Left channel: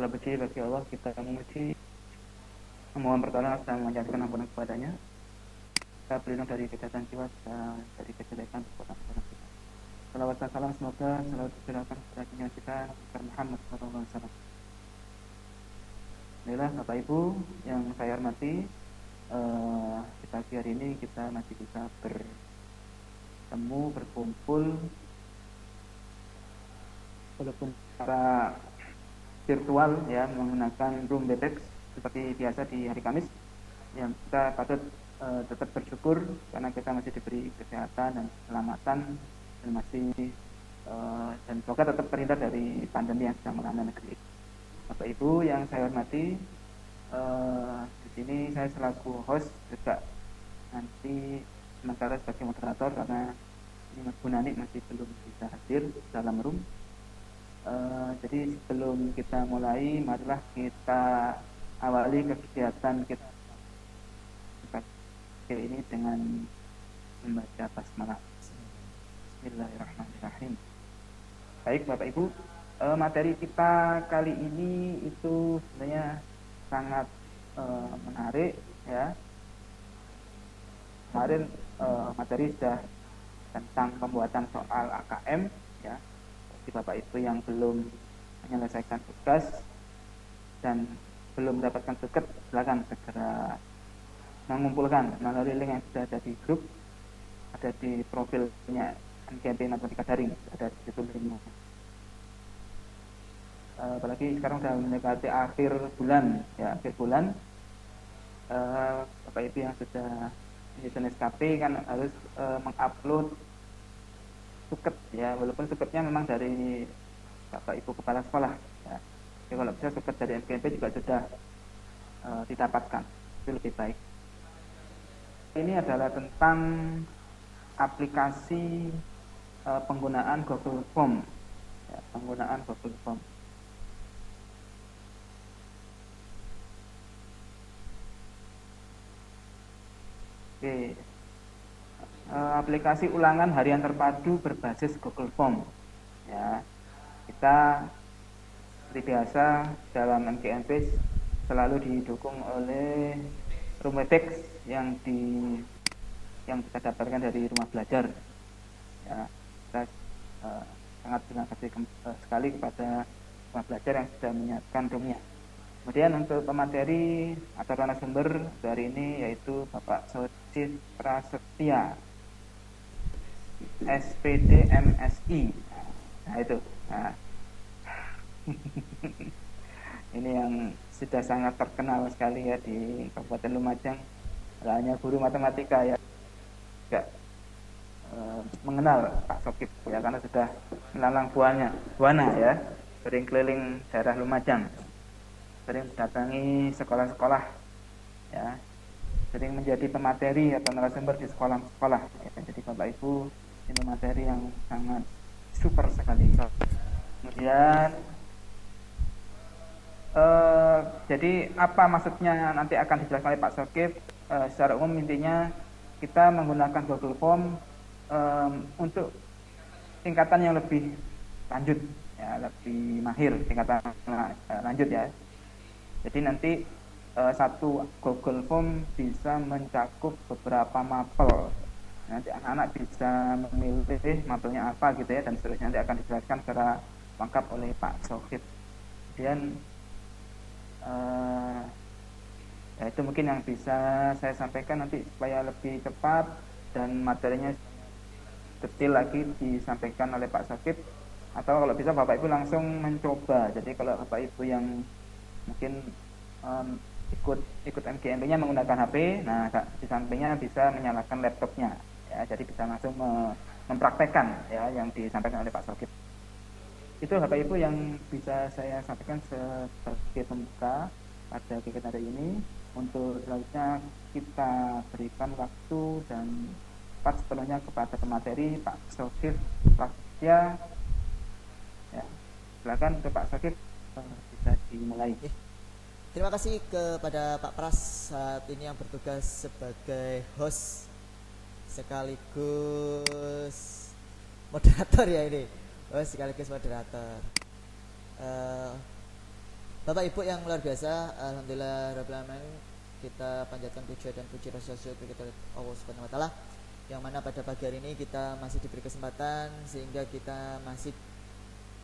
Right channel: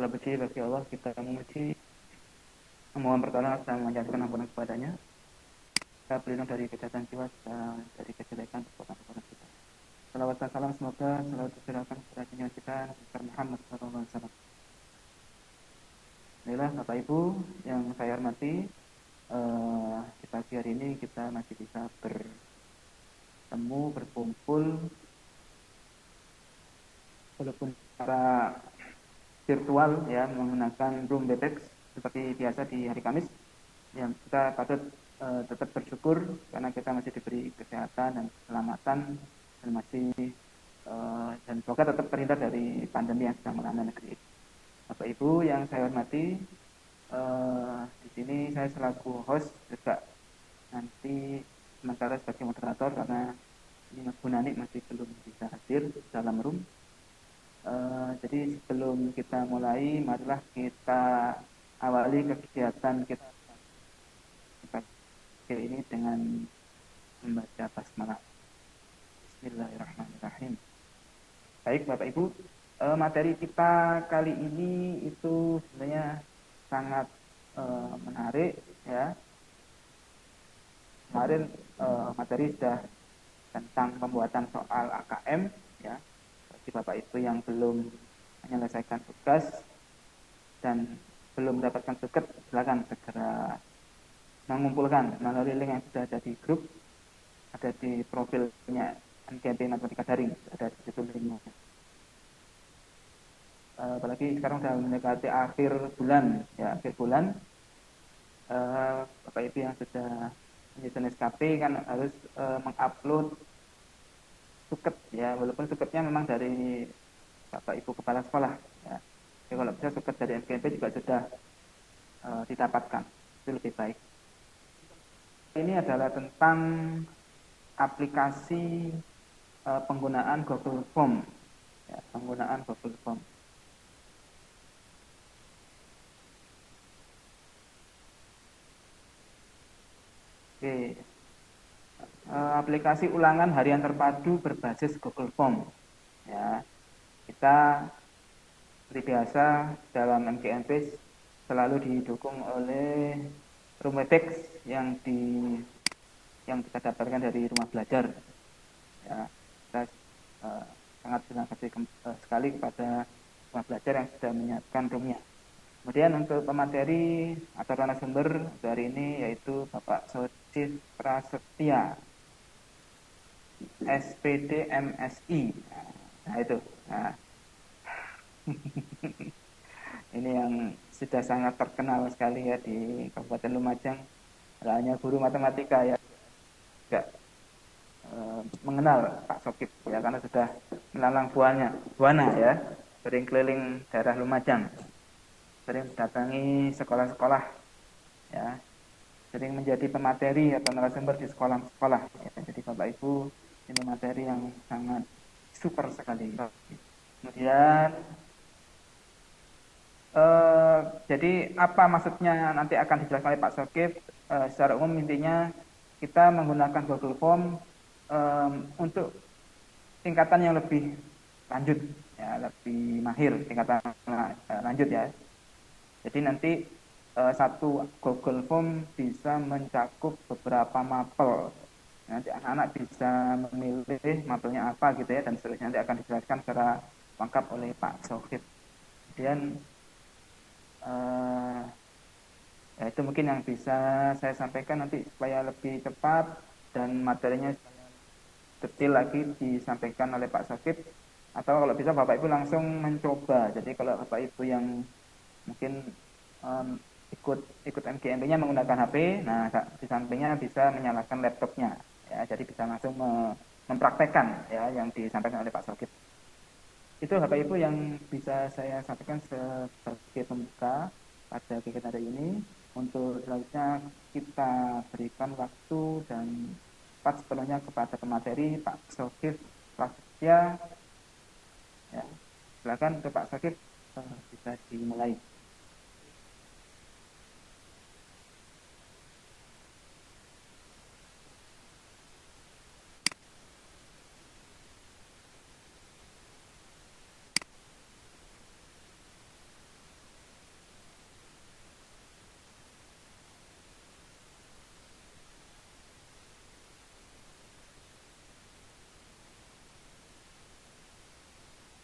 Segala puji bagi Allah, kita memuji, memohon pertolongan dan memanjatkan ampunan kepadanya. Kita berlindung dari kejahatan jiwa dan dari kejelekan perbuatan kita. Salawat dan salam semoga selalu tercurahkan kepada junjungan kita Muhammad SAW. Inilah Bapak Ibu yang saya hormati, di pagi hari ini kita masih bisa bertemu, berkumpul, walaupun secara virtual ya, menggunakan Room Webex seperti biasa di hari Kamis. Yang kita patut tetap bersyukur karena kita masih diberi kesehatan dan keselamatan dan masih dan semoga tetap terhindar dari pandemi yang sedang melanda negeri. Bapak Ibu yang saya hormati, di sini saya selaku host juga nanti sementara sebagai moderator karena ini Mas Gunani masih belum bisa hadir dalam room. Jadi sebelum kita mulai, marilah kita awali kegiatan kita ini dengan membaca basmalah. Bismillahirrahmanirrahim. Baik Bapak Ibu, materi kita kali ini itu sebenarnya sangat menarik ya. Kemarin materi sudah tentang pembuatan soal AKM ya. Bagi Bapak Ibu yang belum menyelesaikan tugas dan belum mendapatkan tugas, silakan segera mengumpulkan melalui link yang sudah ada di grup, ada di profilnya NKMP Matematika Daring, ada di situ linknya. Apalagi sekarang sudah mendekati akhir bulan ya, akhir bulan, Bapak Ibu yang sudah menyusun SKP kan harus mengupload suket ya, walaupun suketnya memang dari Bapak Ibu kepala sekolah ya. Jadi kalau bisa suket dari NKMP juga sudah didapatkan, itu lebih baik. Ini adalah tentang aplikasi penggunaan Google Form ya, penggunaan Google Form. Oke. Aplikasi ulangan harian terpadu berbasis Google Form ya. Kita seperti biasa dalam MKMP selalu didukung oleh Room Webex yang kita dapatkan dari rumah belajar ya. Kita sangat terima kasih sekali kepada rumah belajar yang sudah menyiapkan roomnya. Kemudian untuk pemateri atau narasumber dari ini yaitu Bapak Socis Prasetya, SPD MSI. Nah itu. Nah. Ini yang sudah sangat terkenal sekali ya di Kabupaten Lumajang. Tidak hanya guru matematika ya, juga mengenal Pak Sokip ya, karena sudah melalang buana ya, sering keliling daerah Lumajang, sering mendatangi sekolah-sekolah ya, sering menjadi pemateri atau narasumber di sekolah-sekolah ya. Jadi Bapak Ibu, ini materi yang sangat super sekali. Kemudian jadi apa maksudnya nanti akan dijelaskan oleh Pak Sokip. Secara umum intinya kita menggunakan Google Form untuk tingkatan yang lebih lanjut ya, lebih mahir, tingkatan lanjut ya. Jadi nanti satu Google Form bisa mencakup beberapa mapel. Nanti anak-anak bisa memilih mapelnya apa gitu ya, dan seterusnya nanti akan dijelaskan secara lengkap oleh Pak Sokip. Kemudian ya itu mungkin yang bisa saya sampaikan nanti supaya lebih cepat dan materinya detail lagi disampaikan oleh Pak Sokip, atau kalau bisa Bapak Ibu langsung mencoba. Jadi kalau Bapak Ibu yang mungkin ikut MGMP-nya menggunakan HP, nah di sampingnya bisa menyalakan laptopnya ya, jadi bisa langsung mempraktekkan ya yang disampaikan oleh Pak Sokip. Itu Bapak Ibu yang bisa saya sampaikan sebagai pembuka pada kegiatan hari ini. Untuk selanjutnya kita berikan waktu dan tempat sepenuhnya kepada pemateri Pak Sokip Prasetya ya. Silakan untuk Pak Sokip, bisa dimulai. Terima kasih kepada Pak Pras saat ini yang bertugas sebagai host sekaligus moderator ya ini. Sekaligus moderator. Bapak Ibu yang luar biasa, alhamdulillah rabbil alamin, kita panjatkan puja dan puji rasa syukur kita Allah Subhanahu wa taala, yang mana pada pagi hari ini kita masih diberi kesempatan sehingga kita masih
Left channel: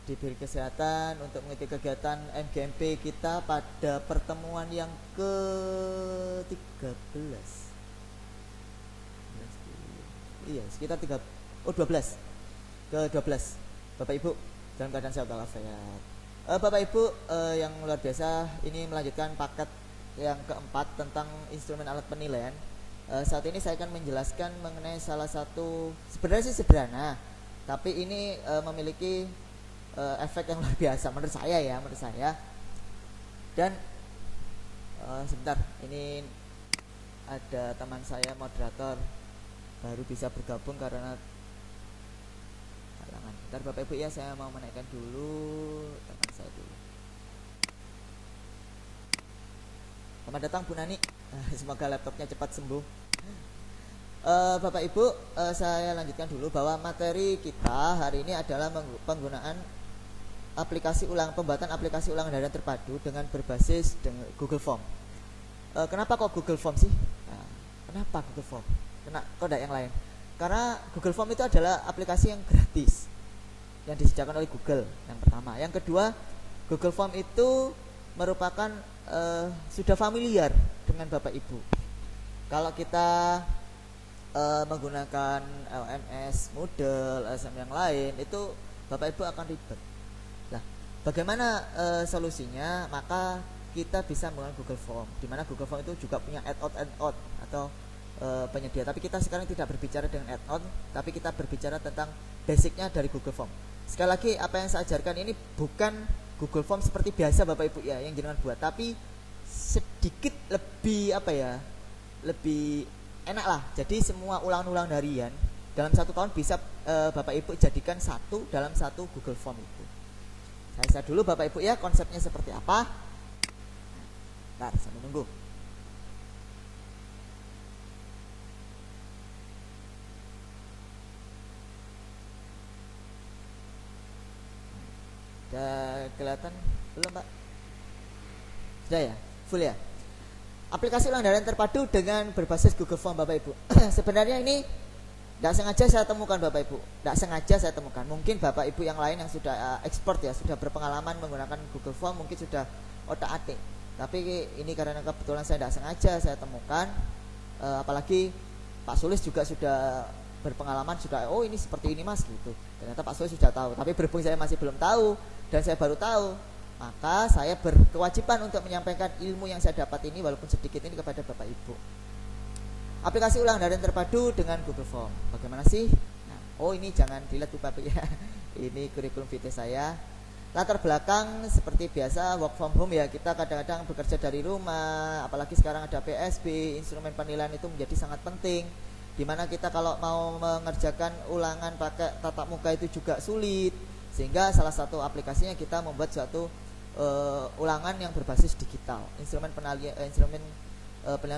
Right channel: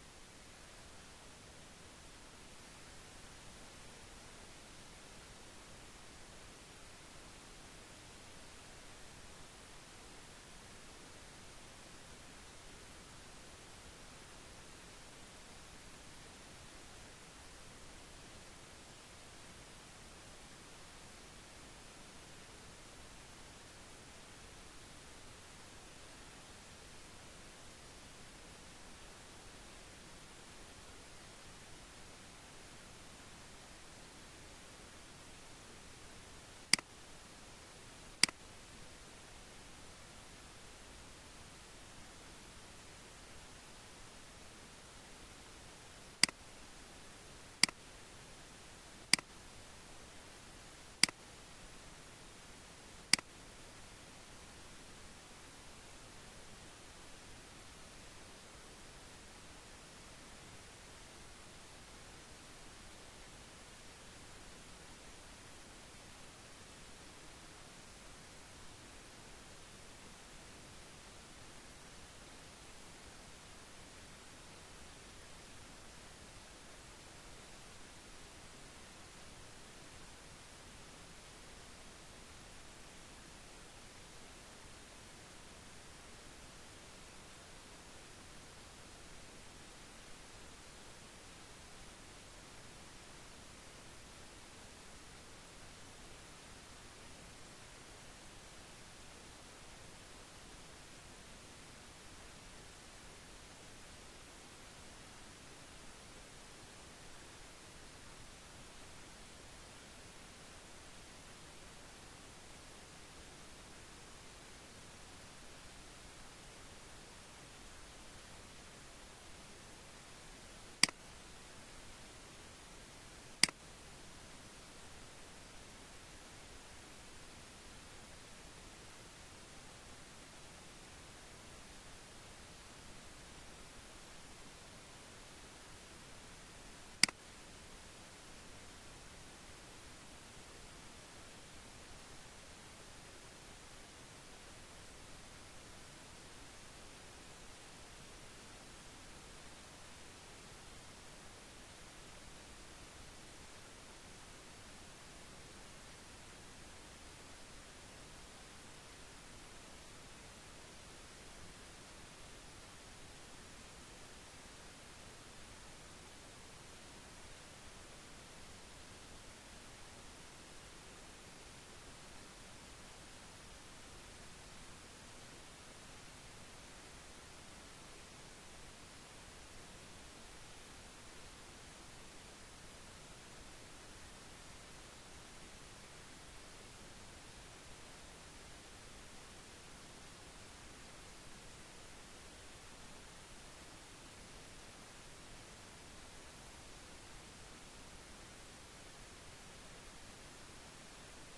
diberi kesehatan untuk mengikuti kegiatan MGMP kita pada pertemuan yang ke-13. Iya, sekitar 12. Ke-12. Bapak Ibu dalam keadaan sehat walafiat. Bapak Ibu yang luar biasa, ini melanjutkan paket yang keempat tentang instrumen alat penilaian. Saat ini saya akan menjelaskan mengenai salah satu, sebenarnya sih sederhana, tapi ini memiliki efek yang luar biasa menurut saya. Dan sebentar, ini ada teman saya moderator baru bisa bergabung karena halangan. Bentar Bapak Ibu ya, saya mau menaikkan dulu teman saya dulu. Selamat datang Bu Nani, semoga laptopnya cepat sembuh. Bapak Ibu, saya lanjutkan dulu bahwa materi kita hari ini adalah penggunaan pembuatan aplikasi ulangan harian terpadu dengan berbasis Google Form. Kenapa kok Google Form sih? Nah, kenapa Google Form? Kok tidak yang lain? Karena Google Form itu adalah aplikasi yang gratis yang disediakan oleh Google, yang pertama. Yang kedua, Google Form itu merupakan sudah familiar dengan Bapak Ibu. Kalau kita menggunakan LMS, Moodle, LSM yang lain, itu Bapak Ibu akan ribet. Nah, bagaimana solusinya? Maka kita bisa menggunakan Google Form, di mana Google Form itu juga punya add-on atau penyedia. Tapi kita sekarang tidak berbicara dengan add-on, tapi kita berbicara tentang basicnya dari Google Form. Sekali lagi, apa yang saya ajarkan ini bukan Google Form seperti biasa Bapak Ibu ya yang jenengan buat, tapi sedikit lebih lebih enak lah. Jadi semua ulangan-ulangan harian dalam satu tahun bisa Bapak Ibu jadikan dalam satu Google Form itu. Saya dulu Bapak Ibu ya, konsepnya seperti apa. Nah, sambil nunggu. Udah kelihatan belum Pak? Sudah ya? Full ya? Aplikasi ulangan harian terpadu dengan berbasis Google Form Bapak Ibu. Sebenarnya ini tidak sengaja saya temukan Bapak Ibu. Tidak sengaja saya temukan. Mungkin Bapak Ibu yang lain yang sudah expert ya, sudah berpengalaman menggunakan Google Form, mungkin sudah otak-atik. Tapi ini karena kebetulan saya tidak sengaja saya temukan. Apalagi Pak Sulis juga sudah berpengalaman, sudah ini seperti ini Mas gitu. Ternyata Pak Sulis sudah tahu. Tapi berhubung saya masih belum tahu dan saya baru tahu, maka saya berkewajiban untuk menyampaikan ilmu yang saya dapat ini walaupun sedikit ini kepada Bapak Ibu. Aplikasi ulangan harian terpadu dengan Google Form. Bagaimana sih? Nah, ini jangan dilihat Bapak ya. Ini kurikulum vitae saya. Latar belakang seperti biasa work from home ya, kita kadang-kadang bekerja dari rumah, apalagi sekarang ada PSB, instrumen penilaian itu menjadi sangat penting. Dimana kita kalau mau mengerjakan ulangan pakai tatap muka itu juga sulit, sehingga salah satu aplikasinya kita membuat suatu ulangan yang berbasis digital, instrumen penilaian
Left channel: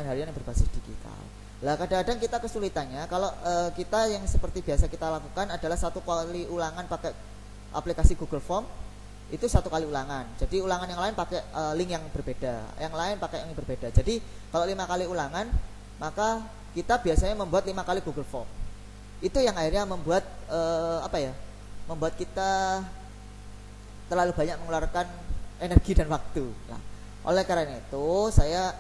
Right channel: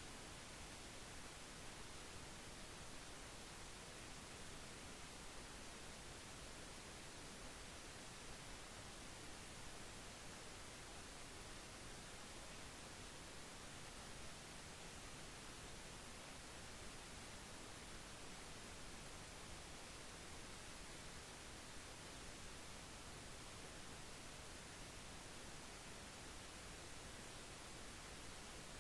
harian yang berbasis digital. Lah kadang-kadang kita kesulitannya kalau kita yang seperti biasa kita lakukan adalah satu kali ulangan pakai aplikasi Google Form, itu satu kali ulangan. Jadi ulangan yang lain pakai link yang berbeda, yang lain pakai yang berbeda. Jadi kalau 5 kali ulangan, maka kita biasanya membuat 5 kali Google Form. Itu yang akhirnya membuat membuat kita terlalu banyak mengeluarkan energi dan waktu. Nah, oleh karena itu saya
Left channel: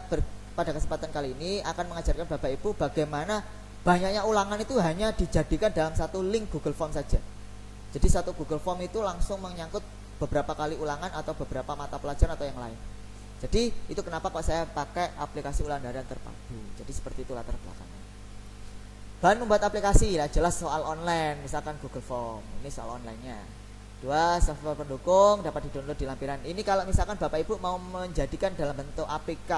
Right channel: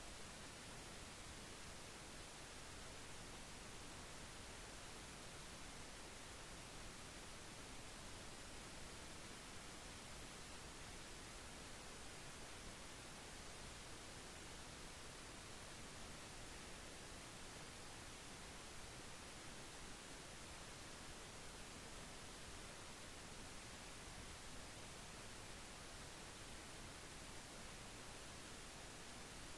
pada kesempatan kali ini akan mengajarkan Bapak Ibu bagaimana banyaknya ulangan itu hanya dijadikan dalam satu link Google Form saja. Jadi satu Google Form itu langsung menyangkut beberapa kali ulangan atau beberapa mata pelajaran atau yang lain. Jadi itu kenapa kok saya pakai aplikasi ulangan harian terpadu. Jadi seperti itu latar belakangnya. Bahan membuat aplikasi ya jelas soal online, misalkan Google Form. Ini soal online-nya. 2. Software pendukung dapat di-download di lampiran. Ini kalau misalkan Bapak Ibu mau menjadikan dalam bentuk APK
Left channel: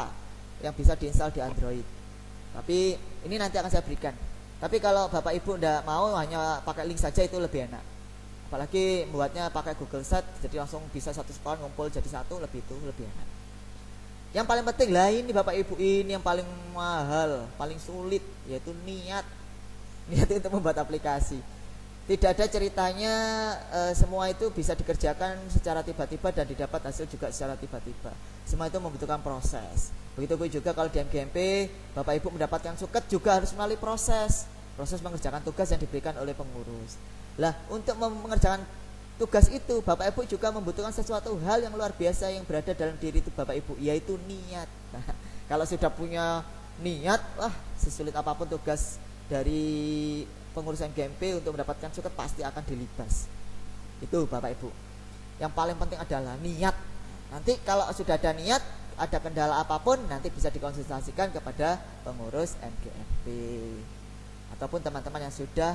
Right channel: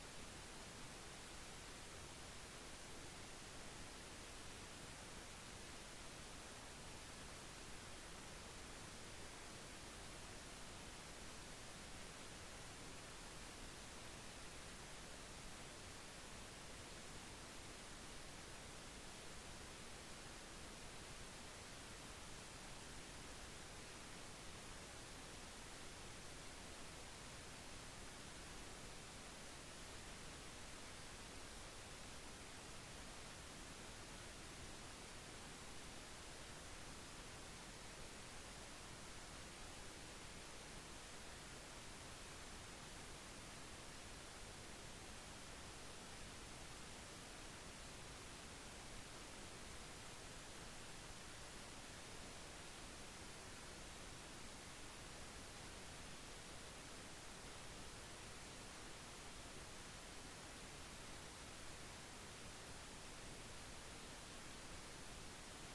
yang bisa diinstal di Android. Tapi ini nanti akan saya berikan. Tapi kalau Bapak Ibu tidak mau hanya pakai link saja itu lebih enak. Apalagi buatnya pakai Google Sheet, jadi langsung bisa satu sekolah ngumpul jadi satu, lebih enak. Yang paling penting lah ini Bapak Ibu, ini yang paling mahal, paling sulit, yaitu niat untuk membuat aplikasi. Tidak ada ceritanya semua itu bisa dikerjakan secara tiba-tiba dan didapat hasil juga secara tiba-tiba. Semua itu membutuhkan proses. Begitu juga kalau di MGMP, Bapak Ibu mendapatkan suket juga harus melalui proses mengerjakan tugas yang diberikan oleh pengurus. Lah, untuk mengerjakan tugas itu, Bapak Ibu juga membutuhkan sesuatu hal yang luar biasa yang berada dalam diri itu Bapak Ibu, yaitu niat. Nah, kalau sudah punya niat, wah, sesulit apapun tugas dari pengurus MGMP untuk mendapatkan suket pasti akan dilibas. Itu Bapak Ibu. Yang paling penting adalah niat. Nanti kalau sudah ada niat, ada kendala apapun nanti bisa dikonsultasikan kepada pengurus MGMP ataupun teman-teman yang sudah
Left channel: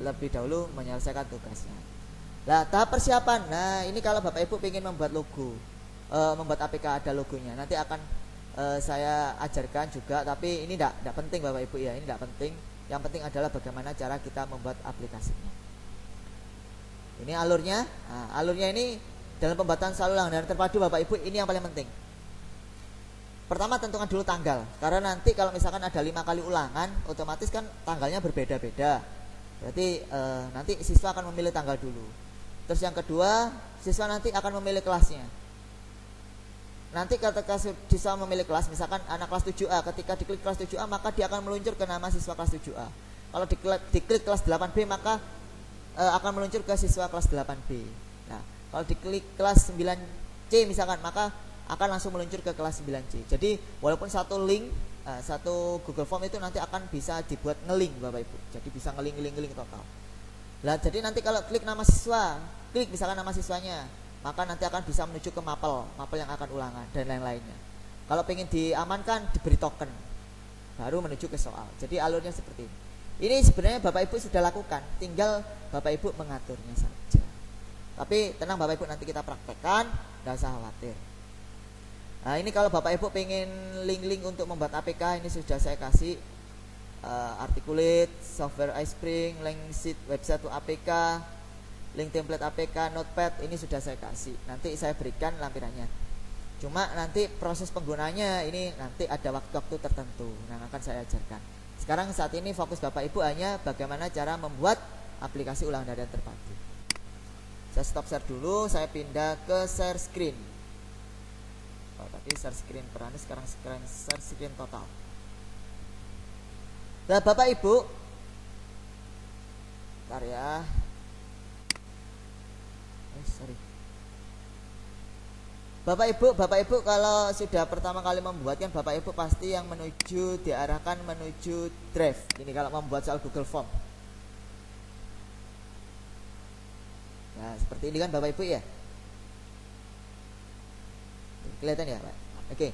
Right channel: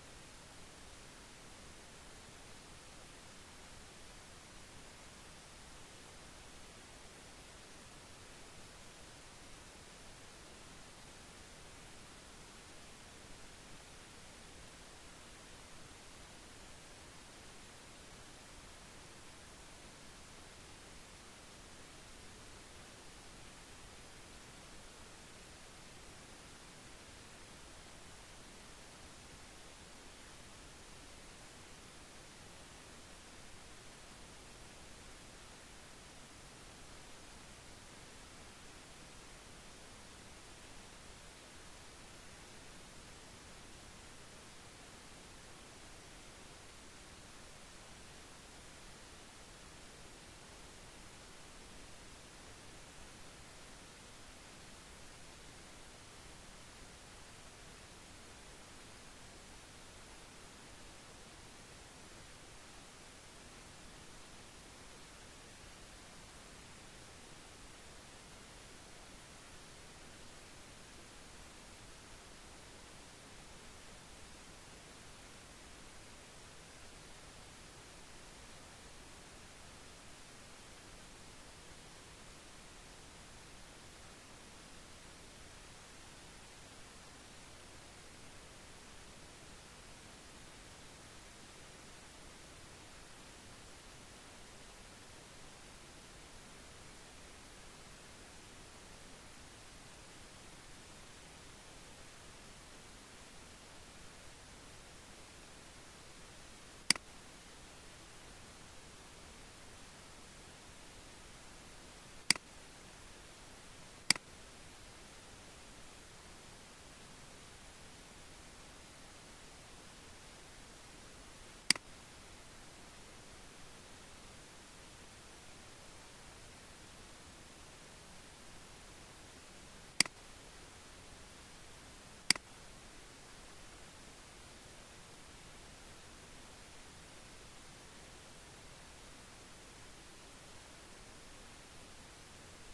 lebih dahulu menyelesaikan tugasnya. Nah, tahap persiapan. Nah, ini kalau Bapak Ibu ingin membuat logo, membuat APK ada logonya, nanti akan saya ajarkan juga. Tapi ini tidak penting Bapak Ibu ya, ini tidak penting. Yang penting adalah bagaimana cara kita membuat aplikasinya. Ini alurnya. Nah, alurnya ini dalam pembuatan soal ulangan dan terpadu Bapak Ibu, ini yang paling penting. Pertama tentukan dulu tanggal, karena nanti kalau misalkan ada 5 kali ulangan, otomatis kan tanggalnya berbeda-beda. Berarti nanti siswa akan memilih tanggal dulu. Terus yang kedua, siswa nanti akan memilih kelasnya. Nanti ketika siswa memilih kelas, misalkan anak kelas 7A, ketika diklik kelas 7A maka dia akan meluncur ke nama siswa kelas 7A. Kalau diklik kelas 8B maka akan meluncur ke siswa kelas 8B. Nah, kalau diklik kelas 9C misalkan maka akan langsung meluncur ke kelas 9C. Jadi walaupun satu link, satu Google Form itu nanti akan bisa dibuat ngelink Bapak Ibu. Jadi bisa ngelink total. Nah, jadi nanti kalau klik nama siswa, klik misalkan nama siswanya, maka nanti akan bisa menuju ke mapel yang akan ulangan dan lain-lainnya. Kalau pengen diamankan, diberi token, baru menuju ke soal. Jadi alurnya seperti ini. Ini sebenarnya Bapak Ibu sudah lakukan, tinggal Bapak Ibu mengaturnya saja. Tapi tenang Bapak Ibu, nanti kita praktekkan, nggak usah khawatir. Nah, ini kalau Bapak Ibu pengen link-link untuk membuat APK, ini sudah saya kasih. Articulate, software iSpring, link sheet, website to APK, link template APK, notepad, ini sudah saya kasih. Nanti saya berikan lampirannya. Cuma nanti proses penggunaannya ini nanti ada waktu-waktu tertentu yang akan saya ajarkan. Sekarang saat ini fokus Bapak Ibu hanya bagaimana cara membuat aplikasi ulangan harian terpadu. Saya stop share dulu, saya pindah ke share screen. Oh, tadi share screen perani, sekarang share screen total. Nah, Bapak Ibu, bentar ya. Bapak Ibu kalau sudah pertama kali membuat kan Bapak Ibu pasti yang diarahkan menuju drive. Ini kalau membuat soal Google Form. Nah, seperti ini kan Bapak Ibu ya. Kelihatan ya, Pak? Oke.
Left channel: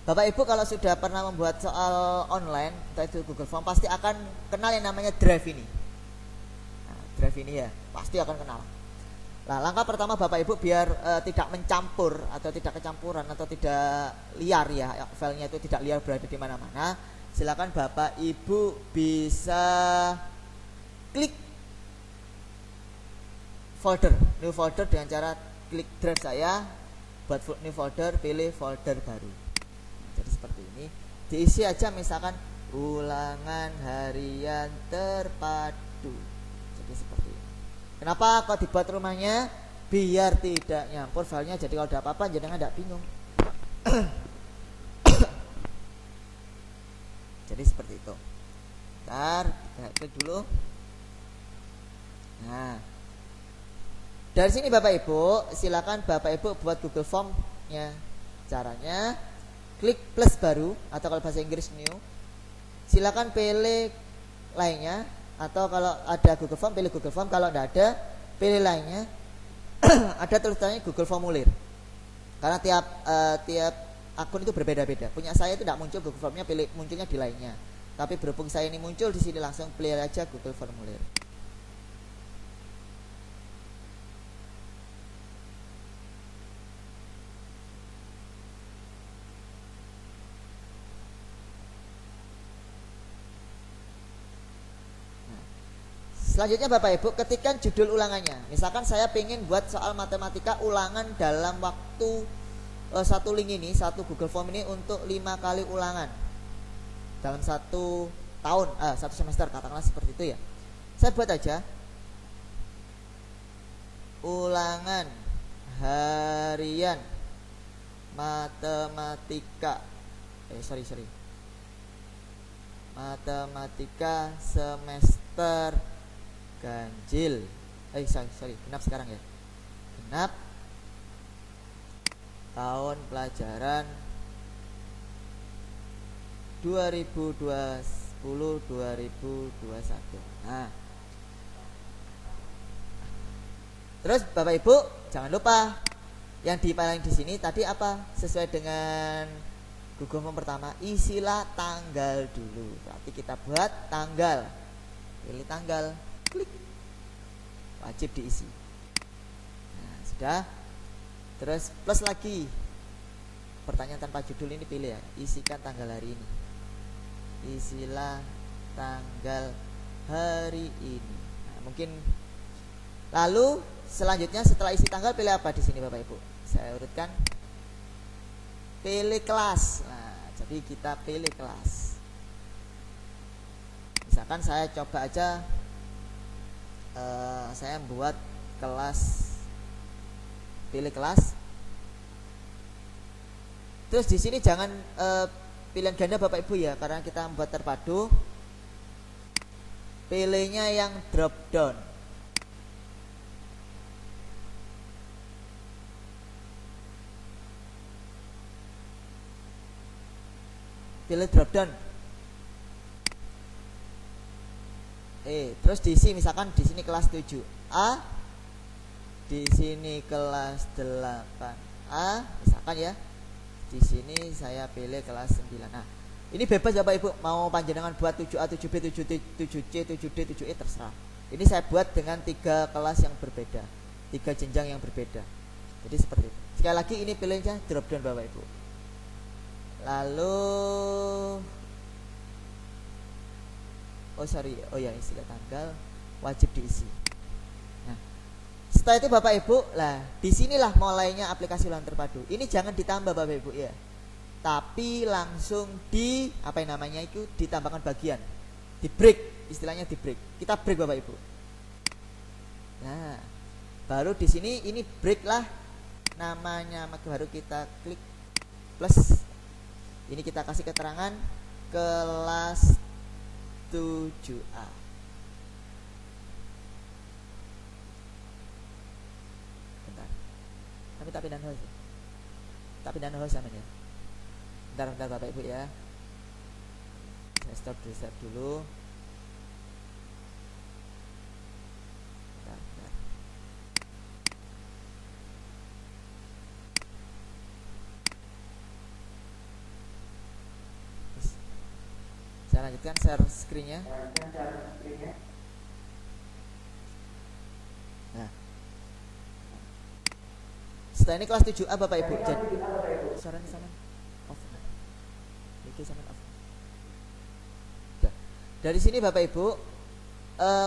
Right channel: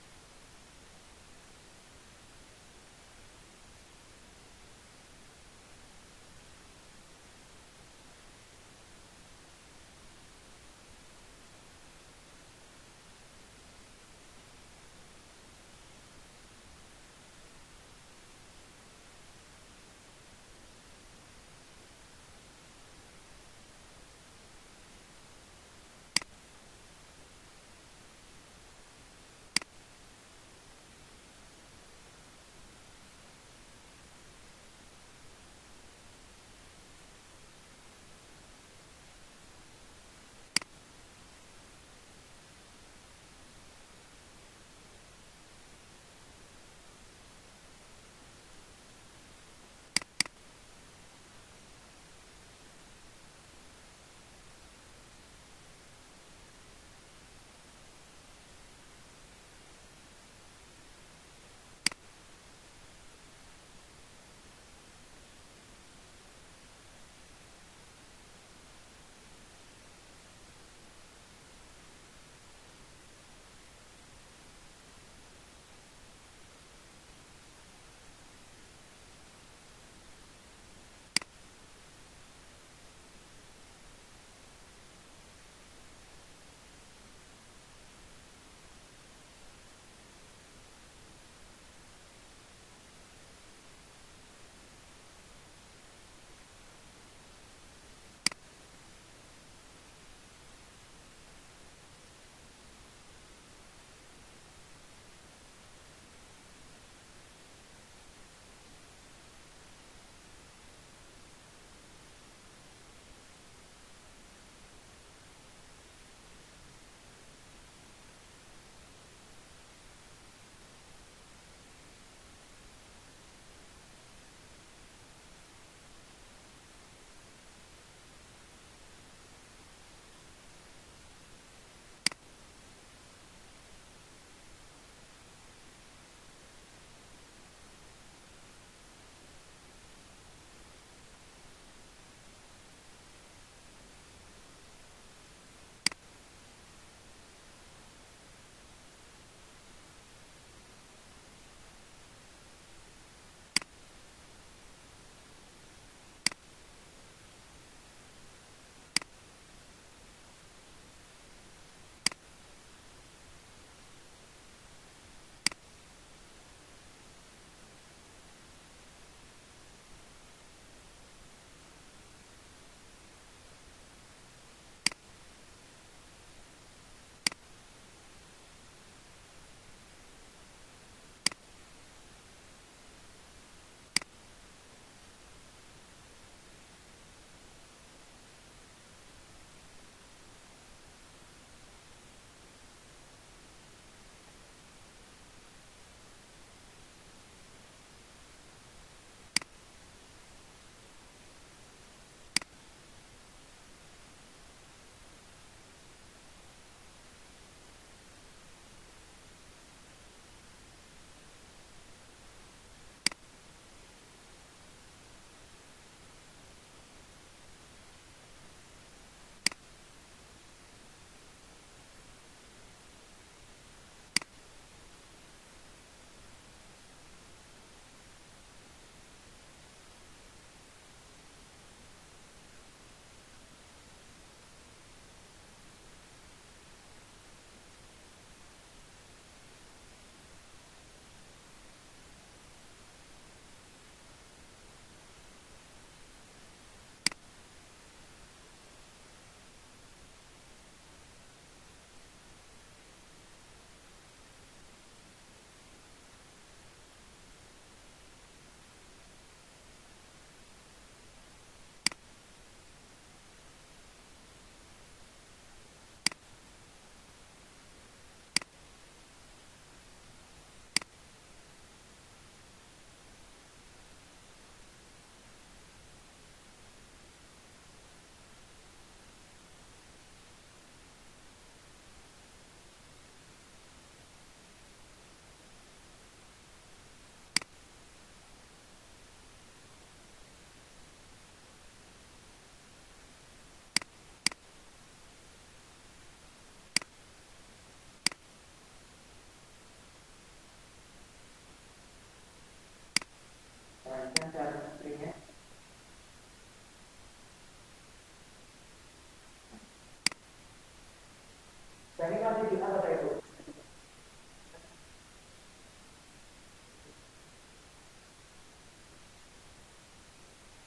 Bapak Ibu kalau sudah pernah membuat soal online, entah itu Google Form, pasti akan kenal yang namanya drive ini. Nah, drive ini ya, pasti akan kenal. Nah, langkah pertama Bapak Ibu biar tidak mencampur atau tidak kecampuran atau tidak liar ya, filenya itu tidak liar berada di mana-mana, silakan Bapak Ibu bisa klik folder, new folder dengan cara klik drive saya, buat new folder, pilih folder baru. Jadi seperti ini, diisi aja misalkan ulangan harian terpadu. Jadi seperti ini. Kenapa kok dibuat rumahnya? Biar tidak nyampur filenya, jadi kalau ada apa-apa jangan tidak bingung. Jadi seperti itu. Bentar, kita klik dulu. Nah, dari sini Bapak Ibu, silakan Bapak Ibu buat Google Form-nya. Caranya klik plus baru atau kalau bahasa Inggris new. Silakan pilih lainnya atau kalau ada Google Form pilih Google Form, kalau tidak ada pilih lainnya. Ada tulisannya Google Formulir. Karena tiap akun itu berbeda-beda. Punya saya itu tidak muncul Google Formnya, munculnya di lainnya. Tapi berhubung saya ini muncul di sini, langsung pilih aja Google Formulir. Selanjutnya Bapak Ibu ketikkan judul ulangannya. Misalkan saya ingin buat soal matematika ulangan dalam waktu satu link ini, satu Google Form ini untuk 5 kali ulangan dalam 1 tahun, 1 semester katakanlah seperti itu ya. Saya buat aja ulangan harian matematika matematika semester ganjil genap sekarang ya, genap tahun pelajaran 2020-2021. Nah, terus Bapak Ibu jangan lupa yang dipaling di sini tadi apa? Sesuai dengan Google Form pertama, isilah tanggal dulu. Berarti kita buat tanggal. Pilih tanggal, klik. Wajib diisi. Nah, sudah. Terus plus lagi. Pertanyaan tanpa judul ini pilih ya. Isikan tanggal hari ini. Isilah tanggal hari ini. Nah, mungkin lalu selanjutnya setelah isi tanggal pilih apa di sini Bapak Ibu? Saya urutkan. Pilih kelas. Nah, jadi kita pilih kelas. Misalkan saya coba aja saya buat kelas, pilih kelas. Terus di sini jangan pilihan ganda Bapak Ibu ya, karena kita membuat terpadu. Pilihnya yang drop down. Pilih drop down. Terus diisi misalkan di sini kelas 7A, di sini kelas 8A, misalkan ya. Di sini saya pilih kelas 9. Nah, ini bebas Bapak Ibu, mau panjenengan buat 7A, 7B, 7C, 7D, 7E terserah. Ini saya buat dengan 3 kelas yang berbeda, 3 jenjang yang berbeda. Jadi seperti itu. Sekali lagi ini pilihnya drop down Bapak Ibu. Lalu istilah tanggal wajib diisi. Nah, setelah itu Bapak Ibu, lah disinilah mulainya aplikasi ulangan terpadu. Ini jangan ditambah Bapak Ibu ya, tapi langsung di apa yang namanya itu ditambahkan bagian, di break, istilahnya di break. Kita break Bapak Ibu. Nah, baru di sini ini break lah namanya, maka baru kita klik plus. Ini kita kasih keterangan kelas 7A. Bentar. Tapi tak pindahan host. Tak pindahan host sama ya. Bentar Bapak Ibu ya. Saya stop reset dulu. Bentar. Saya lanjutkan share screen-nya. Nah, setelah ini kelas 7A Bapak Ibu. Suaranya sama off. Oke, sama off. Dari sini Bapak Ibu,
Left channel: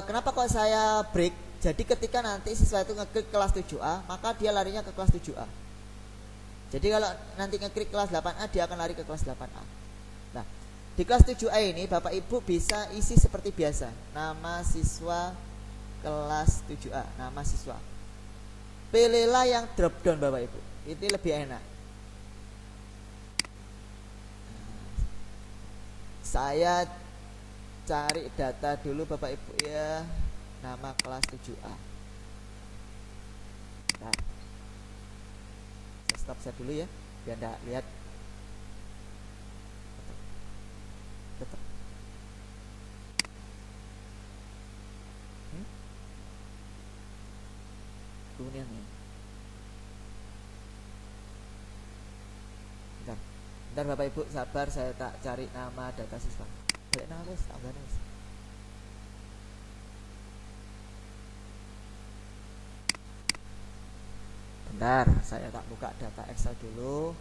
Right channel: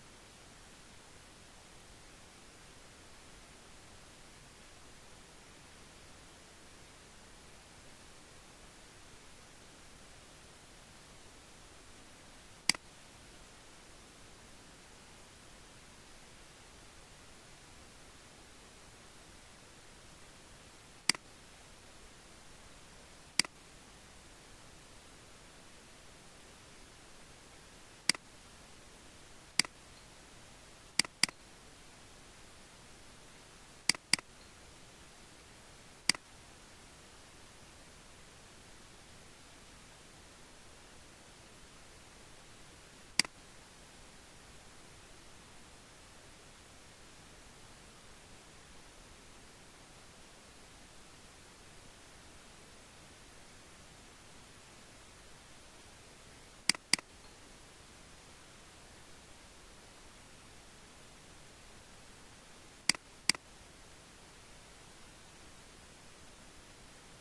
kenapa kok saya break? Jadi ketika nanti siswa itu ngeklik kelas 7A, maka dia larinya ke kelas 7A. Jadi kalau nanti ngeklik kelas 8A, dia akan lari ke kelas 8A. Nah, di kelas 7A ini Bapak Ibu bisa isi seperti biasa. Nama siswa kelas 7A, nama siswa. Pilihlah yang drop down Bapak Ibu. Ini lebih enak. Saya cari data dulu Bapak Ibu ya. Nama kelas 7A. Nah, saya stop share dulu ya, biar enggak lihat. Kemudian nih. Bentar Bapak Ibu sabar, saya tak cari nama data siswa. Cari nama wes, tambahan wes. Bentar, saya tak buka data Excel dulu.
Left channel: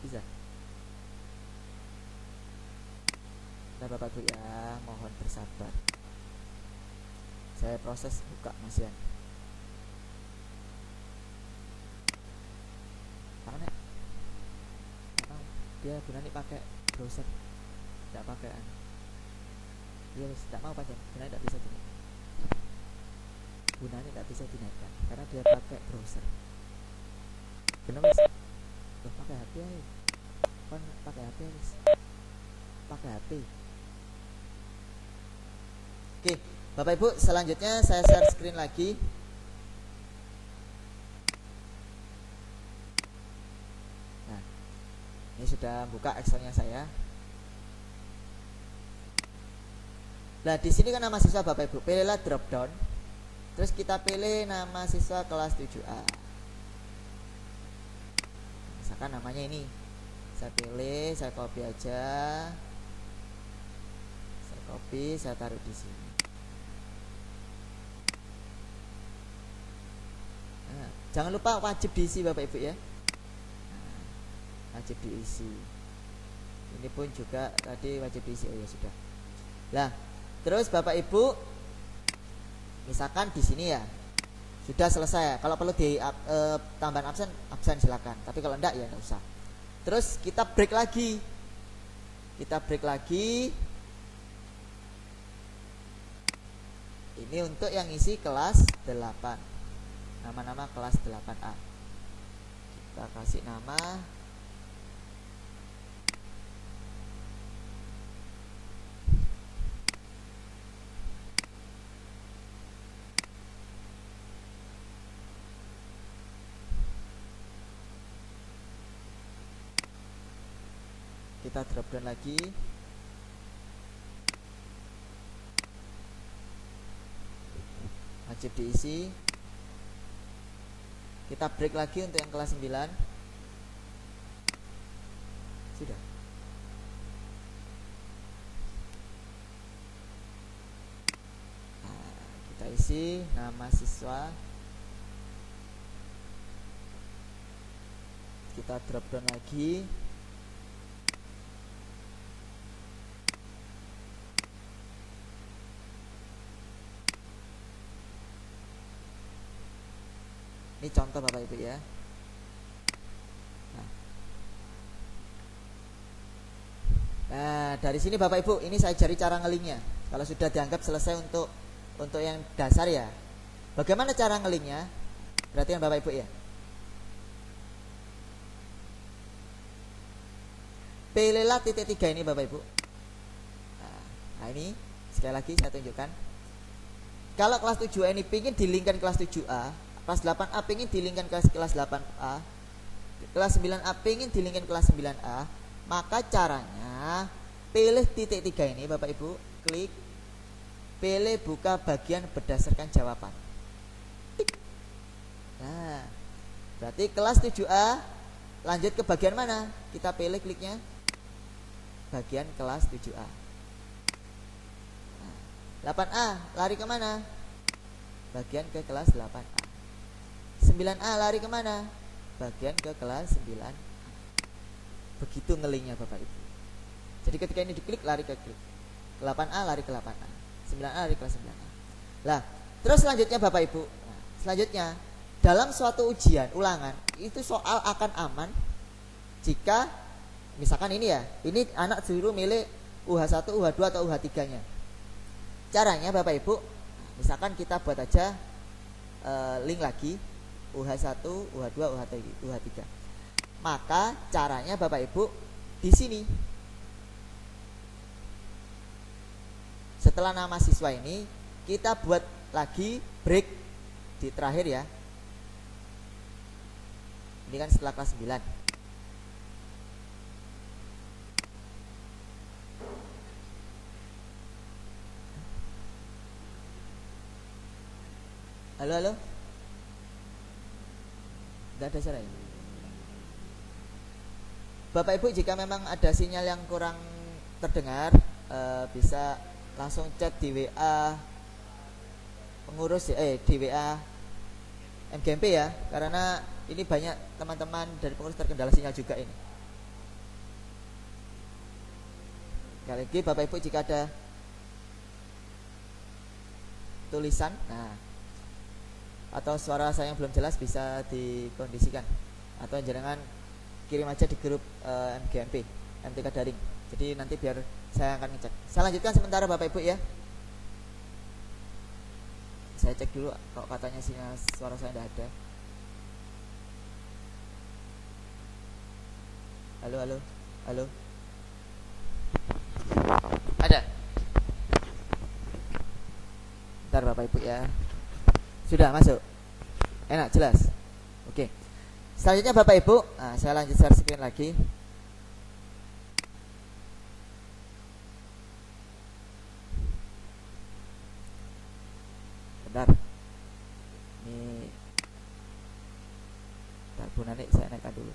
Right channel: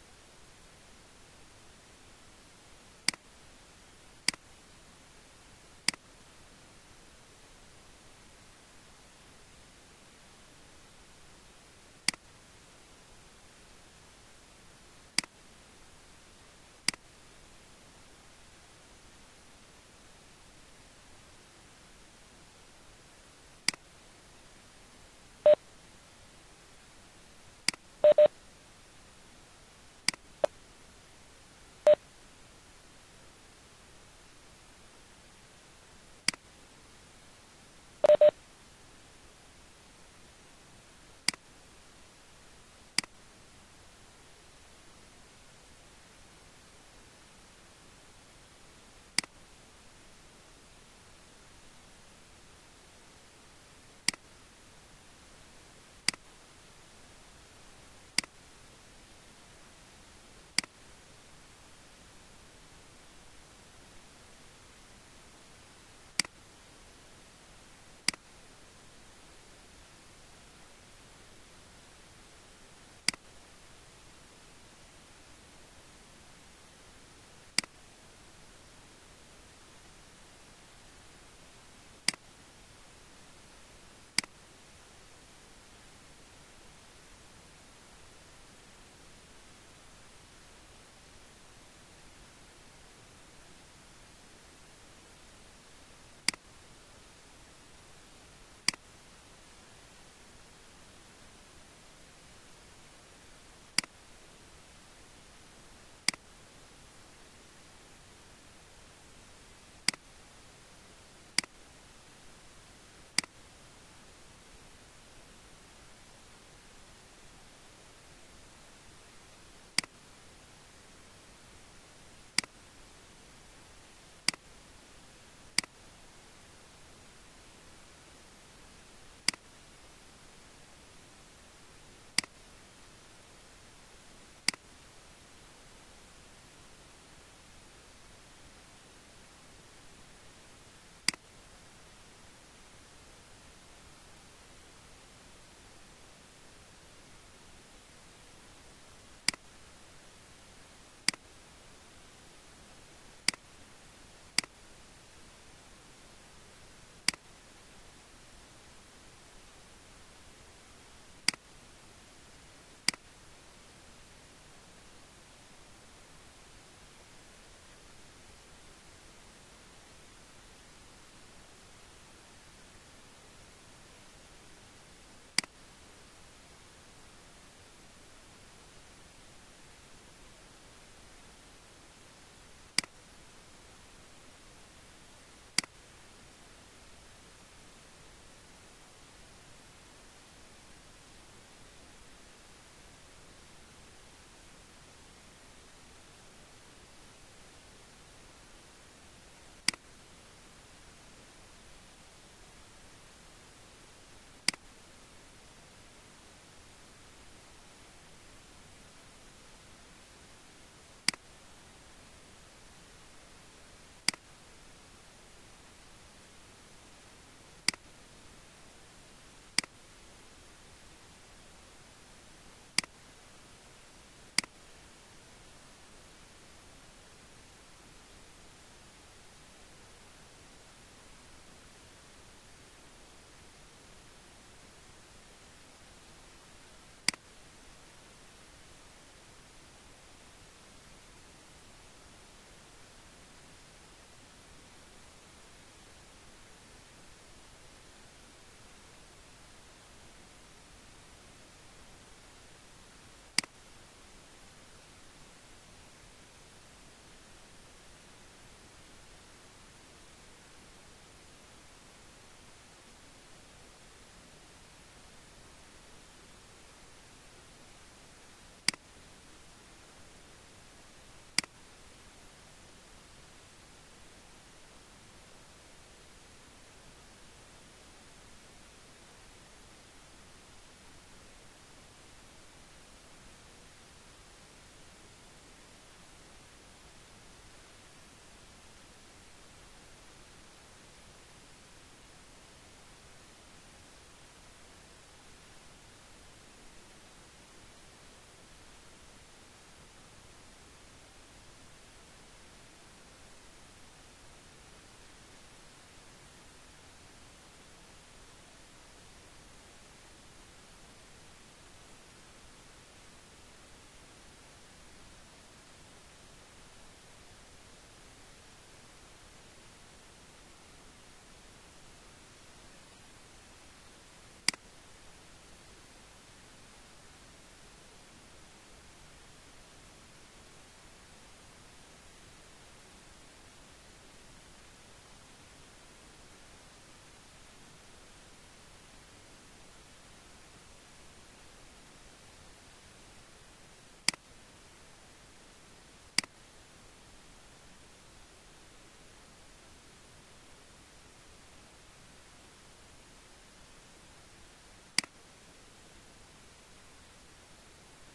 Bisa. Bentar Bapak Ibu ya, mohon bersabar. Saya proses buka masian. Karena dia gunanya pakai browser, tidak pakai. Dia tidak mau pakai, gunanya tidak bisa tuh. gunanya nggak bisa dinaikkan karena dia pakai browser. Kenapa sih? Loh, pakai HP aja. Kan pakai HP harus pakai HP. Oke, Bapak Ibu, selanjutnya saya share screen lagi. Nah, ini sudah buka Excelnya saya. Nah, di sini kan nama siswa Bapak Ibu, pilihlah drop down. Terus kita pilih nama siswa kelas 7A. Misalkan namanya ini. Saya pilih, saya copy aja. Saya copy, saya taruh di sini. Nah, jangan lupa wajib diisi Bapak Ibu ya. Nah, wajib diisi. Ini pun juga tadi wajib diisi. Oh ya sudah. Nah, terus Bapak Ibu misalkan di sini ya sudah selesai. Kalau perlu di tambahan absen silakan. Tapi kalau enggak ya enggak usah. Terus kita break lagi. Ini untuk yang isi kelas 8. Nama-nama kelas 8A. Kita kasih nama kita drop down lagi. Wajib diisi. Kita break lagi untuk yang kelas 9. Sudah. Nah, kita isi nama siswa. Kita drop down lagi. Ini contoh Bapak Ibu ya. Nah, dari sini Bapak Ibu, ini saya cari cara ngelinknya. Kalau sudah dianggap selesai untuk yang dasar ya. Bagaimana cara ngelinknya? Perhatikan Bapak Ibu ya. Pilihlah titik 3 ini Bapak Ibu. Nah, ini sekali lagi saya tunjukkan. Kalau kelas 7A ini pingin dilinkkan kelas 7A, kelas 8A pingin dilinkkan kelas 8A, kelas 9A pingin dilinkkan kelas 9A, maka caranya pilih titik 3 ini Bapak Ibu, klik, pilih buka bagian berdasarkan jawaban. Tik. Nah, berarti kelas 7A lanjut ke bagian mana? Kita pilih kliknya bagian kelas 7A. 8A lari kemana? Bagian ke kelas 8A. 9A lari kemana? Bagian ke kelas 9A. Begitu ngelinknya Bapak Ibu. Jadi ketika ini diklik lari ke klik 8A lari ke 8A, 9A lari ke 9A. Lah, terus selanjutnya Bapak Ibu, selanjutnya dalam suatu ujian ulangan itu soal akan aman jika misalkan ini ya, ini anak suruh milih UH1, UH2 atau UH3 nya. Caranya Bapak Ibu, misalkan kita buat aja link lagi UH1, UH2, UH3. Maka caranya Bapak Ibu di sini. Setelah nama siswa ini kita buat lagi break di terakhir ya. Ini kan setelah kelas 9. Halo. Tidak ada suara ya? Bapak Ibu, jika memang ada sinyal yang kurang terdengar, bisa langsung chat di WA pengurus di WA MGMP ya, karena ini banyak teman-teman dari pengurus terkendala sinyal juga ini. Sekali lagi Bapak Ibu, jika ada tulisan atau suara saya yang belum jelas bisa dikondisikan, atau jangan kirim aja di grup MGMP MTK Daring. Jadi nanti biar saya akan ngecek. Saya lanjutkan sementara Bapak Ibu ya. Saya cek dulu kok katanya sinyal suara saya tidak ada. Halo, halo, halo. Ada. Bentar Bapak Ibu ya. Sudah masuk. Enak, jelas. Oke. Selanjutnya Bapak Ibu, nah, saya lanjut share screen lagi. Bentar. Ini Bu Nani saya naikkan dulu.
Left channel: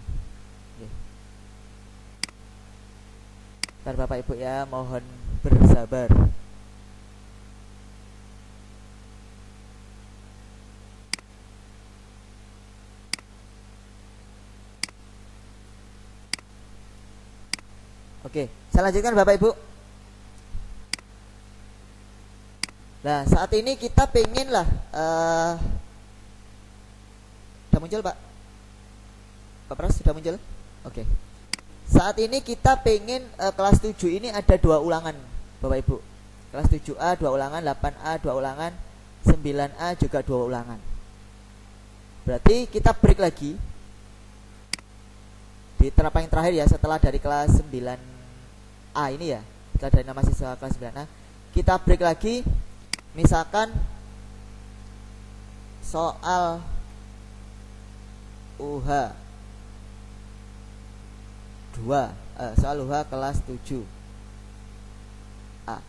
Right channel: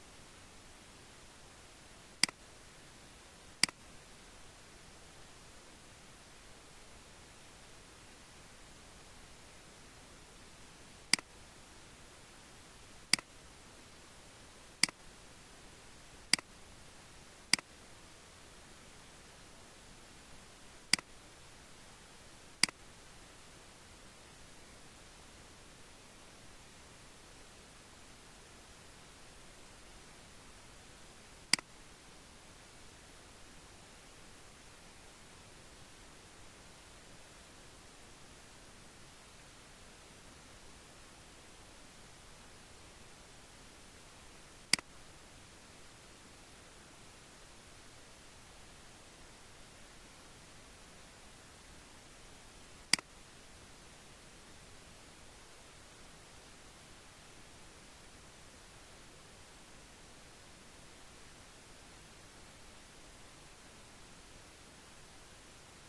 Oke. Bentar Bapak Ibu ya, mohon bersabar. Oke, saya lanjutkan Bapak Ibu. Nah, saat ini kita pengen lah sudah muncul Pak? Pak Pras sudah muncul? Oke. Saat ini kita pengen kelas 7 ini ada 2 ulangan Bapak Ibu. Kelas 7A 2 ulangan, 8A 2 ulangan, 9A juga 2 ulangan. Berarti kita break lagi di terapan yang terakhir ya, setelah dari kelas 9A ini ya, setelah dari nama siswa kelas 9A, kita break lagi. Misalkan soal UH 2, soal UH kelas 7A,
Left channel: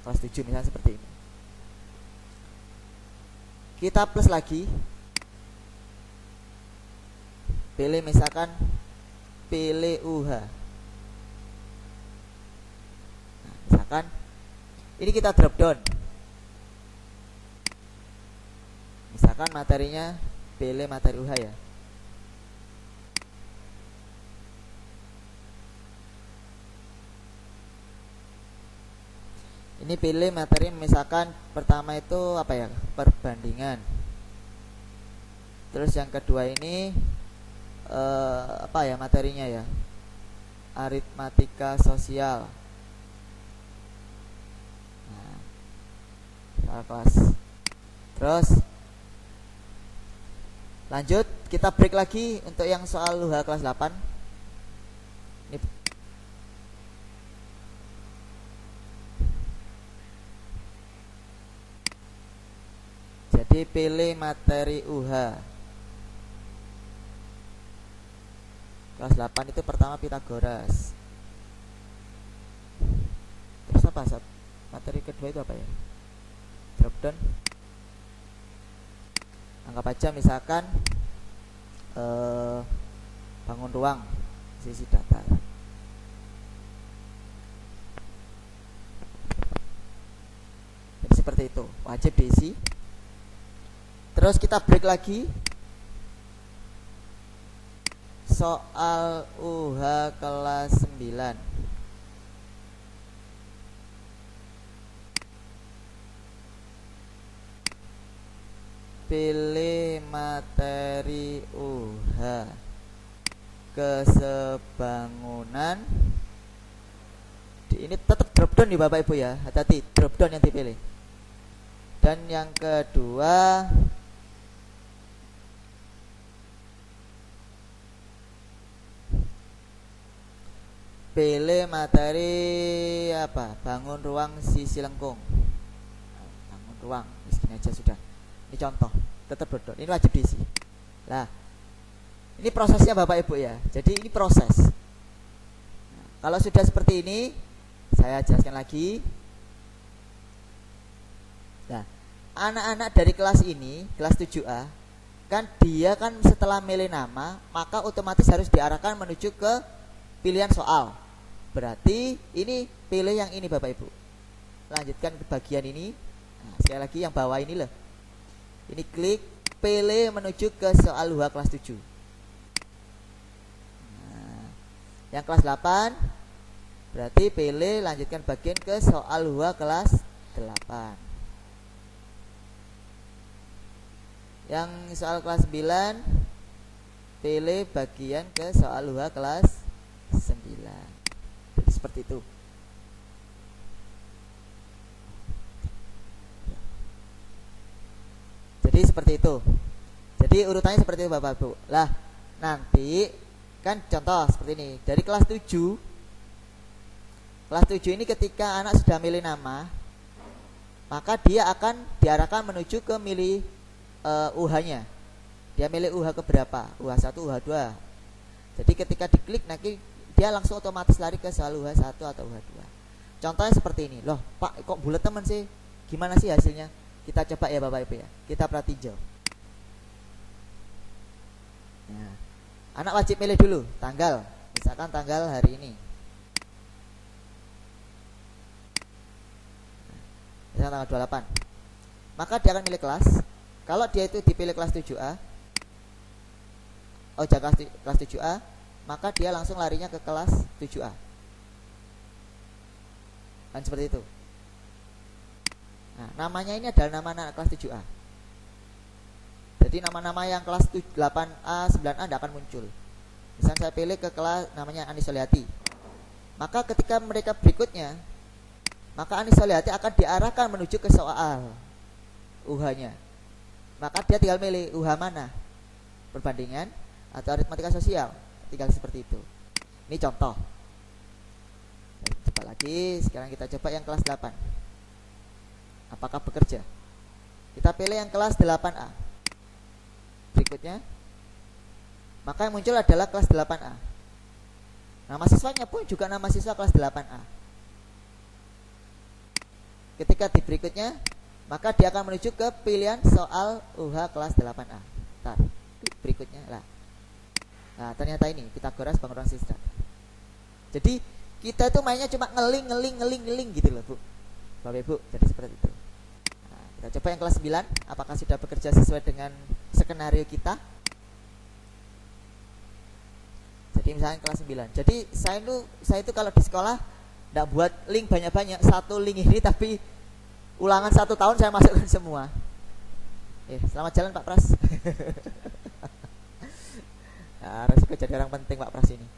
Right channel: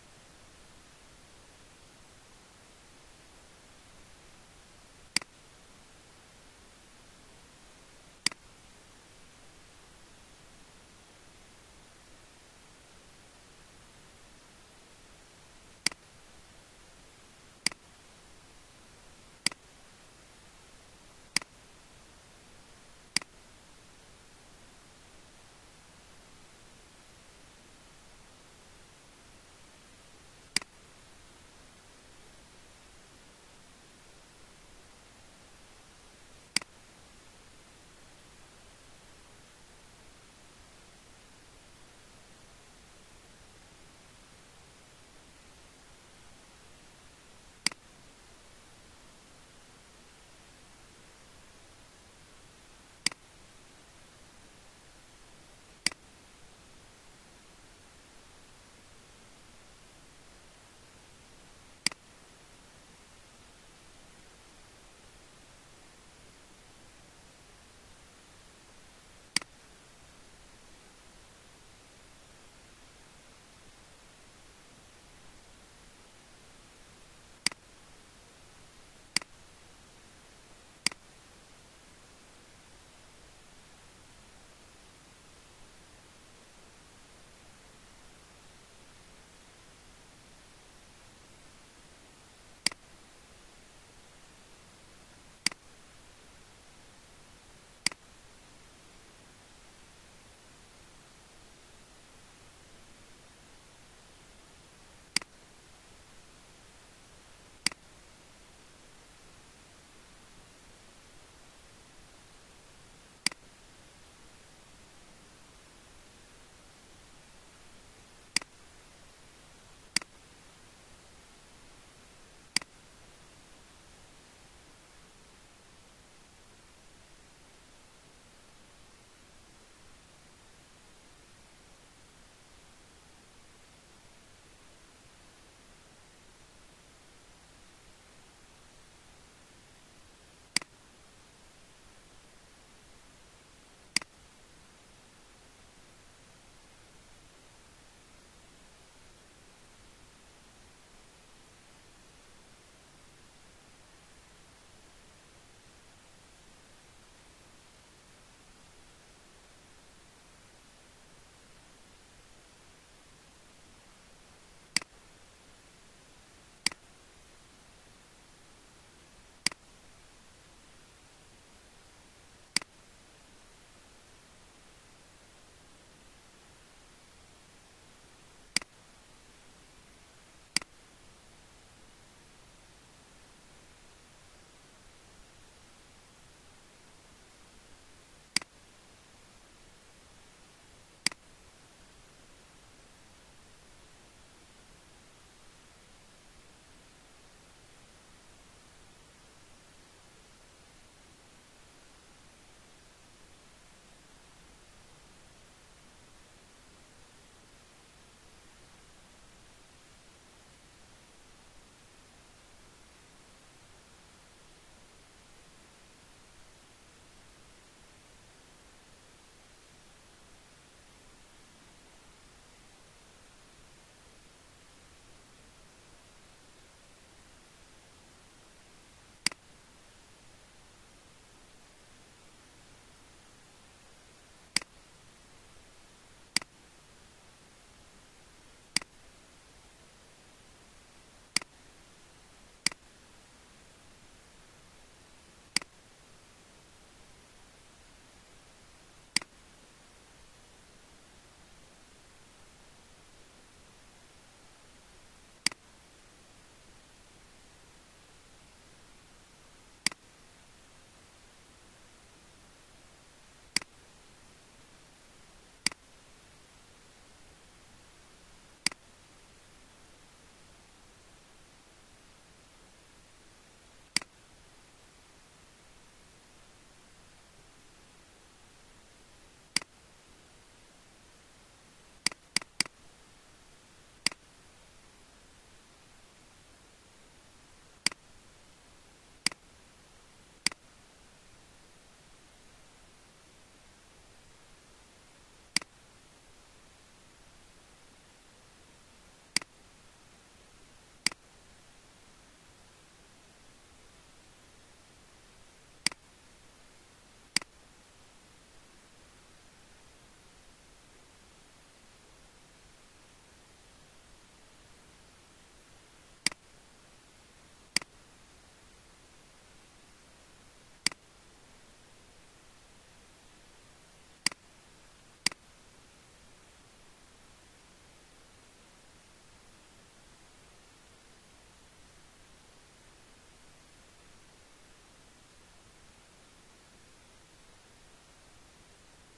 kelas 7 misalnya seperti ini. Kita plus lagi, pilih misalkan pilih UH. Nah, misalkan ini kita drop down. Misalkan materinya pilih materi UH ya. Ini pilih materi misalkan pertama itu apa ya? Perbandingan. Terus yang kedua ini apa ya materinya ya? Aritmatika sosial. Kelas. Terus lanjut kita break lagi untuk yang soal UH kelas 8. Ini jadi pilih materi UH kelas 8 itu pertama Pitagoras. Terus apa Sob? Materi kedua itu apa ya? Drop down, anggap aja misalkan bangun ruang sisi datar. Jadi seperti itu, wajib diisi. Terus kita break lagi soal UH kelas 9. Pilih materi UH kesebangunan. Ini tetap drop down nih Bapak Ibu ya, hati-hati drop down yang dipilih. Dan yang kedua pilih materi apa? Bangun ruang sisi lengkung. Bangun ruang, miskin aja sudah. Ini contoh, tetap drop down. Ini wajib diisi. Nah, ini prosesnya Bapak Ibu ya. Jadi ini proses. Kalau sudah seperti ini, saya jelaskan lagi. Nah, anak-anak dari kelas ini, kelas 7A, kan dia kan setelah milih nama, maka otomatis harus diarahkan menuju ke pilihan soal. Berarti ini pilih yang ini Bapak Ibu. Lanjutkan ke bagian ini. Nah, sekali lagi yang bawah ini loh. Ini klik pilih menuju ke soal UH kelas 7. Nah, yang kelas 8 berarti pilih lanjutkan bagian ke soal UH kelas 8. Yang soal kelas 9 pilih bagian ke soal UH kelas 9. Jadi seperti itu. Jadi seperti itu. Jadi urutannya seperti itu Bapak Ibu. Lah, nanti kan contoh seperti ini. Dari kelas 7. Kelas 7 ini ketika anak sudah milih nama, maka dia akan diarahkan menuju ke milih UH-nya. Dia milih UH ke berapa? UH1, UH2. Jadi ketika diklik nanti dia langsung otomatis lari ke soal UH1 atau UH2. Contohnya seperti ini. Loh, Pak, kok bulat teman sih? Gimana sih hasilnya? Kita coba ya Bapak Ibu ya. Kita perhatiin. Nah, anak wajib milih dulu tanggal. Misalkan tanggal hari ini. Misalkan tanggal 28. Maka dia akan milih kelas. Kalau dia itu dipilih kelas 7A, jangan kelas 7A, maka dia langsung larinya ke kelas 7A. Kan seperti itu. Nah, namanya ini adalah nama anak kelas 7A. Jadi nama-nama yang kelas 8A, 9A tidak akan muncul. Misalnya saya pilih ke kelas namanya Anis Soliati. Maka ketika mereka berikutnya, maka Anis Soliati akan diarahkan menuju ke soal UH-nya. Maka dia tinggal milih UH mana, perbandingan atau aritmatika sosial. Tinggal seperti itu. Ini contoh. Coba lagi, sekarang kita coba yang kelas 8. Apakah bekerja? Kita pilih yang kelas 8A. Berikutnya, maka yang muncul adalah kelas 8A. Nama siswanya pun juga nama siswa kelas 8A. Ketika di berikutnya, maka dia akan menuju ke pilihan soal UH kelas 8A. Ntar, berikutnya lah. Nah, ternyata ini Pitagoras bangun ruang siswa. Jadi kita itu mainnya cuma ngeling gitu loh Bu, Bapak Ibu. Jadi seperti itu. Nah, kita coba yang kelas 9. Apakah sudah bekerja sesuai dengan skenario kita? Jadi misalnya kelas 9. Jadi saya itu kalau di sekolah tidak buat link banyak-banyak. Satu link ini tapi ulangan 1 tahun saya masukkan semua. Selamat jalan Pak Pras. Nah, resiko jadi orang penting Pak Pras ini.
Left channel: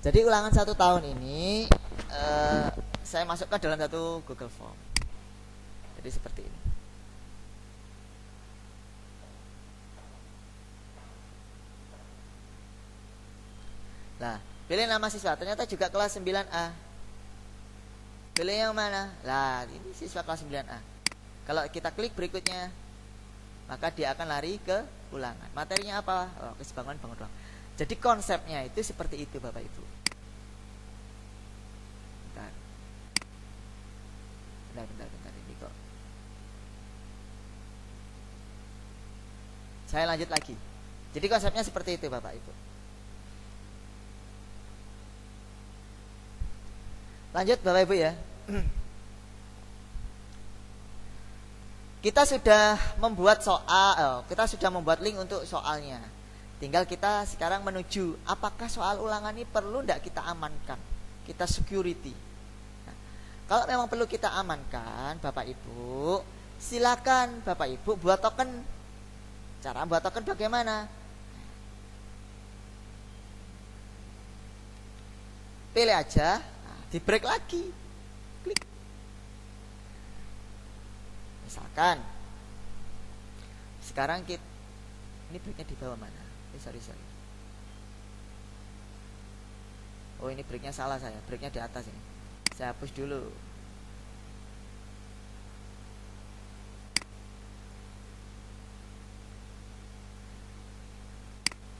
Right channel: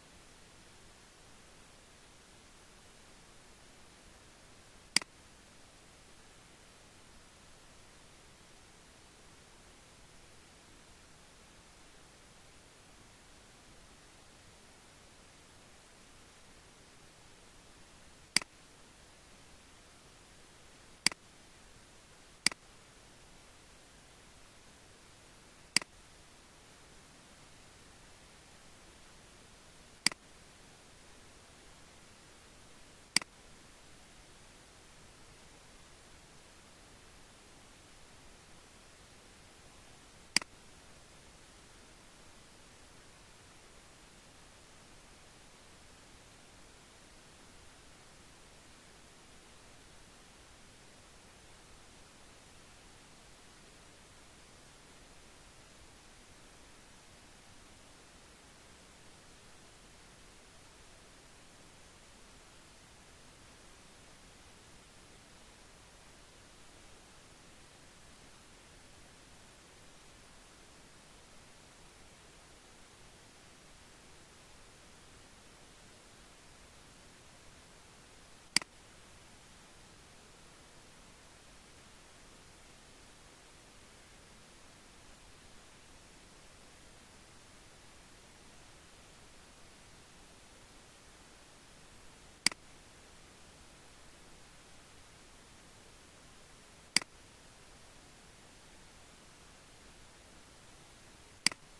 Jadi ulangan 1 tahun ini saya masukkan dalam satu Google Form. Jadi seperti ini. Nah, pilih nama siswa. Ternyata juga kelas 9A. Pilih yang mana? Lah, ini siswa kelas 9A. Kalau kita klik berikutnya, maka dia akan lari ke ulangan. Materinya apa? Kesebangunan bangun ruang. Jadi konsepnya itu seperti itu Bapak Ibu. Bentar ini kok. Saya lanjut lagi. Jadi konsepnya seperti itu Bapak Ibu. Lanjut Bapak Ibu ya. Kita sudah membuat soal, kita sudah membuat link untuk soalnya. Tinggal kita sekarang menuju apakah soal ulangan ini perlu tidak kita amankan, kita security. Nah, kalau memang perlu kita amankan Bapak Ibu, silakan Bapak Ibu buat token. Cara buat token bagaimana? Pilih aja, di break lagi, klik. Misalkan sekarang kita ini breaknya di bawah mana? Sorry. Oh ini breaknya salah saya, breaknya di atas ini. Saya hapus dulu.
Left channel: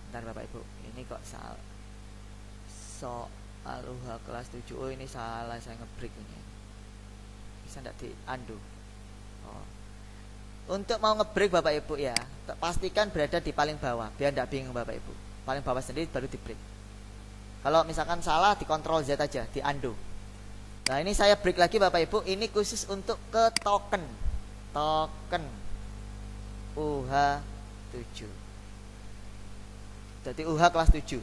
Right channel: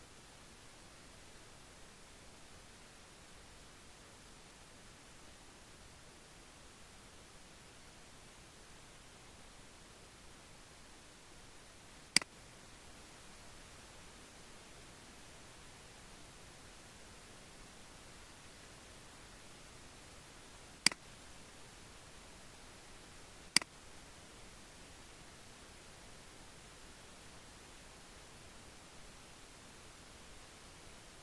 Bentar Bapak Ibu, ini kok salah. Soal UH kelas 7. Oh ini salah, saya ngebreak ini. Bisa enggak di undo? Oh. Untuk mau ngebreak Bapak Ibu ya, pastikan berada di paling bawah biar tidak bingung Bapak Ibu. Paling bawah sendiri baru di break. Kalau misalkan salah di Ctrl Z aja, di undo. Nah ini saya break lagi Bapak Ibu. Ini khusus untuk ke token UH 7. Jadi UH kelas 7.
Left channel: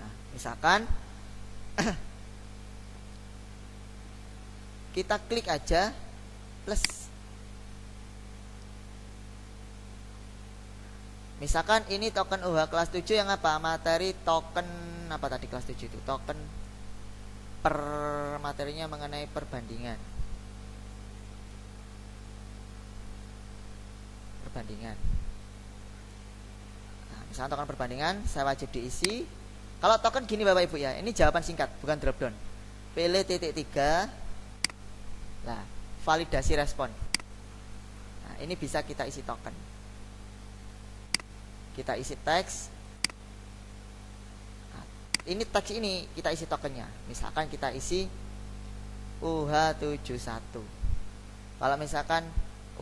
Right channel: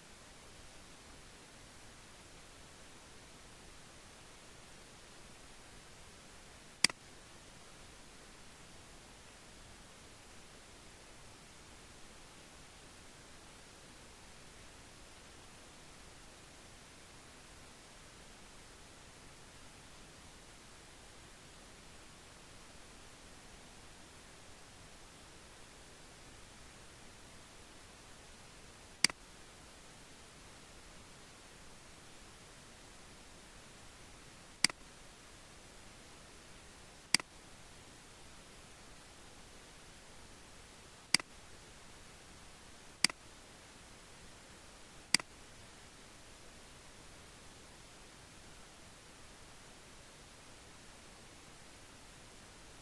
Nah misalkan kita klik aja plus. Misalkan ini token UH kelas 7 yang apa? Materi token apa tadi kelas 7 itu? Token per materinya mengenai perbandingan. perbandingan. Nah, misalnya token perbandingan saya wajib diisi. Kalau token gini Bapak Ibu ya, ini jawaban singkat bukan drop down. Pilih titik 3. Nah, validasi respon. Nah, ini bisa kita isi token. Kita isi teks. Nah, ini teks ini kita isi tokennya. Misalkan kita isi UH71. Kalau misalkan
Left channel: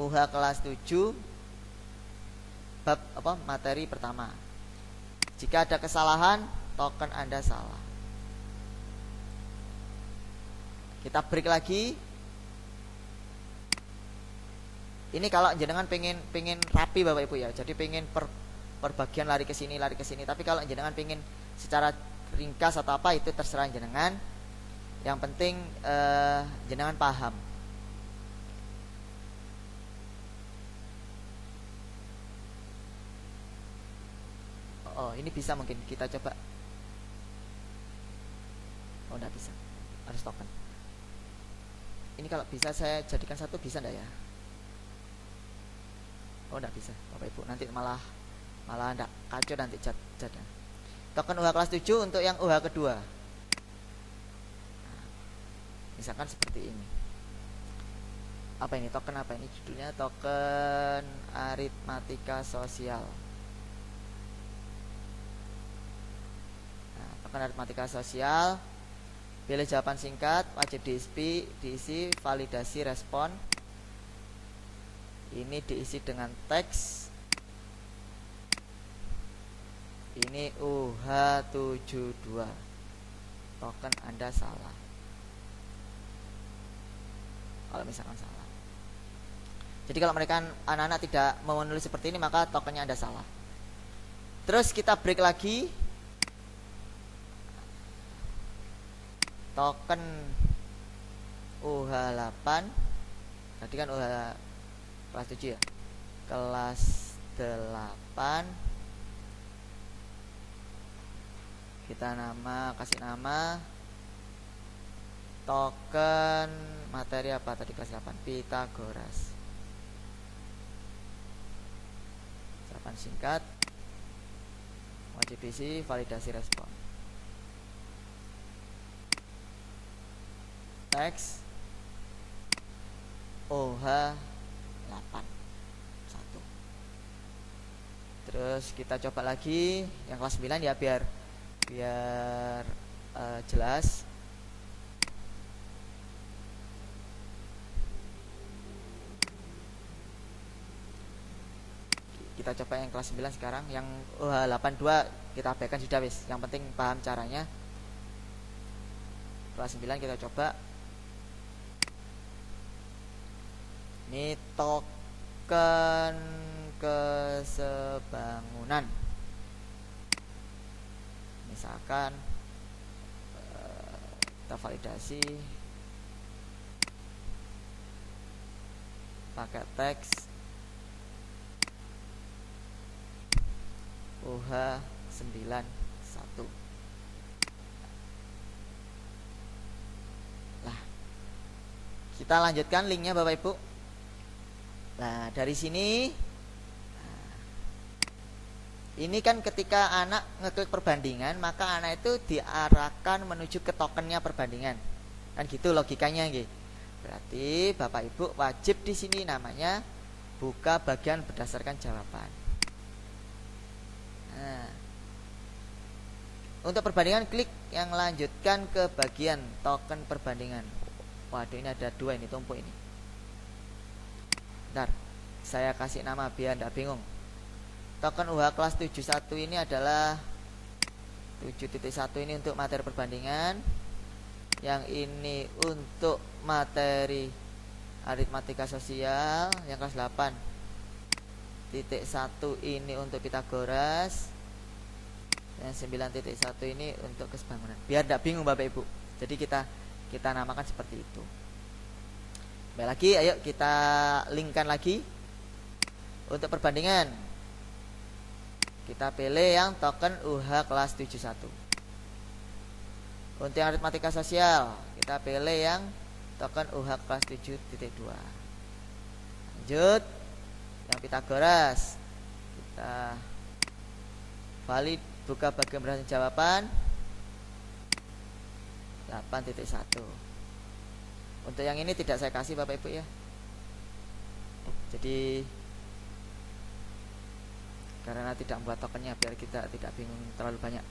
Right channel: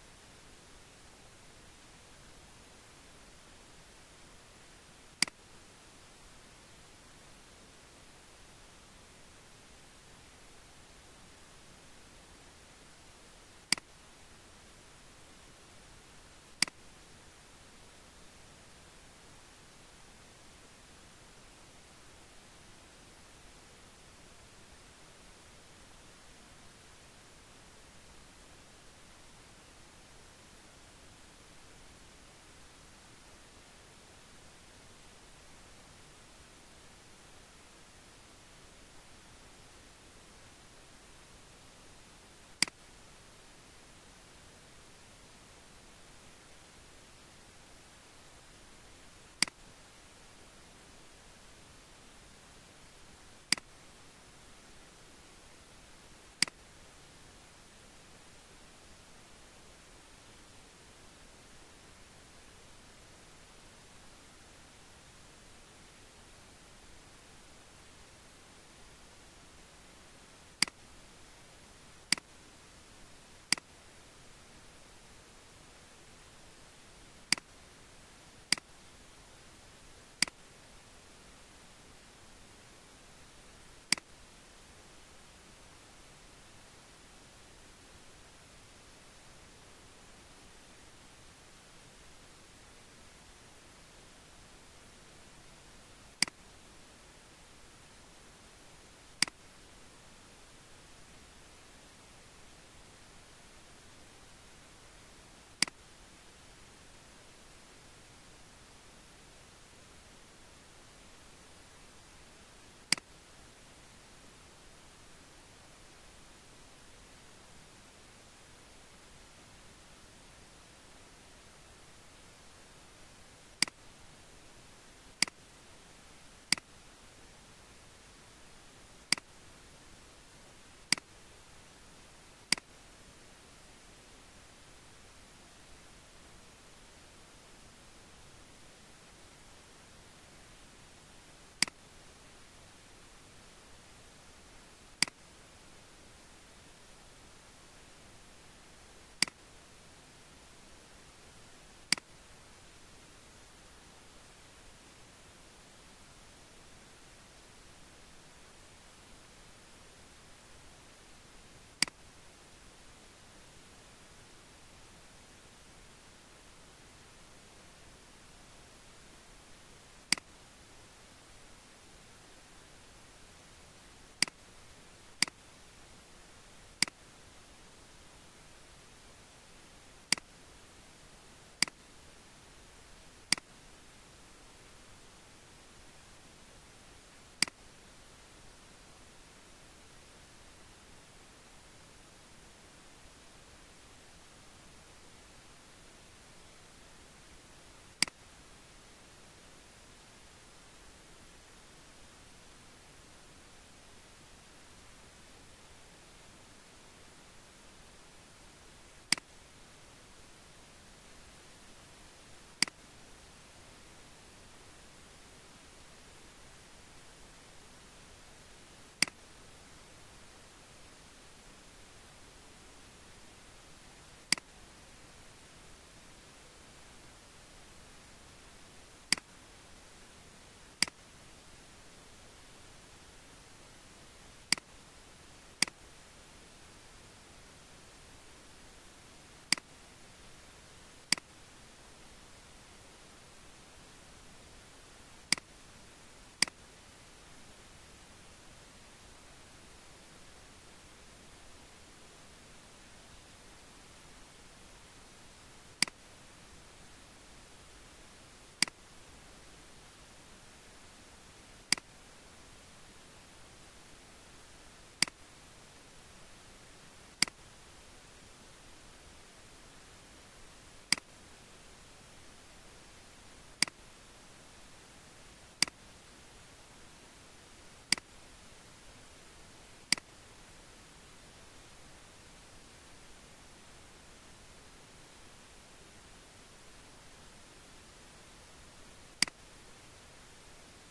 UH kelas 7 bab materi pertama. Jika ada kesalahan, token Anda salah. Kita break lagi. Ini kalau jenengan pengen rapi Bapak Ibu ya. Jadi pengen per bagian lari ke sini. Tapi kalau jenengan pengen secara ringkas atau apa itu terserah jenengan. Yang penting jenengan paham. Oh, ini bisa mungkin kita coba. Oh, enggak bisa. Harus token. Ini kalau bisa saya jadikan satu bisa enggak ya? Oh, enggak bisa Bapak Ibu. Nanti malah enggak kacau nanti catnya. Token UH kelas 7 untuk yang UH kedua. Misalkan seperti ini. Apa ini? Token apa ini? Judulnya token aritmatika sosial. Nah, token aritmatika sosial. Pilih jawaban singkat, wajib diisi validasi respon. Ini diisi dengan teks. Ini UH72. Token Anda salah. Kalau misalkan salah. Jadi kalau mereka anak-anak tidak mau menulis seperti ini, maka tokennya Anda salah. Terus kita break lagi. Token UH8. Tadi kan UH kelas 7 ya. Kelas 8. Kita kasih nama token materi apa tadi kelas 8? Pythagoras. Jawaban singkat. Wajib isi validasi respon. Teks OH8 1. Terus kita coba lagi yang kelas 9 ya biar jelas. Kita coba yang kelas 9 sekarang. Yang OH82 kita abaikan sudah wis. Yang penting paham caranya. Kelas 9 kita coba. Ini token kesebangunan. Misalkan kita validasi pakai teks OH91. Nah, kita lanjutkan linknya Bapak Ibu. Nah, dari sini ini kan ketika anak ngeklik perbandingan, maka anak itu diarahkan menuju ke tokennya perbandingan. Kan gitu logikanya gitu. Berarti Bapak Ibu wajib di sini namanya buka bagian berdasarkan jawaban. Nah, untuk perbandingan klik yang lanjutkan ke bagian token perbandingan. Waduh, ini ada 2 ini tumpuk ini. Bentar, saya kasih nama biar tidak bingung. Token UH kelas 71 ini adalah 7.1 ini untuk materi perbandingan. Yang ini untuk materi aritmatika sosial. Yang kelas 8.1 ini untuk Pythagoras. Yang 9.1 ini untuk kesebangunan. Biar tidak bingung Bapak Ibu. Jadi kita namakan seperti itu. Baik lagi, ayo kita linkkan lagi. Untuk perbandingan kita pilih yang token UH kelas 71. Untuk yang aritmatika sosial kita pilih yang token UH kelas 7.2. Lanjut. Pitagoras. Kita valid buka bagian berdasarkan jawaban 8.1. Untuk yang ini tidak saya kasih Bapak Ibu ya. Jadi karena tidak membuat tokennya biar kita tidak bingung terlalu banyak.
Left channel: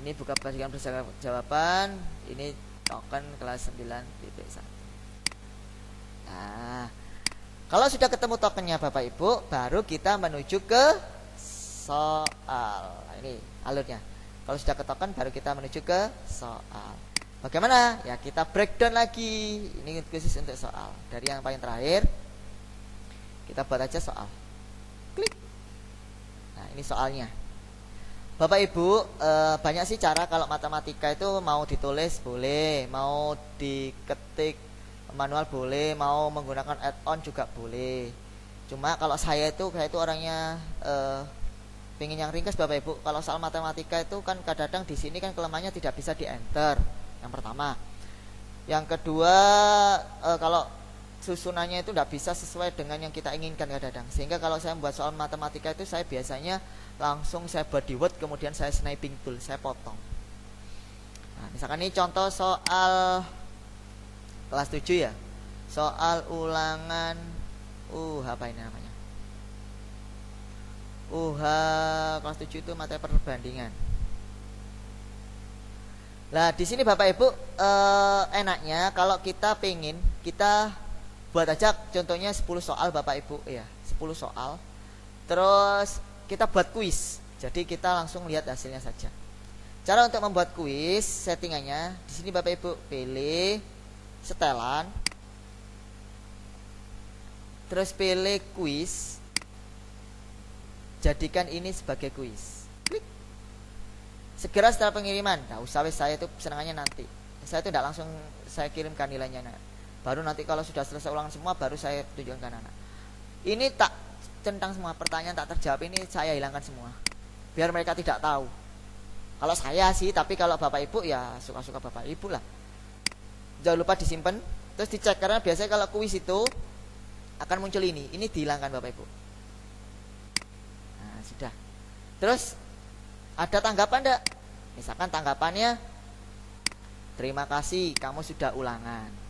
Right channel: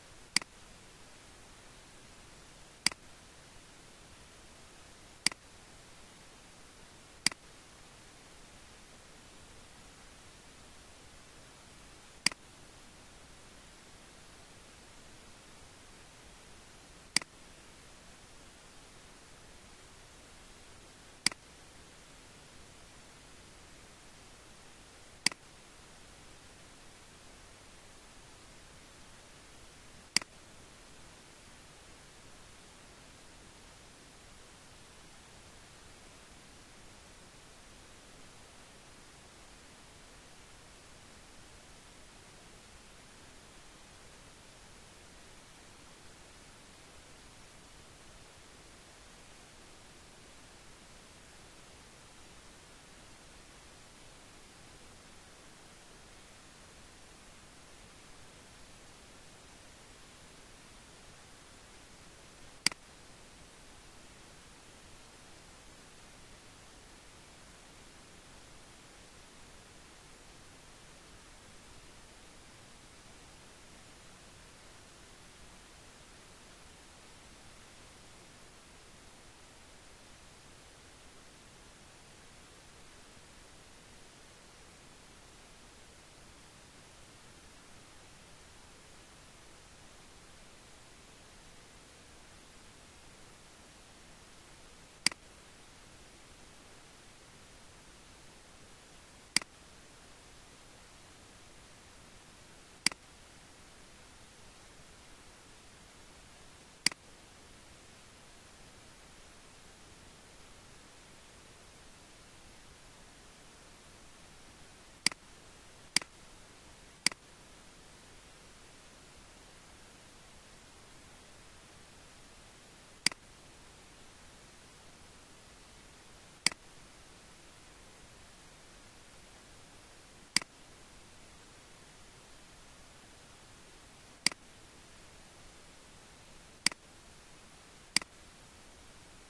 Ini buka bagian berdasarkan jawaban, ini token kelas 9.1. Nah, kalau sudah ketemu tokennya Bapak Ibu, baru kita menuju ke soal. Nah, ini alurnya. Kalau sudah ke token, baru kita menuju ke soal. Bagaimana? Ya kita breakdown lagi. Ini khusus untuk soal. Dari yang paling terakhir, kita buat aja soal. Klik. Nah, ini soalnya. Bapak Ibu, banyak sih cara kalau matematika itu mau ditulis boleh, mau diketik manual boleh, mau menggunakan add-on juga boleh. Cuma kalau saya itu orangnya pengen yang ringkas Bapak Ibu. Kalau soal matematika itu kan kadang-kadang di sini kan kelemahannya tidak bisa di enter. Yang pertama. Yang kedua, kalau susunannya itu tidak bisa sesuai dengan yang kita inginkan kadang-kadang. Sehingga kalau saya membuat soal matematika itu saya biasanya langsung saya buat di Word, kemudian saya sniping tool, saya potong. Nah, misalkan ini contoh soal kelas 7 ya. Soal ulangan apa ini namanya? Kelas 7 itu materi perbandingan. Nah, di sini Bapak Ibu enaknya kalau kita pengen kita buat aja contohnya 10 soal Bapak Ibu ya, 10 soal. Terus kita buat kuis. Jadi kita langsung lihat hasilnya saja. Cara untuk membuat kuis, settingannya di sini Bapak Ibu pilih setelan. Terus pilih kuis. Jadikan ini sebagai kuis. Klik. Segera setelah pengiriman. Nah, usah saya itu senangannya nanti. Saya itu tidak langsung saya kirimkan nilainya. Baru nanti kalau sudah selesai ulangan semua baru saya tunjukkan anak. Ini tak centang semua, pertanyaan tak terjawab ini saya hilangkan semua biar mereka tidak tahu. Kalau saya sih, tapi kalau Bapak Ibu ya suka-suka Bapak Ibu lah. Jangan lupa disimpan terus dicek, karena biasanya kalau kuis itu akan muncul ini dihilangkan Bapak Ibu. Nah, sudah. Terus ada tanggapan enggak? Misalkan tanggapannya terima kasih kamu sudah ulangan.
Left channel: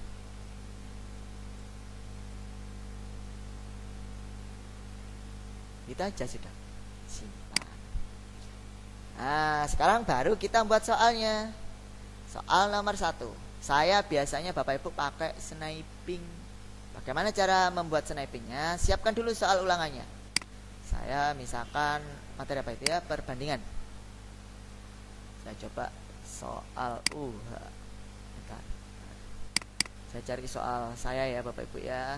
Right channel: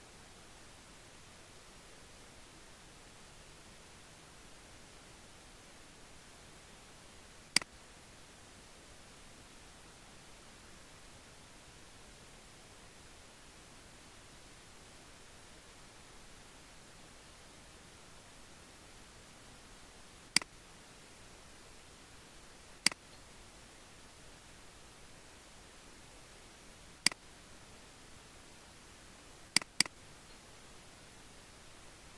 Kita aja sudah simpan. Nah, sekarang baru kita buat soalnya. Soal nomor 1. Saya biasanya Bapak Ibu pakai sniping. Bagaimana cara membuat snipingnya? Siapkan dulu soal ulangannya. Saya misalkan materi apa itu ya, perbandingan. Saya coba soal bentar. Saya cari soal saya ya Bapak Ibu ya.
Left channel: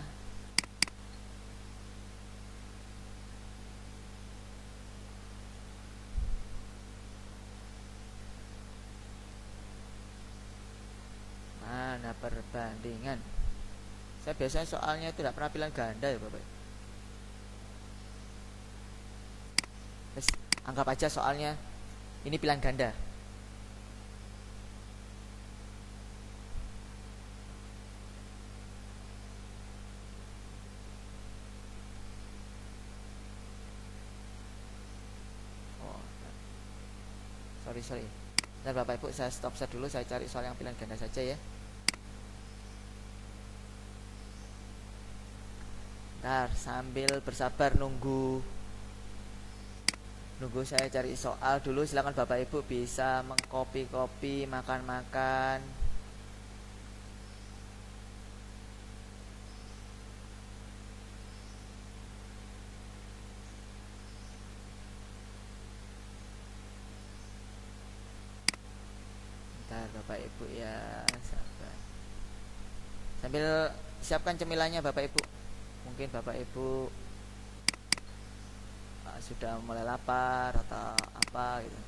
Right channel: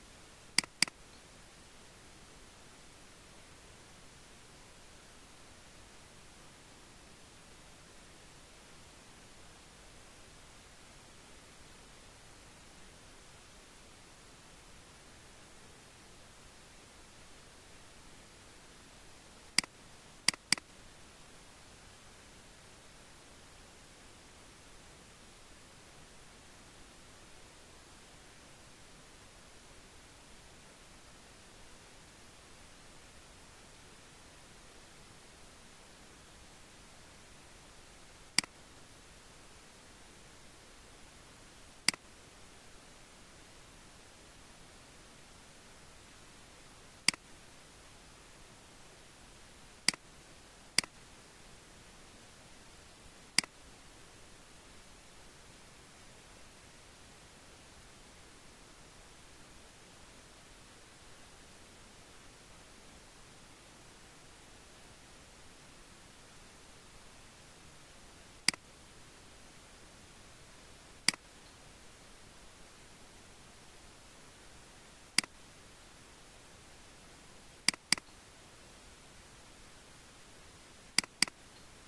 Mana perbandingan? Saya biasanya soalnya itu tidak pernah pilihan ganda ya Bapak. Terus, anggap aja soalnya ini pilihan ganda. Sorry. Nah Bapak Ibu, saya stop dulu, saya cari soal yang pilihan ganda saja ya. Nah, sambil bersabar nunggu saya cari soal dulu. Silakan Bapak Ibu bisa mengcopy makan-makan. Bentar Bapak Ibu ya, sabar. Sambil siapkan cemilannya Bapak Ibu. Mungkin Bapak Ibu sudah mulai lapar atau apa gitu.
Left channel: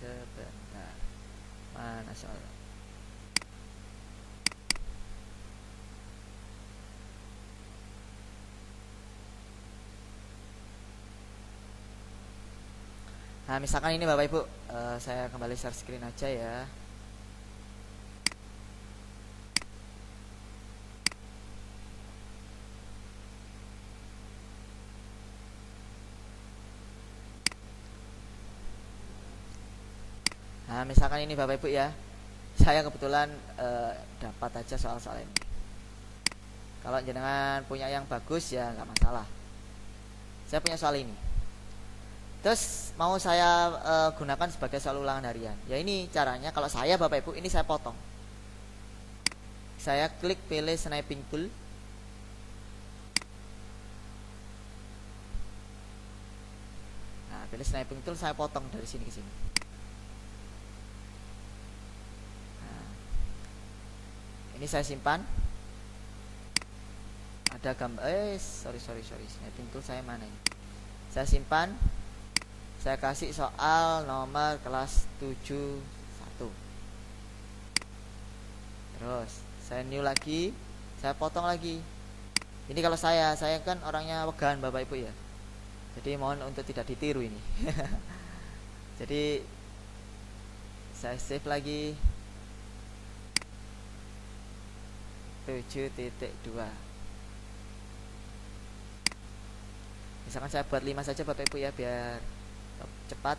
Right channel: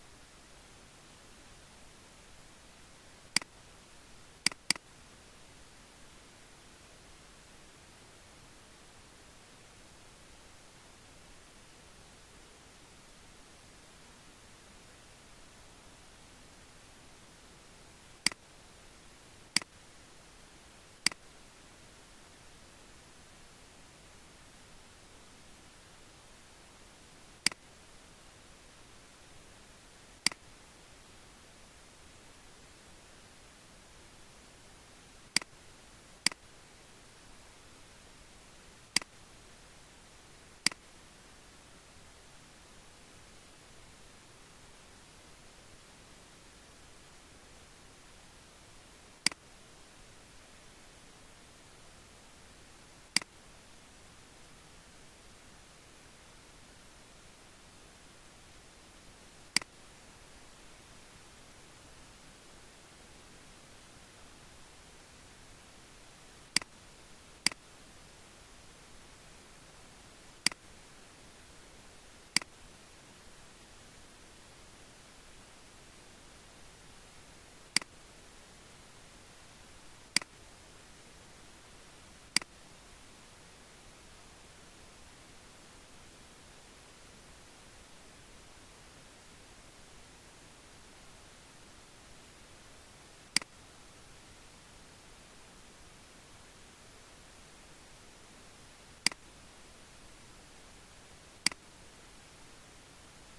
Sebentar. Nah, misalkan ini Bapak Ibu, saya kembali share screen aja ya. Nah, misalkan ini Bapak Ibu ya, saya kebetulan dapat aja soal-soal ini. Kalau jenengan punya yang bagus ya nggak masalah. Saya punya soal ini. Terus mau saya gunakan sebagai soal ulangan harian. Ya ini caranya, kalau saya Bapak Ibu, ini saya potong. Saya klik pilih sniping tool. Nah, pilih sniping tool, saya potong dari sini ke sini. Ini saya simpan. Ada gambar sorry sniping tool saya mana ini? Saya simpan. Saya kasih soal nomor kelas 71. Terus saya new lagi, saya potong lagi. Ini kalau saya kan orangnya wegan Bapak Ibu ya. Jadi mohon untuk tidak ditiru ini. Jadi saya save lagi. 7.2. Misalkan saya buat 5 saja Bapak Ibu ya, biar cepat.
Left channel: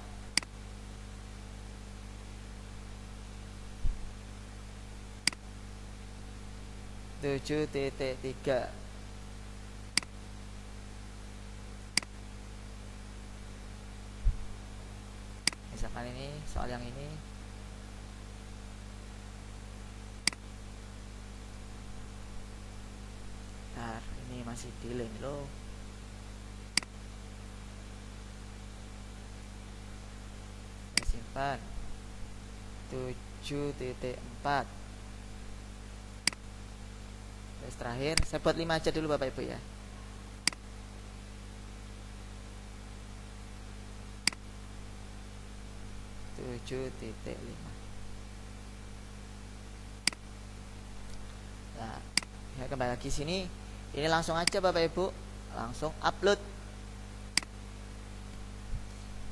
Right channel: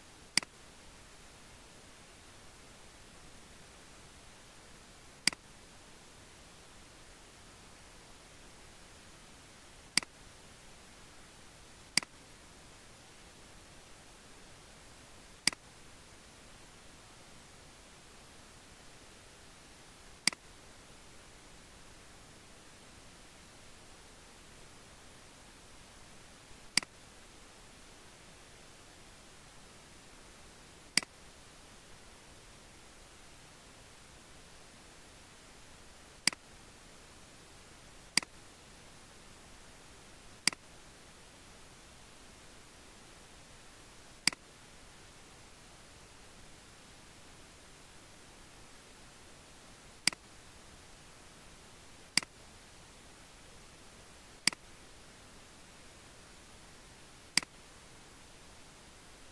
Tujuh titik tiga. Misalkan ini soal yang ini. Nah, ini masih delay loh. Saya simpan. 7.4. Terus terakhir saya buat 5 aja dulu Bapak Ibu ya. Nah, saya kembali lagi sini. Ini langsung aja Bapak Ibu, langsung upload.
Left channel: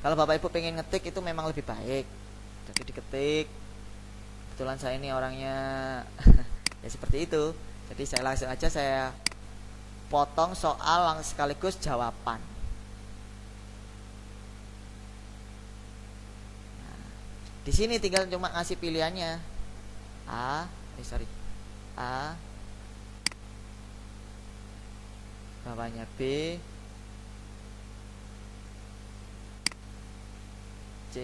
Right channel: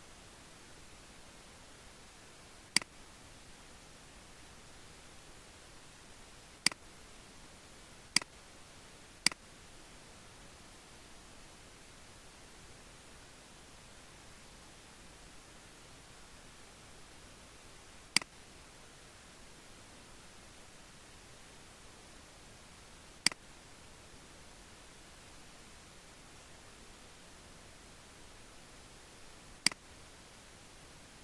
Kalau Bapak Ibu pengen ngetik itu memang lebih baik, jadi diketik. Kebetulan saya ini orangnya ya seperti itu. Jadi saya langsung aja saya potong soal sekaligus jawaban. Nah, di sini tinggal cuma ngasih pilihannya A, bawahnya B, C,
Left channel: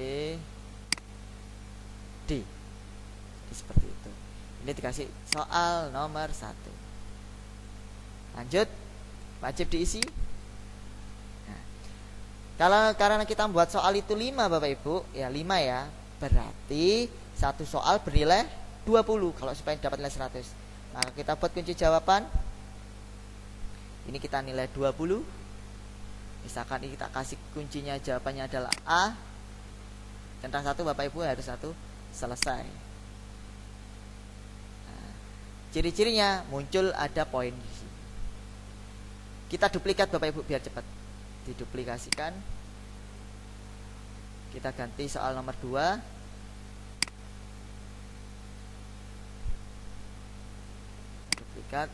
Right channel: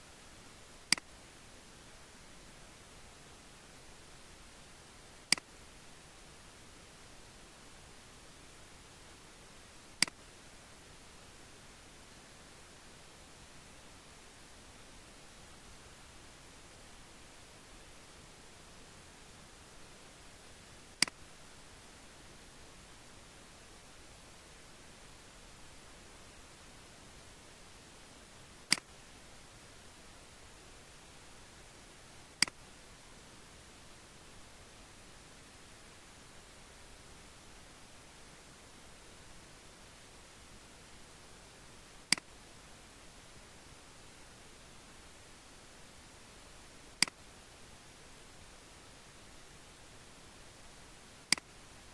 D. Seperti itu. Ini dikasih soal nomor 1. Lanjut, wajib diisi. Nah, karena kita buat soal itu 5 Bapak Ibu, ya 5 ya. Berarti satu soal bernilai 20 kalau supaya dapat nilai 100. Maka kita buat kunci jawaban. Ini kita nilai 20. Misalkan ini kita kasih kuncinya, jawabannya adalah A. Centang 1 Bapak Ibu, harus 1 selesai. Nah, ciri-cirinya muncul ada poin di sini. Kita duplikat Bapak Ibu biar cepat. Diduplikasikan. Kita ganti soal nomor 2. Duplikat.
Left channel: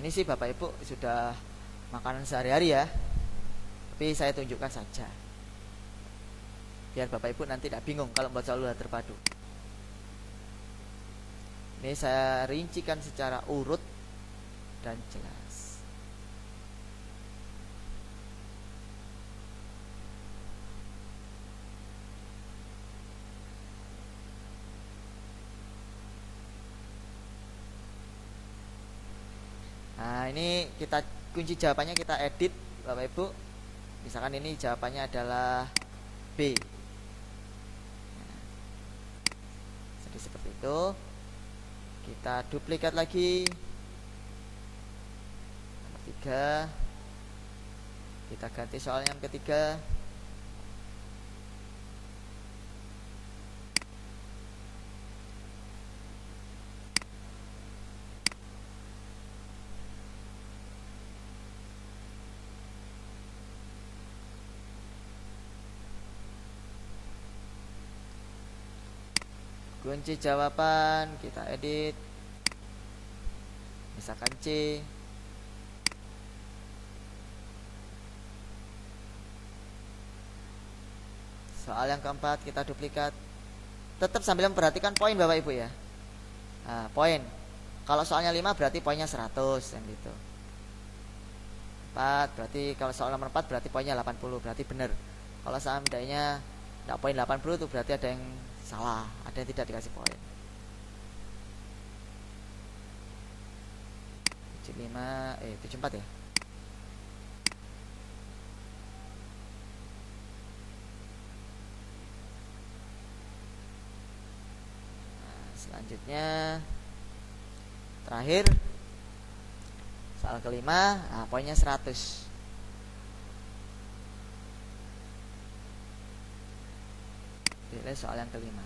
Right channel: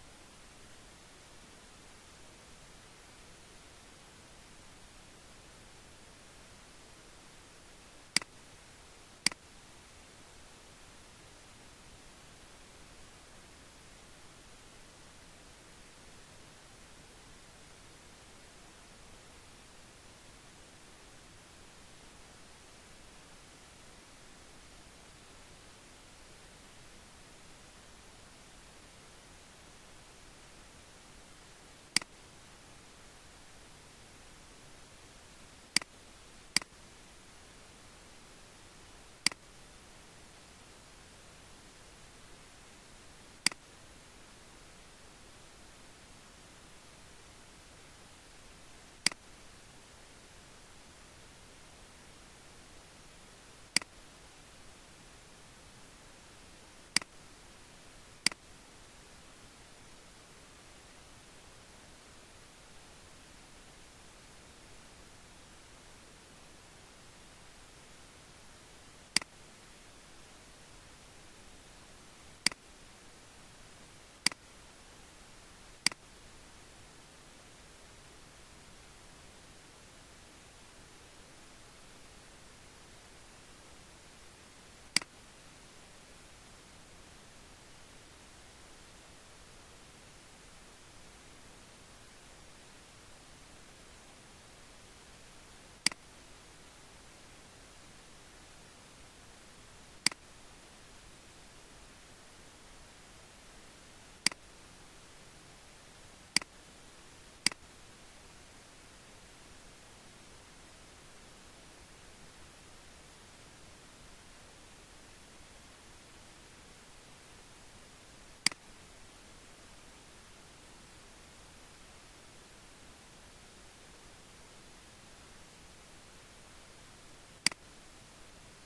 Ini sih Bapak Ibu sudah makanan sehari-hari ya, tapi saya tunjukkan saja biar Bapak Ibu nanti tidak bingung kalau membuat soal ulangan terpadu. Ini saya rincikan secara urut dan jelas. Nah, ini kita kunci jawabannya kita edit Bapak Ibu. Misalkan ini jawabannya adalah B. Jadi seperti itu. Kita duplikat lagi. Ketiga. Kita ganti soal yang ketiga. Kunci jawaban kita edit, misalkan C. Soal yang keempat kita duplikat. Tetap sambil memperhatikan poin Bapak Ibu ya. Nah, poin. Kalau soalnya 5 berarti poinnya 100 yang gitu. 4 berarti kalau soal nomor 4 berarti poinnya 80, berarti benar. Kalau seandainya enggak poin 80 itu berarti ada yang salah, ada yang tidak dikasih poin. 74 ya. Selanjutnya terakhir soal kelima, nah poinnya 100. Pilih soal yang kelima.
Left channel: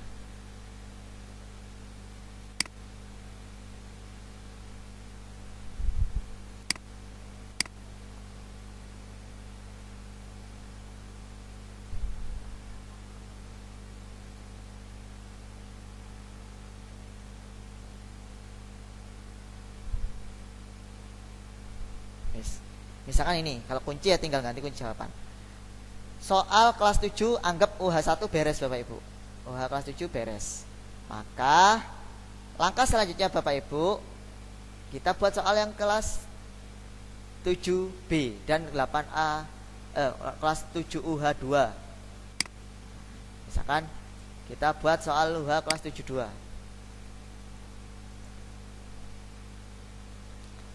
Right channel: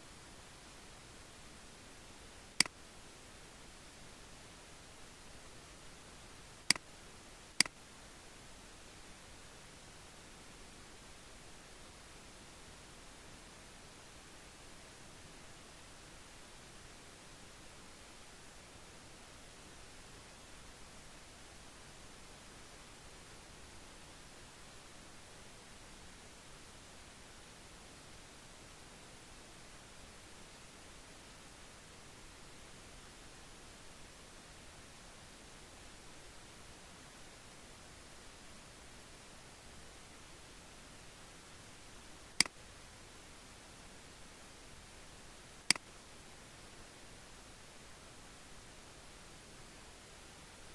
Misalkan ini, kalau kunci ya tinggal ganti kunci jawaban. Soal kelas 7 anggap UH1 beres Bapak Ibu. UH kelas 7 beres. Maka langkah selanjutnya Bapak Ibu, kita buat soal yang kelas 7B dan 8A kelas 7 UH2. Misalkan kita buat soal UH kelas 72.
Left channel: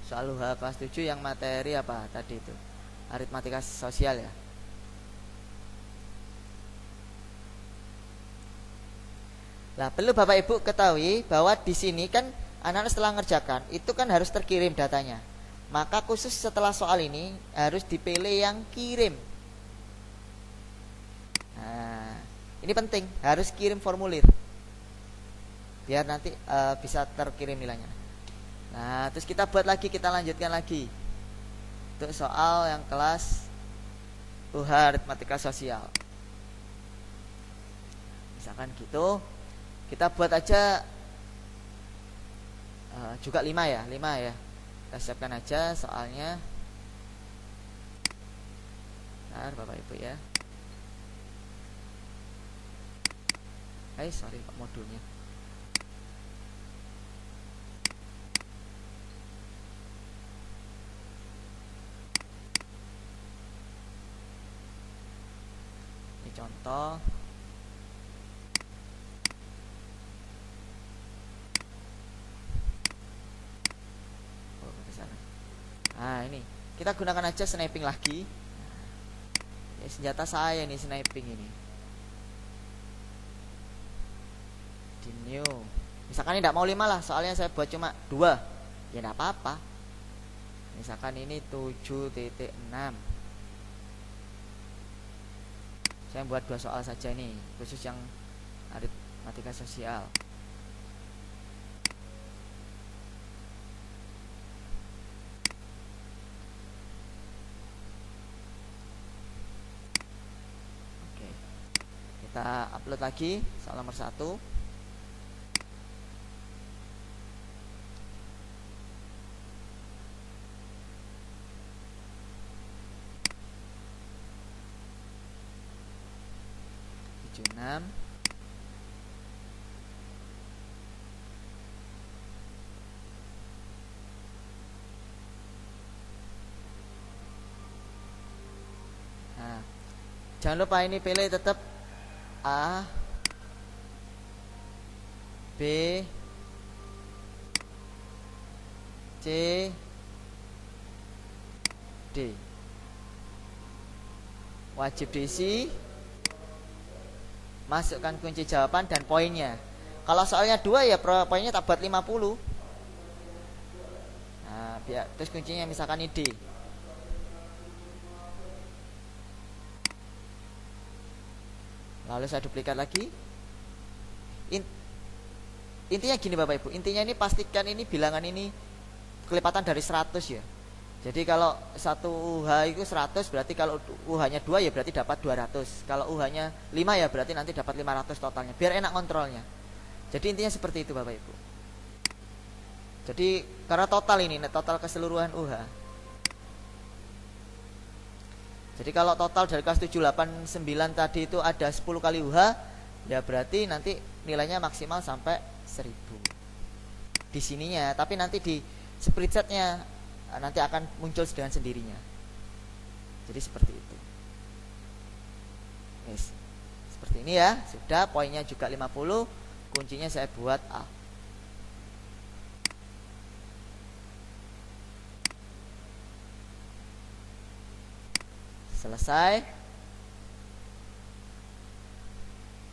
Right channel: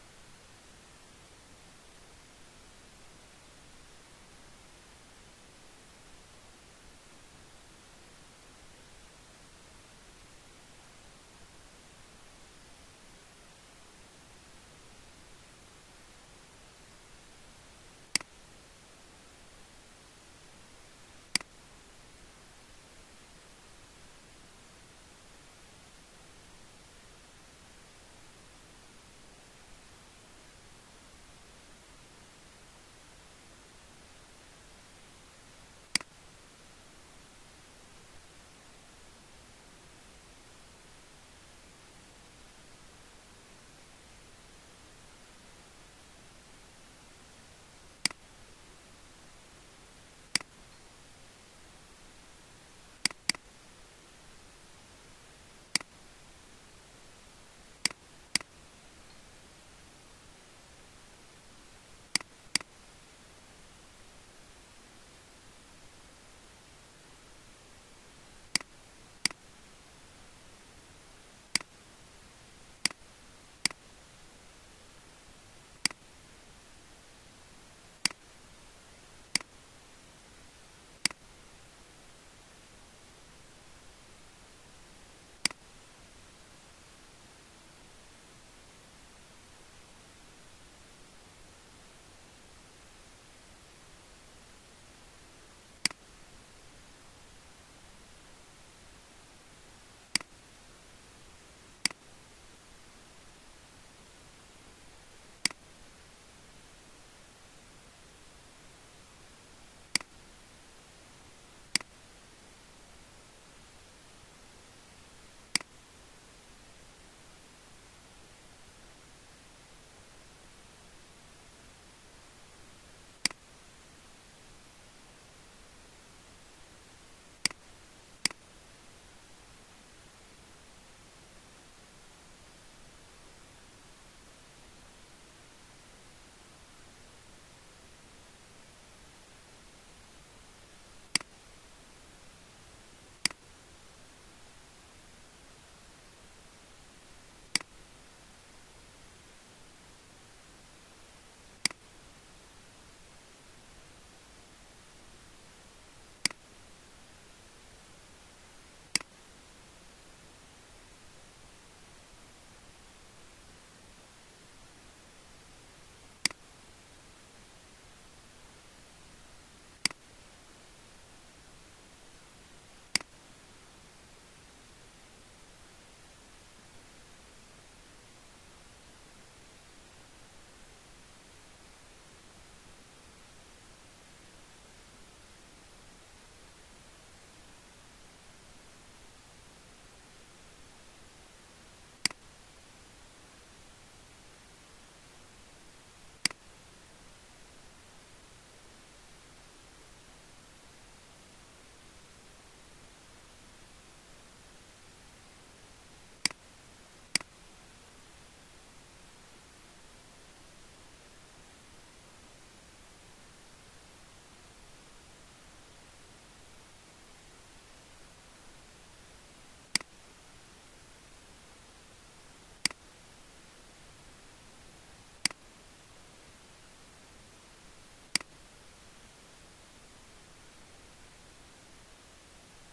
Soal UH kelas 7 yang materi apa tadi itu? Aritmatika sosial ya. Nah, perlu Bapak Ibu ketahui bahwa di sini kan anak-anak setelah ngerjakan itu kan harus terkirim datanya. Maka khusus setelah soal ini harus dipilih yang kirim. Nah, ini penting, harus kirim formulir. Biar nanti bisa terkirim nilainya. Nah, terus kita buat lagi, kita lanjutkan lagi untuk soal yang kelas UH aritmatika sosial. Misalkan gitu, kita buat aja juga 5 ya, 5 ya. Kita siapkan aja soalnya. Nah, Bapak Ibu ya. Sorry Pak, modulnya. Contoh nah ini kita gunakan aja sniping lagi. Ini senjata saya nih, sniping ini di new. Misalkan ini tidak mau 5 lah, soalnya saya buat cuma 2, ya tidak apa-apa. Misalkan ini 7.6, saya buat 2 soal saja nih, khusus yang aritmatika sosial. Oke, kita upload lagi soal nomor 1. Nah, jangan lupa ini pilih tetap A, B, C, D. Wajib diisi, masukkan kunci jawaban dan poinnya. Kalau soalnya 2 ya poinnya tak buat 50. Nah, biar terus kuncinya misalkan ini D. Lalu saya duplikat lagi. Intinya gini Bapak Ibu, intinya ini pastikan ini bilangan ini kelipatan dari 100 ya. Jadi kalau 1 UH itu 100, berarti kalau UH-nya 2 ya berarti dapat 200. Kalau UH-nya 5 ya berarti nanti dapat 500 totalnya. Biar enak kontrolnya. Jadi intinya seperti itu Bapak Ibu. Jadi karena total ini, total keseluruhan UH. Jadi kalau total dari kelas 7, 8, 9 tadi itu ada 10 kali UH, ya berarti nanti nilainya maksimal sampai 1000 di sininya. Tapi nanti di spreadsheetnya nanti akan muncul dengan sendirinya. Jadi seperti itu. Yes. Seperti ini ya. Sudah, poinnya juga 50. Kuncinya saya buat A. Selesai.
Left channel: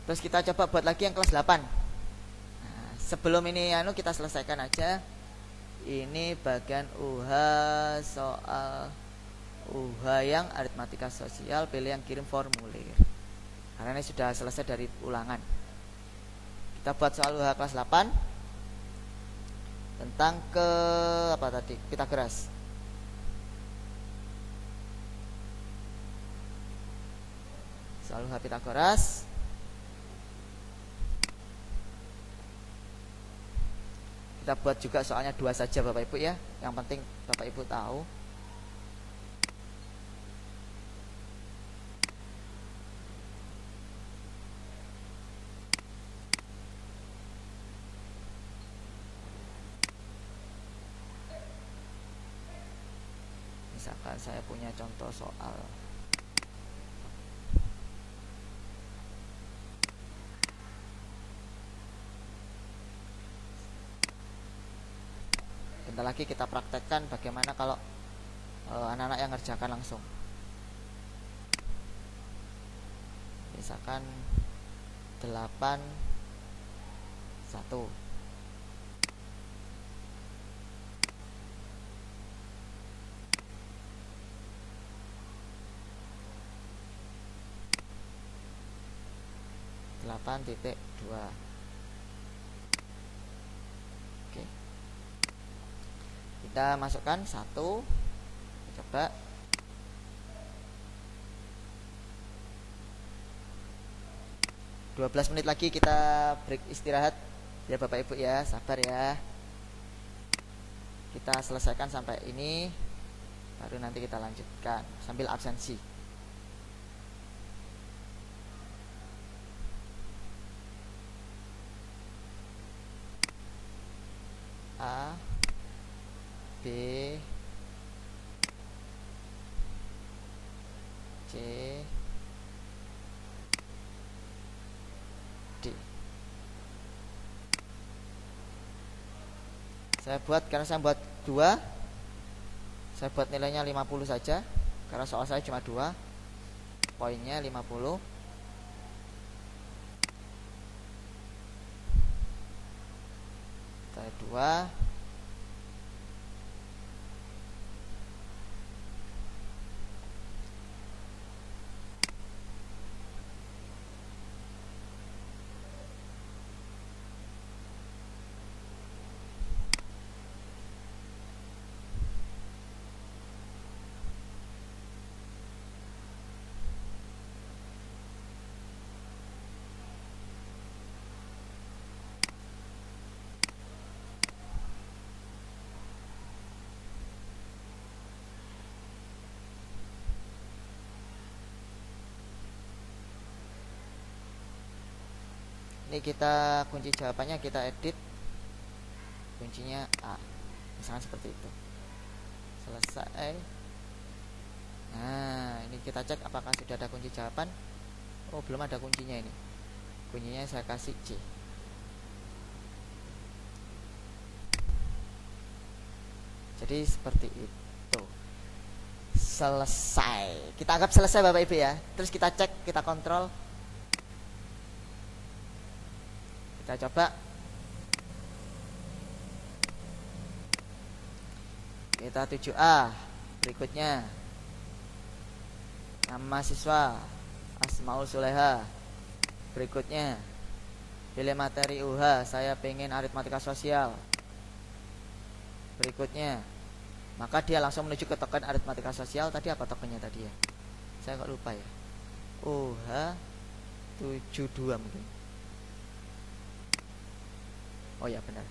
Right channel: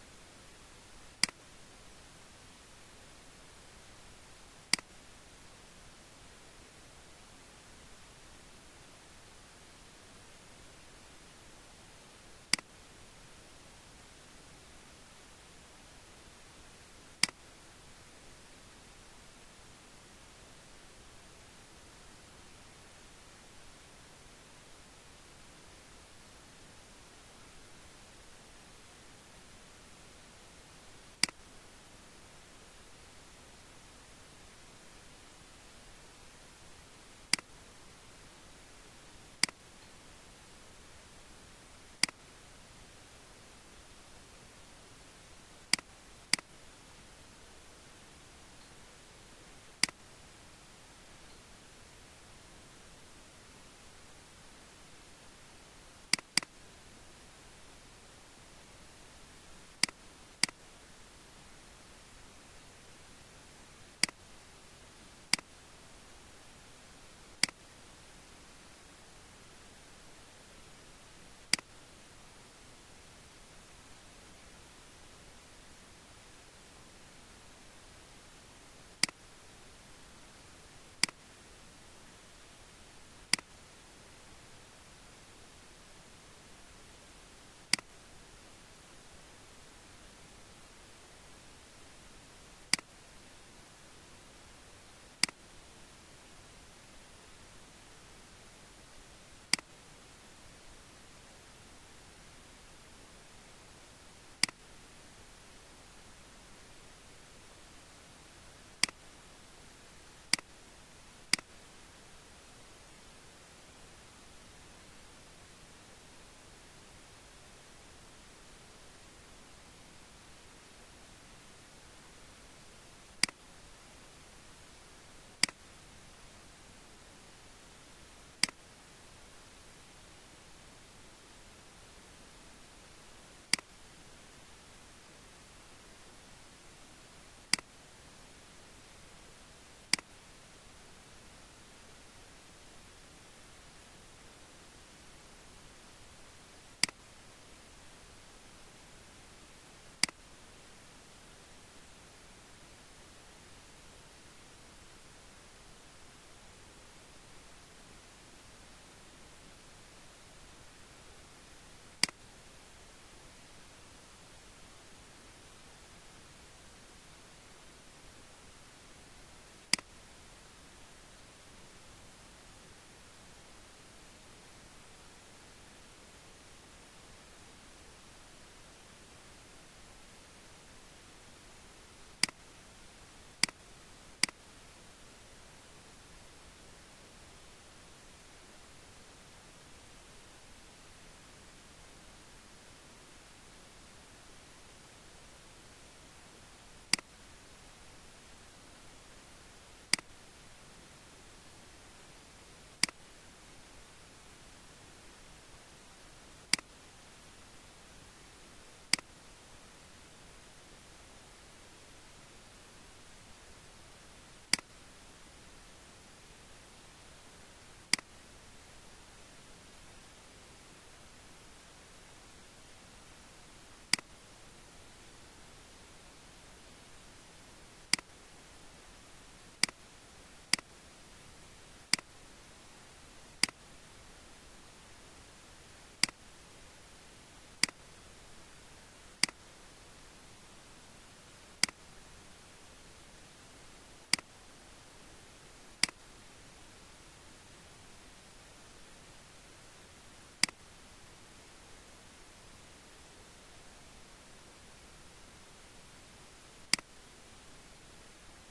Terus kita coba buat lagi yang kelas 8. Nah, sebelum ini kita selesaikan aja. Ini bagian UH soal UH yang aritmatika sosial, pilih yang kirim formulir. Karena ini sudah selesai dari ulangan. Kita buat soal UH kelas 8 tentang apa tadi? Pitagoras. Soal UH Pitagoras. Kita buat juga soalnya 2 saja Bapak Ibu ya. Yang penting Bapak Ibu tahu. Misalkan saya punya contoh soal lagi kita praktekkan bagaimana kalau anak-anak yang ngerjakan langsung. Misalkan 8 1 8.2. Oke. Kita masukkan 1. Coba. "12 menit lagi kita break istirahat ya Bapak Ibu ya, sabar ya. Kita selesaikan sampai ini, baru nanti kita lanjutkan sambil absensi. A, B, C, D. Karena saya buat 2, saya buat nilainya 50 saja, karena soal saya cuma 2, poinnya 50. Saya 2. Ini kita kunci jawabannya kita edit, kuncinya A, misalnya seperti itu. Selesai. Nah, ini kita cek apakah sudah ada kunci jawaban. Oh, belum ada kuncinya ini. Kuncinya saya kasih C. Jadi seperti itu. Selesai. Kita anggap selesai Bapak Ibu ya. Terus kita cek, kita kontrol. Kita coba. Kita 7A. Berikutnya, nama siswa Asmaul Suleha. Berikutnya, pilih materi UH, saya pengen aritmatika sosial. Berikutnya, maka dia langsung menuju ke token aritmatika sosial. Tadi apa tokennya tadi ya? Saya kok lupa ya. UH 72 mungkin. Oh ya benar.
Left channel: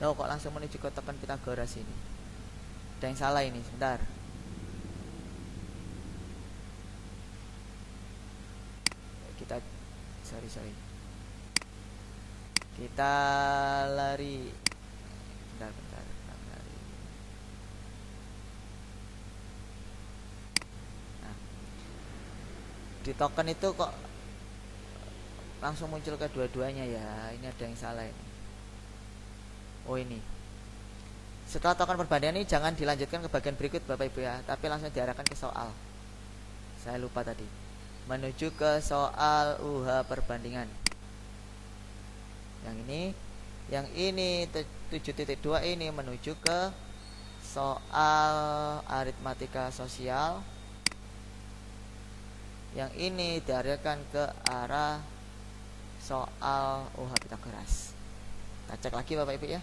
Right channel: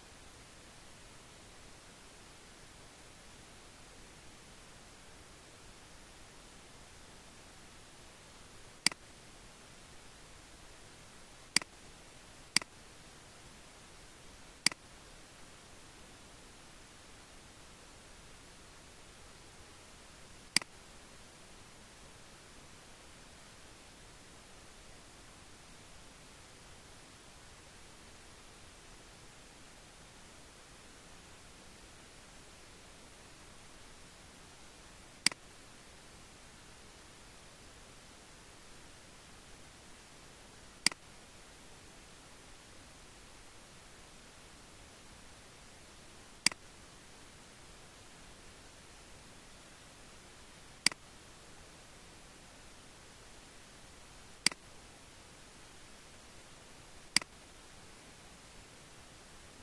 Loh kok langsung menuju ke token Pitagoras ini? Ada yang salah ini, sebentar. Kita sorry. Kita lari. Bentar. Nah, di token itu kok langsung muncul kedua-duanya ya? Ini ada yang salah ini. Oh ini. Setelah token perbandingan ini jangan dilanjutkan ke bagian berikut Bapak Ibu ya, tapi langsung diarahkan ke soal. Saya lupa tadi. Menuju ke soal UH perbandingan. Yang ini 7.2 ini menuju ke soal aritmatika sosial. Yang ini diarahkan ke arah soal UH Pitagoras. Kita cek lagi Bapak Ibu ya.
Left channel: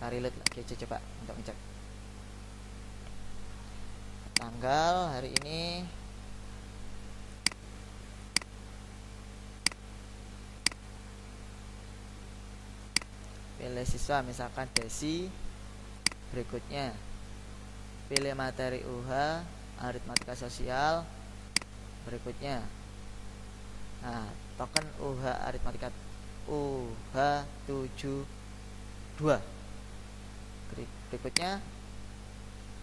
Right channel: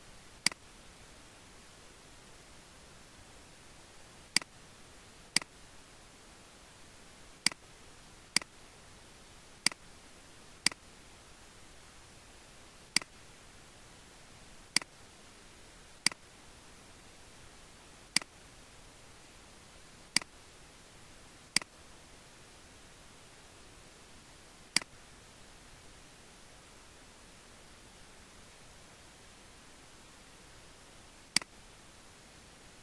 Relate lagi aja coba untuk ngecek tanggal hari ini. Pilih siswa misalkan Desi, berikutnya pilih materi UH aritmatika sosial, berikutnya nah token UH aritmatika UH 72 berikutnya.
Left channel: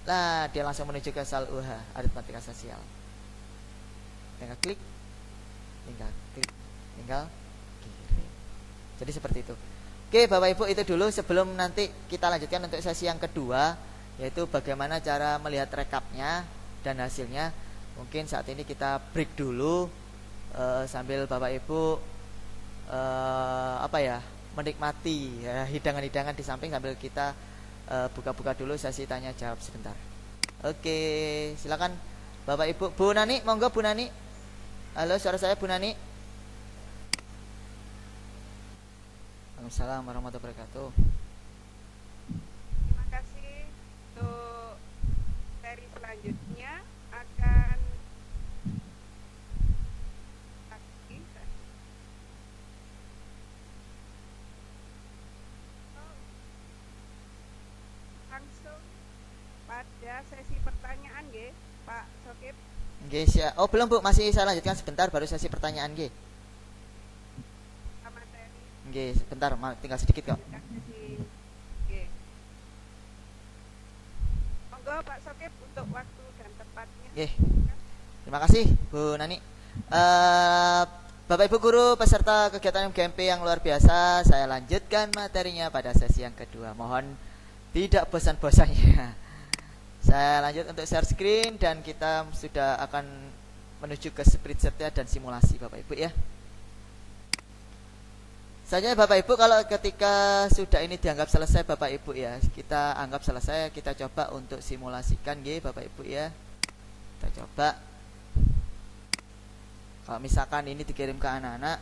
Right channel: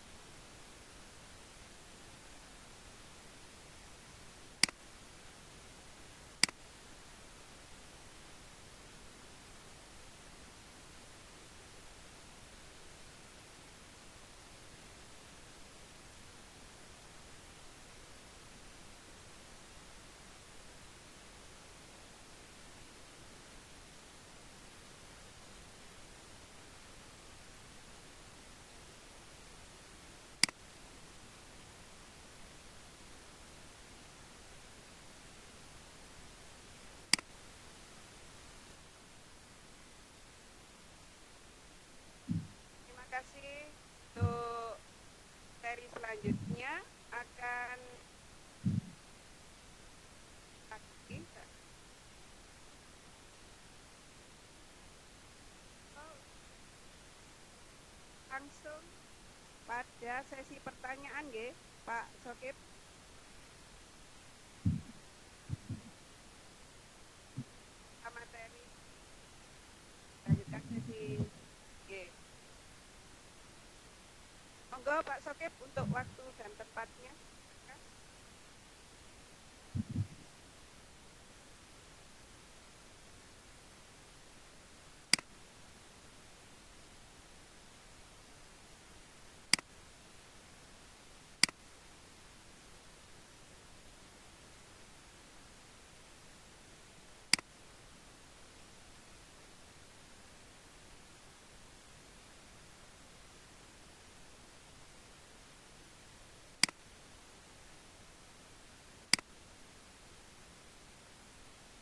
Nah, dia langsung menuju ke soal UH aritmatika sosial. Tinggal klik, tinggal kirim. Jadi seperti itu. Oke, Bapak Ibu, itu dulu sebelum nanti kita lanjutkan untuk sesi yang kedua, yaitu bagaimana cara melihat rekapnya dan hasilnya. Mungkin saat ini kita break dulu sambil Bapak Ibu menikmati hidangan-hidangan di samping sambil kita buka-buka dulu sesi tanya jawab sebentar. Oke, silakan Bapak Ibu. Bu Nani, monggo Bu Nani. Halo, suara saya Bu Nani. Waalaikumsalam warahmatullahi wabarakatuh. Terima kasih. Untuk seri selanjutnya akan langsung pada sesi pertanyaan nggih, Pak Sokip. Nggih, oh belum Bu, masih saya lanjutkan sebentar baru sesi pertanyaan nggih. Materi. Nggih, sebentar, tinggal sedikit kok. Sesi. Nggih. Monggo Pak Sokip untuk waktu dan tempatnya. Nggih. Terima kasih Bu Nani. Bapak Ibu guru peserta kegiatan MGMP yang luar biasa, saya lanjutkan materinya pada sesi yang kedua. Mohon tidak bosan-bosannya. Saya lanjut untuk share screen dan kita sudah akan menuju ke spreadsheet-nya dan simulasi Bapak Ibu ya. Saja Bapak Ibu, kalau ketika sudah ini dianggap selesai Bapak Ibu ya, kita anggap selesai, kita coba untuk simulasikan nggih Bapak Ibu ya. Kita coba. Kalau misalkan ini dikirim ke anak-anak,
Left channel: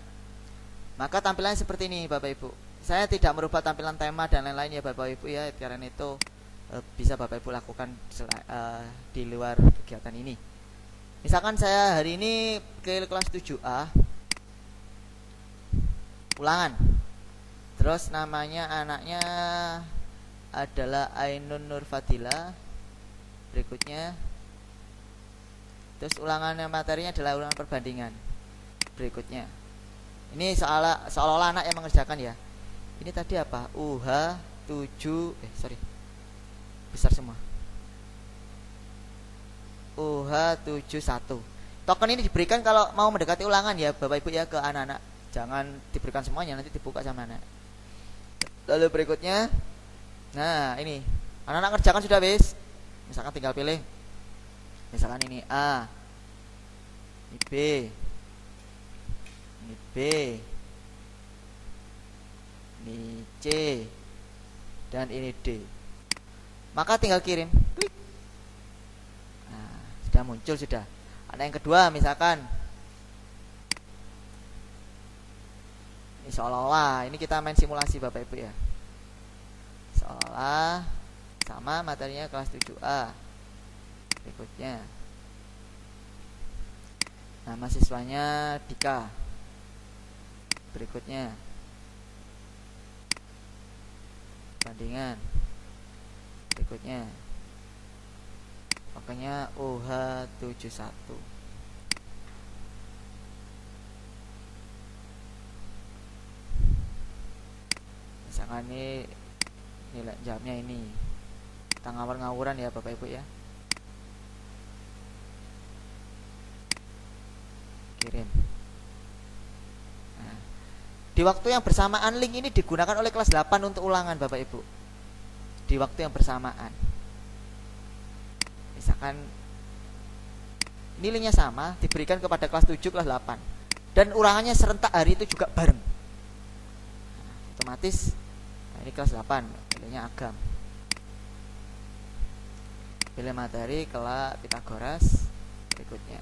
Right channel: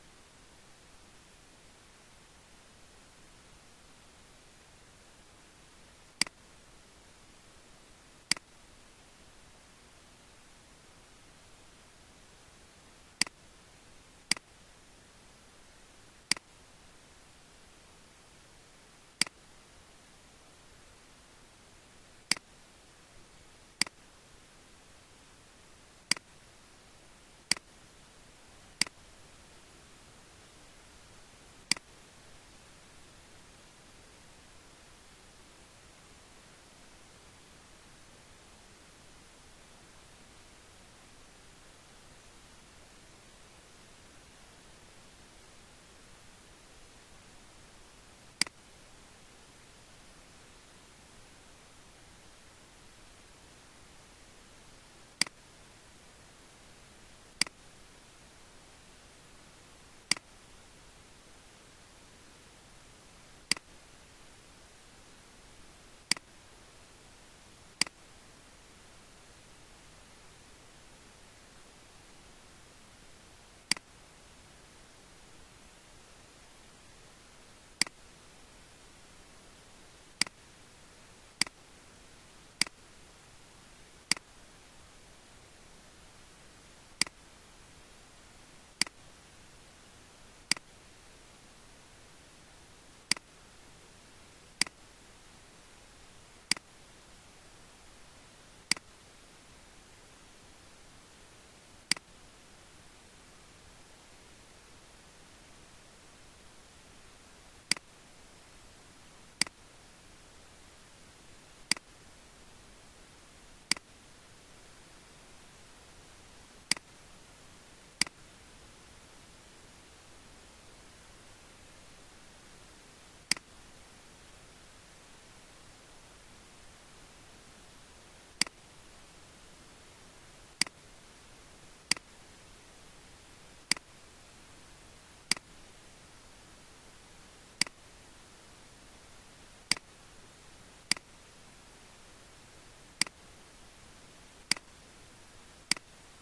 maka tampilannya seperti ini Bapak Ibu. Saya tidak merubah tampilan tema dan lain-lain ya Bapak Ibu ya, karena itu bisa Bapak Ibu lakukan di luar kegiatan ini. Misalkan saya hari ini ke kelas 7A, ulangan. Terus namanya anaknya adalah Ainun Nur Fadila. Berikutnya, terus ulangannya materinya adalah ulangan perbandingan. Berikutnya, ini seolah-olah anak yang mengerjakan ya. Ini tadi apa? UH 7 besar semua. UH 71. Token ini diberikan kalau mau mendekati ulangan ya Bapak Ibu ya, ke anak-anak. Jangan diberikan semuanya, nanti dibuka sama anak. Lalu berikutnya, nah ini anak-anak kerjakan sudah wis. Misalkan tinggal pilih. Misalkan ini A, ini B, ini B, ini C, dan ini D. Maka tinggal kirim. Klik. Nah, sudah muncul sudah. Ada yang kedua misalkan. Ini seolah-olah ini kita main simulasi Bapak Ibu ya. Seolah sama materinya kelas 7A. Berikutnya. Nama siswanya Dika. Berikutnya bandingan. Berikutnya pokoknya OH71. Misalkan ini nilai jawabnya ini. Kita ngawur-ngawuran ya Bapak Ibu ya. Kirim. Nah, di waktu yang bersamaan link ini digunakan oleh kelas 8 untuk ulangan Bapak Ibu. Di waktu yang bersamaan. Misalkan nilainya sama diberikan kepada kelas 7, kelas 8 dan ulangannya serentak hari itu juga bareng. Otomatis ini kelas 8 nilainya agam. Pilih materi kelas Pitagoras. Berikutnya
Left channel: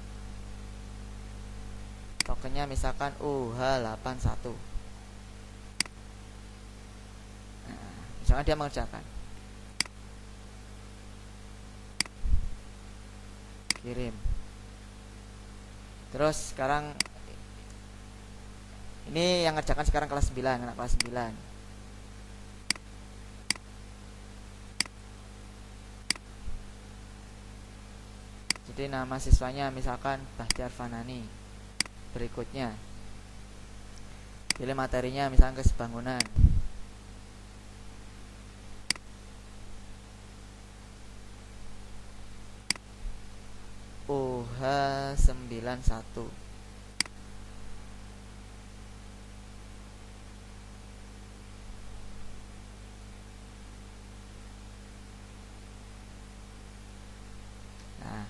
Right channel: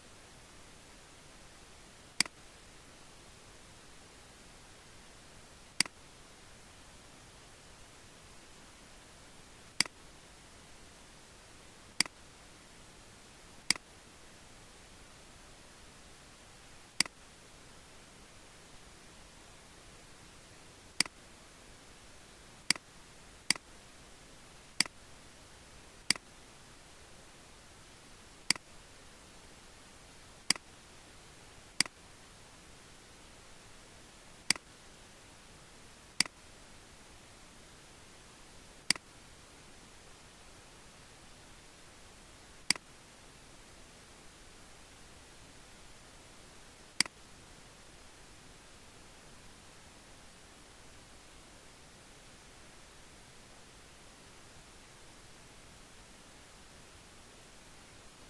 tokennya misalkan UH81. Nah, misalkan dia mengerjakan, kirim. Terus sekarang ini yang ngerjakan sekarang kelas 9, anak kelas 9. Jadi nama siswanya misalkan Bahtiar Fanani. Berikutnya pilih materinya misalkan kesebangunan. OH91. Nah,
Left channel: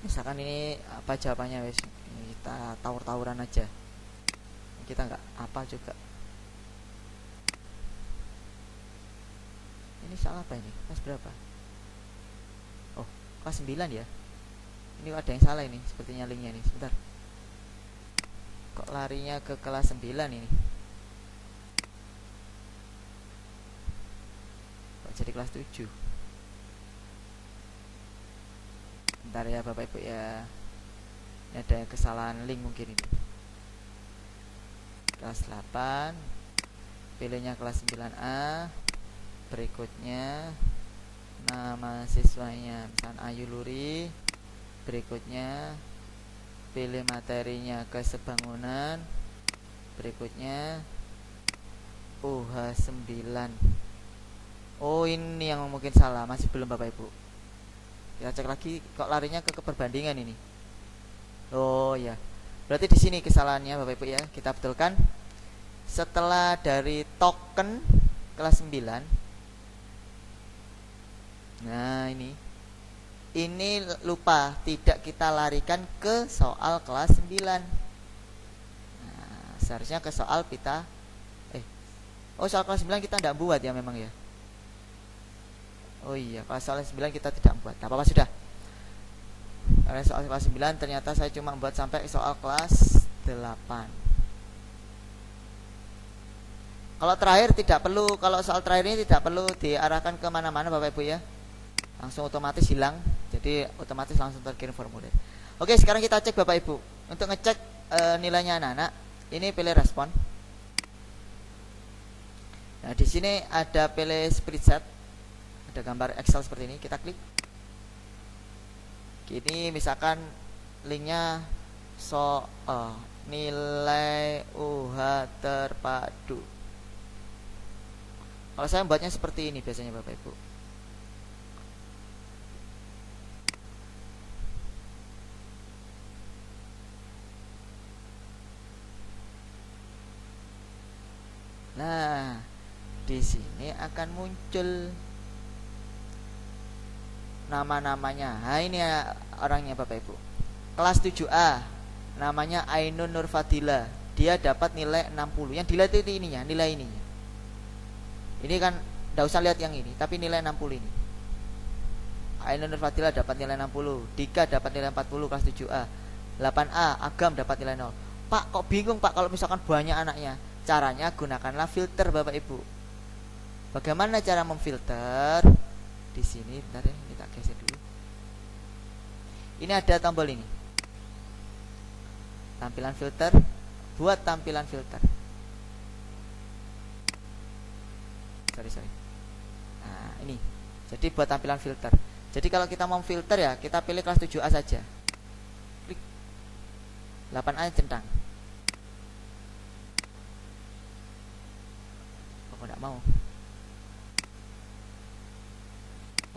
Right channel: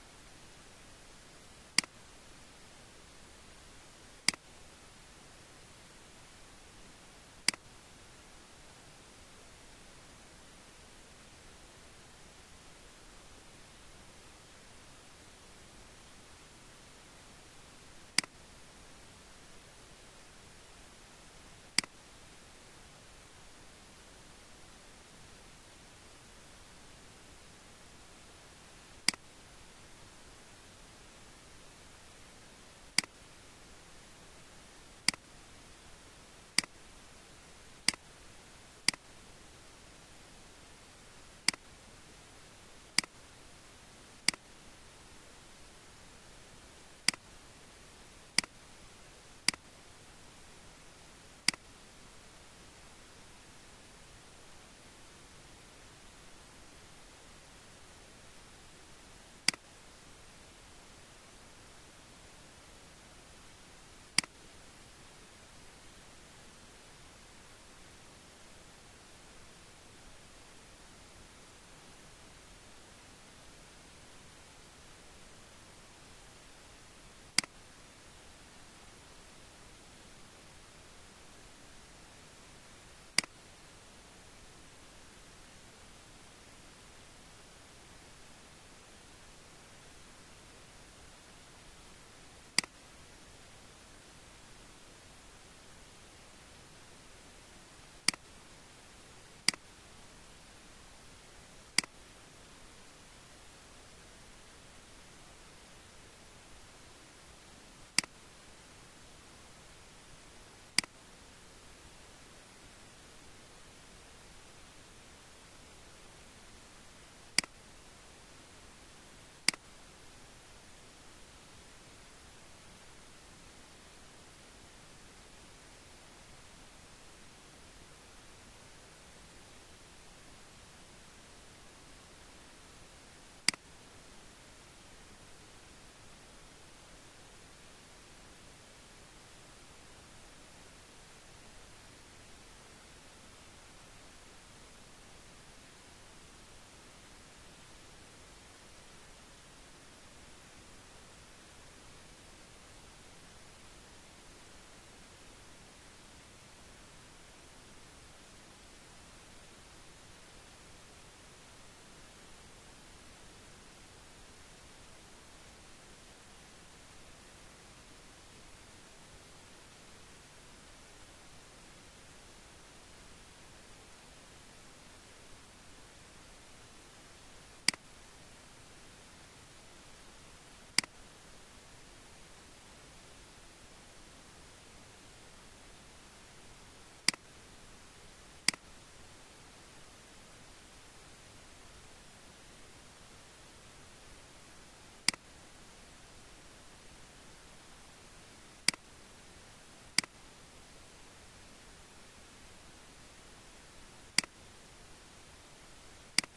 misalkan ini apa jawabannya wes, kita tawur-tawuran aja, kita nggak apa juga. Ini soal apa ini, kelas berapa? Oh, kelas 9 ya. Ini ada yang salah ini, sepertinya linknya nih. Sebentar, kok larinya ke kelas 9 ini, kok jadi kelas 7? Bentar ya Bapak Ibu ya, ini ada kesalahan link mungkin ini. Kelas 8, pilihnya kelas 9A. Berikutnya nama siswanya misalkan Ayu Luri. Berikutnya pilih materinya kesebangunan. Berikutnya OH9. Oh, ini yang mungkin salah, masih belum Bapak Ibu. Kita cek lagi, kok larinya ke perbandingan ini. Oh ya, berarti di sini kesalahannya Bapak Ibu ya. Kita betulkan. Setelah dari token kelas 9. Nah, ini lupa, tidak kita larikan ke soal kelas 9. Nah, seharusnya ke soal pita. Oh, soal kelas 9 kita tidak buat ya memang ya. Oh iya, kalau soal 9 kita tidak buat. Tak apa-apa sudah. Karena soal kelas 9 ternyata saya cuma buat sampai soal kelas 8. Kalau terakhir tidak perlu, kalau soal terakhir ini tidak perlu diarahkan ke mana-mana Bapak Ibu ya. Langsung otomatis hilang. Jadi otomatis langsung terkirim formulir. Oke, sekarang kita cek Bapak Ibu. Untuk ngecek nilainya anak-anak, ini pilih respon. Nah, di sini ada pilih spreadsheet. Ada gambar Excel seperti ini, kita klik. Ini misalkan linknya nilai UH terpadu. Kalau saya membuatnya seperti ini biasanya Bapak Ibu. Nah, di sini akan muncul nama-namanya. Nah, ini ya orangnya Bapak Ibu. Kelas 7A, namanya Ainun Nur Fadila. Dia dapat nilai 60. Yang dilihat itu ininya, nilai ini. Ini kan enggak usah lihat yang ini, tapi nilai 60 ini. Ainun Nur Fadila dapat nilai 60. Dika dapat nilai 40 kelas 7A. 8A, Agam dapat nilai 0. Pak, kok bingung Pak kalau misalkan banyak anaknya? Caranya gunakanlah filter Bapak Ibu. Bagaimana cara memfilter? Di sini bentar ya, kita geser dulu. Ini ada tombol ini. tampilan filter, buat tampilan filter. Sorry. Nah, ini. Jadi buat tampilan filter. Jadi kalau kita mau filter ya, kita pilih kelas 7A saja. Klik. 8A centang. Oh, enggak mau.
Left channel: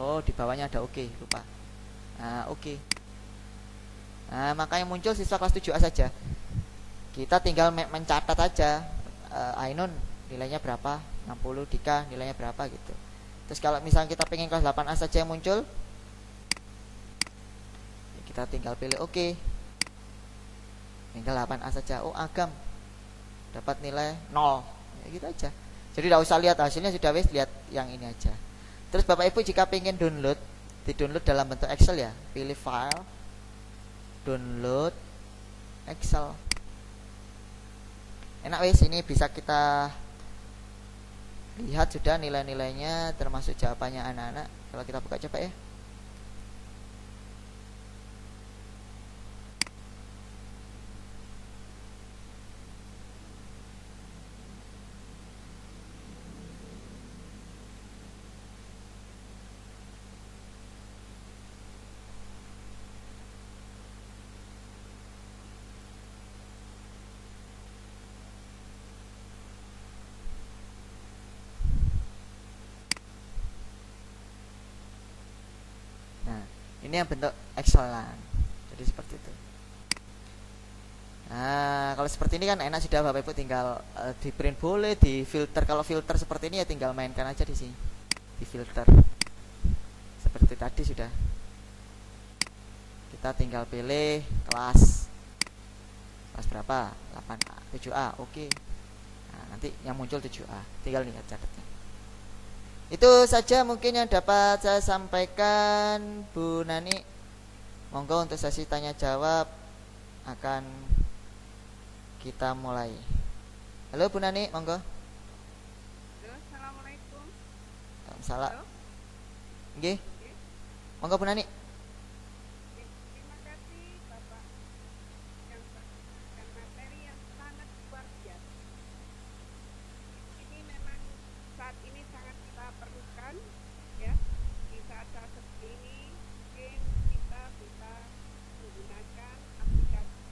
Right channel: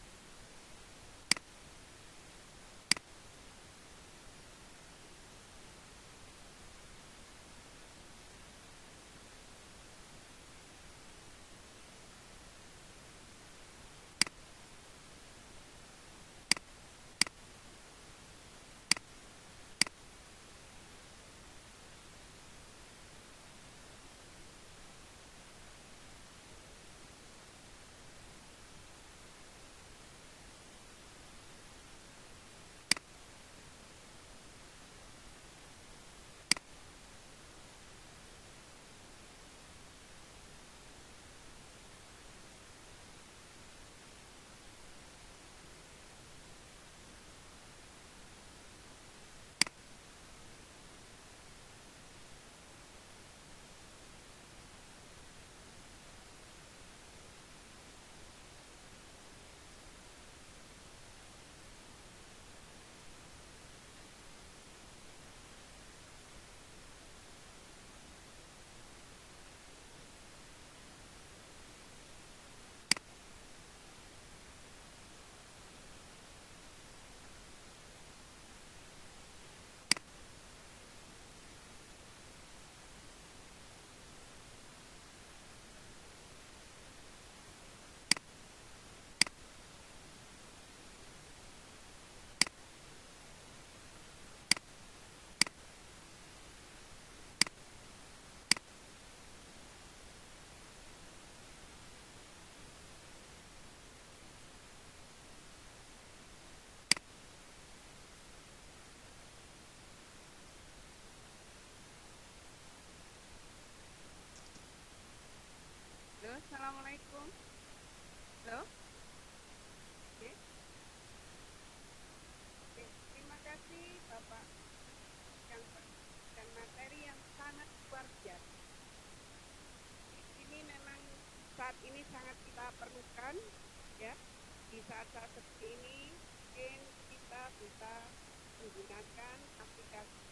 Oh, di bawahnya ada oke, lupa. Nah, oke. Nah, maka yang muncul siswa kelas 7A saja. Kita tinggal mencatat aja. Ainun nilainya berapa, 60, Dika nilainya berapa gitu. Terus kalau misalnya kita pengen kelas 8A saja yang muncul, kita tinggal pilih oke. Tinggal 8A saja. Oh, Agam dapat nilai 0. Ya, gitu aja. Jadi tidak usah lihat hasilnya, sudah wis, lihat yang ini aja. Terus Bapak Ibu jika pengen download, di-download dalam bentuk Excel ya, pilih file, download Excel. Enak wis, ini bisa kita lihat sudah nilai-nilainya termasuk jawabannya anak-anak. Kalau kita buka coba ya. Ini yang bentuk Excelan. Jadi seperti itu. Nah, kalau seperti ini kan enak sudah Bapak Ibu, tinggal di print boleh, di filter. Kalau filter seperti ini ya tinggal mainkan aja di sini. Di filter. Seperti tadi sudah. Kita tinggal pilih kelas. Kelas berapa? 8A, 7A. Oke. Nah, nanti yang muncul 7A. Tinggal lihat catatnya. Itu saja mungkin yang dapat saya sampaikan, Bu Nani. Monggo untuk sesi tanya jawab akan kita mulai. Halo Bu Nani, monggo. Halo, assalamualaikum. Salam. Halo. Nggih. Monggo Bu Nani. Terima kasih Bapak yang memberikan materi yang sangat luar biasa. Ini memang saat ini sangat kita perlukan, ya. Di saat-saat seperti ini mungkin kita bisa menggunakan aplikasi.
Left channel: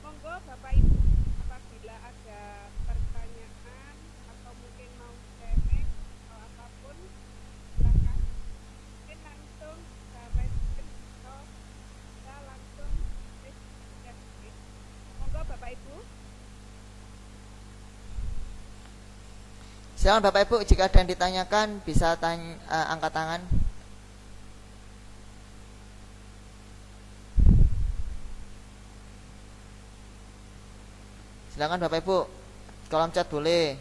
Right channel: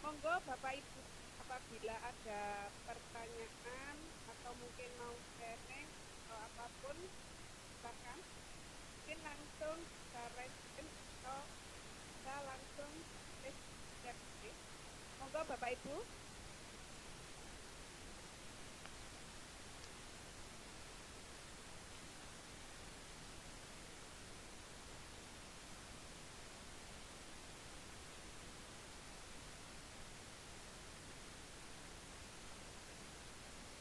Monggo Bapak Ibu, apabila ada pertanyaan atau mungkin mau sharing atau apapun, silakan. Mungkin langsung kita respon atau kita langsung diskusi. Monggo Bapak Ibu. Silakan Bapak Ibu, jika ada yang ditanyakan bisa angkat tangan. Silakan Bapak Ibu, kolom chat boleh.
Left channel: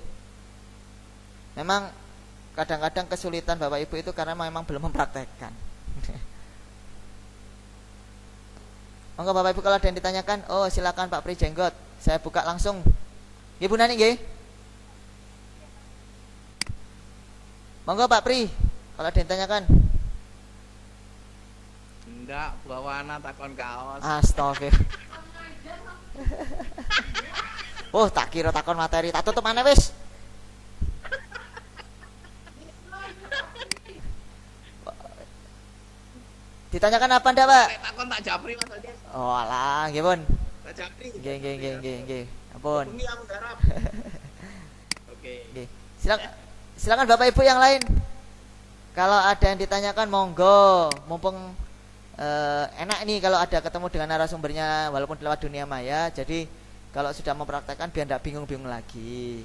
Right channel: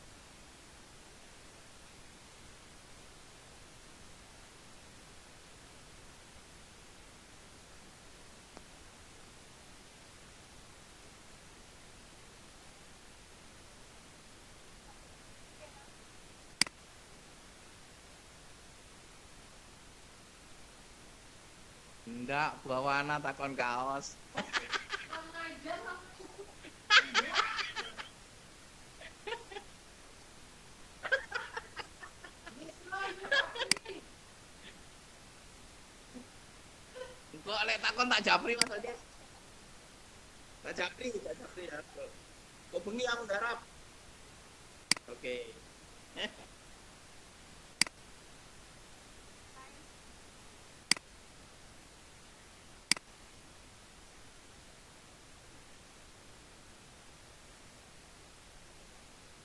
Memang kadang-kadang kesulitan Bapak Ibu itu karena memang belum mempraktekkan. Monggo Bapak Ibu kalau ada yang ditanyakan, oh silakan Pak Pri Jenggot, saya buka langsung. Nggih Bu Nani nggih. Monggo Pak Pri, kalau ada yang ditanyakan. Enggak, bawana takon kaos. Astagfirullah. Oh, tak kira takon materi, tak tutup mana wis. Ditanyakan apa ndak, Pak? Nek takon tak japri Mas Adi. Oh, alah, nggih, Pun. Tak japri. Nggih. Ampun. Bengi aku garap. Oke. Nggih. Silakan Bapak Ibu yang lain. Kalau ada yang ditanyakan monggo, mumpung enak nih kalau ada ketemu dengan narasumbernya walaupun lewat dunia maya. Jadi kalau sudah mempraktekkan biar tidak bingung-bingung lagi.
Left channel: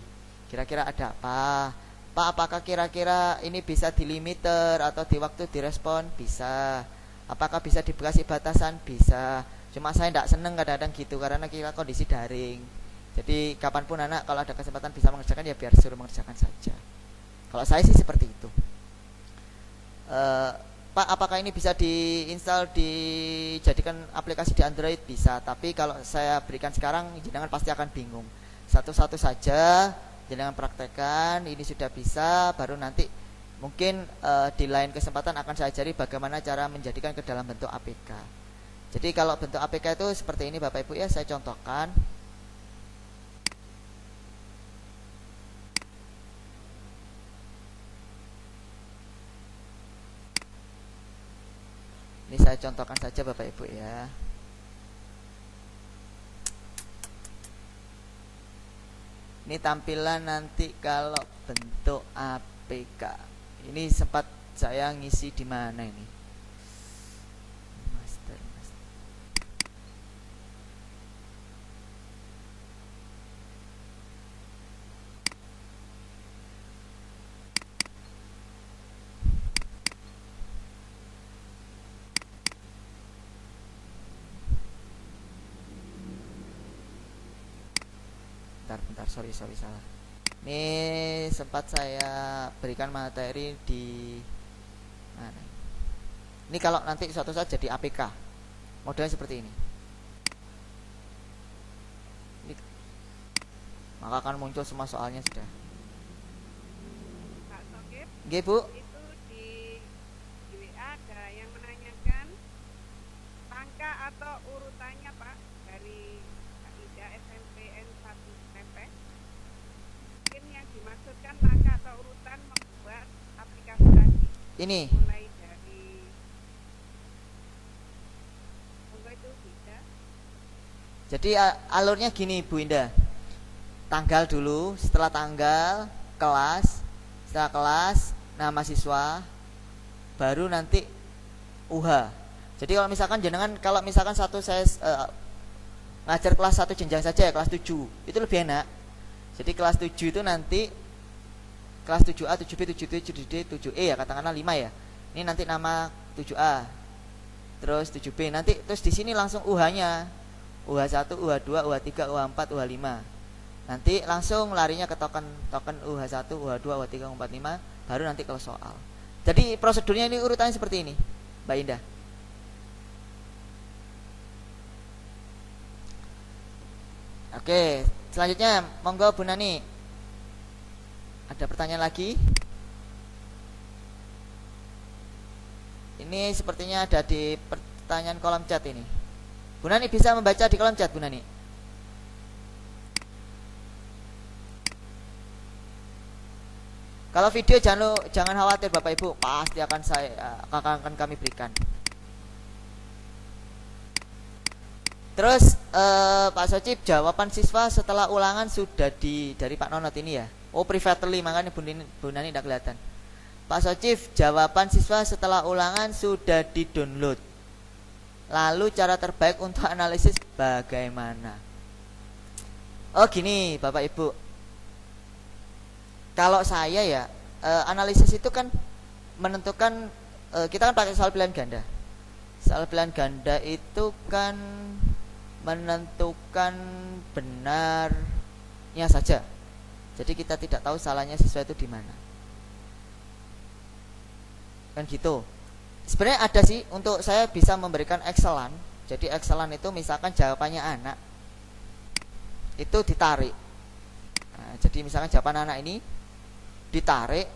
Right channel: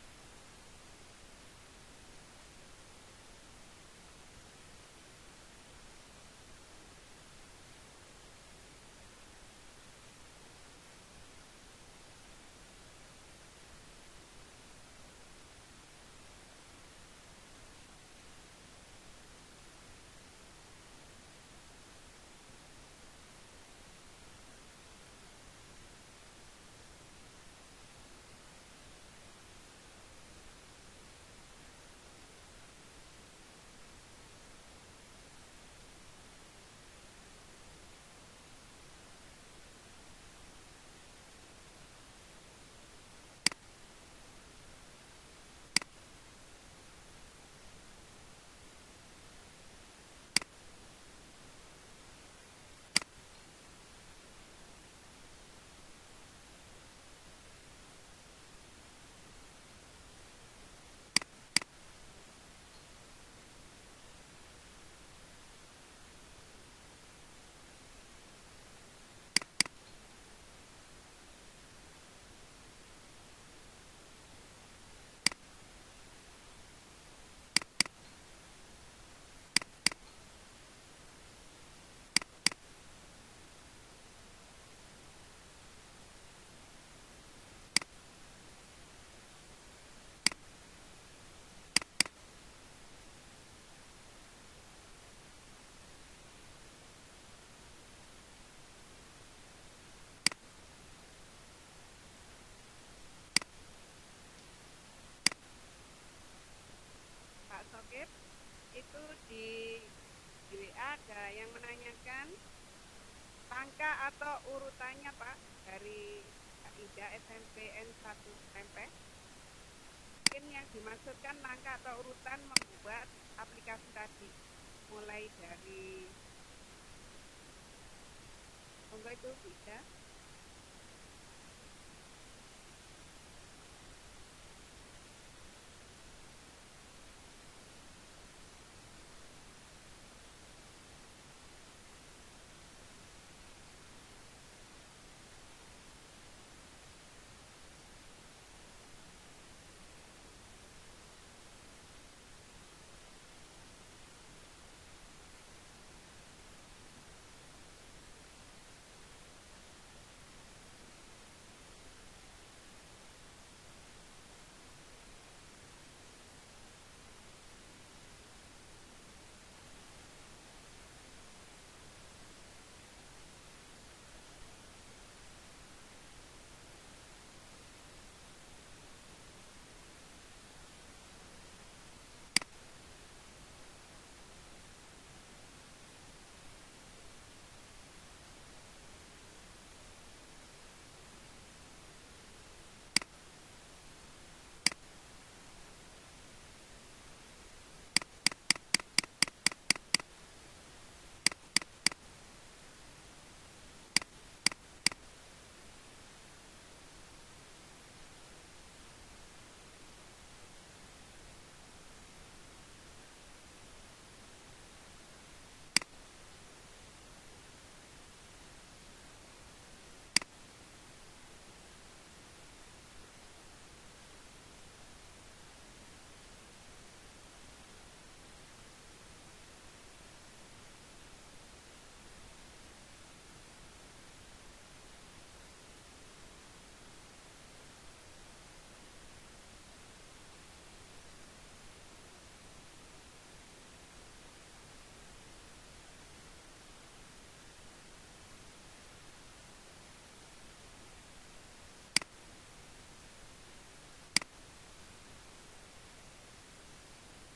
Kira-kira ada apa? Pak, apakah kira-kira ini bisa di limiter atau di waktu direspon? Bisa. Apakah bisa dikasih batasan? Bisa. Cuma saya tidak seneng kadang-kadang gitu karena kita kondisi daring. Jadi kapanpun anak kalau ada kesempatan bisa mengerjakan ya biar suruh mengerjakan saja. Kalau saya sih seperti itu. Pak, apakah ini bisa diinstal, dijadikan aplikasi di Android? Bisa, tapi kalau saya berikan sekarang jenengan pasti akan bingung. Satu-satu saja jenengan praktekkan, ini sudah bisa, baru nanti mungkin di lain kesempatan akan saya ajari bagaimana cara menjadikan ke dalam bentuk APK. Jadi kalau bentuk APK itu seperti ini Bapak Ibu ya, saya contohkan. Ini saya contohkan saja Bapak Ibu ya. Ini tampilan nanti kalau bentuk APK. Ini sempat saya ngisi di mana ini? Master. Bentar, sorry salah. Ini sempat saya berikan materi di mana? Ini kalau nanti suatu saat jadi APK, modelnya seperti ini. Maka akan muncul semua soalnya sudah. Pak Sokip, Nggih, Bu. itu di WA ada yang menanyakan angka atau urutannya Pak dari Kak Ida SMPN 1 SMP. Mungkin yang dimaksudkan langkah atau urutan membuat aplikasi tadi. Ini. Mulai dari monggo itu bisa. Jadi alurnya gini Bu Indah. Tanggal dulu, setelah tanggal kelas, setelah kelas nama siswa, baru nanti UH. Jadi kalau misalkan satu saya ngajar kelas 1 jenjang saja ya, kelas 7 itu lebih enak. Jadi kelas 7 itu nanti kelas 7A, 7B, 7C, 7D, 7E ya, katakanlah 5 ya. Ini nanti nama 7A. Terus 7B nanti terus di sini langsung UH-nya. UH1, UH2, UH3, UH4, UH5. Nanti langsung larinya ke token UH1, UH2, UH3, UH4, 5 baru nanti kalau soal. Jadi prosedurnya ini urutannya seperti ini, Mbak Indah. Oke, selanjutnya monggo Bu Nani. Ada pertanyaan lagi? Ini sepertinya ada di pertanyaan kolom chat ini. Bu Nani bisa membaca di kolom chat, Bu Nani? Kalau video jangan khawatir Bapak Ibu, pasti akan kami berikan. Terus Pak Socip, jawaban siswa setelah ulangan sudah dari Pak Nonot ini ya. Oh, privately, makanya Bu Nani tidak kelihatan. Pak Socip, jawaban siswa setelah ulangan sudah di-download. Lalu cara terbaik untuk analisis bagaimana? Oh gini Bapak Ibu, kalau saya ya analisis itu kan menentukan, kita kan pakai soal pilihan ganda. Soal pilihan ganda itu kan menentukan benarnya saja. Jadi kita tidak tahu salahnya siswa itu di mana. Kan gitu. Sebenarnya ada sih untuk saya bisa memberikan Excelan. Jadi Excelan itu misalkan jawabannya anak itu ditarik. Nah, jadi misalkan jawaban anak ini ditarik,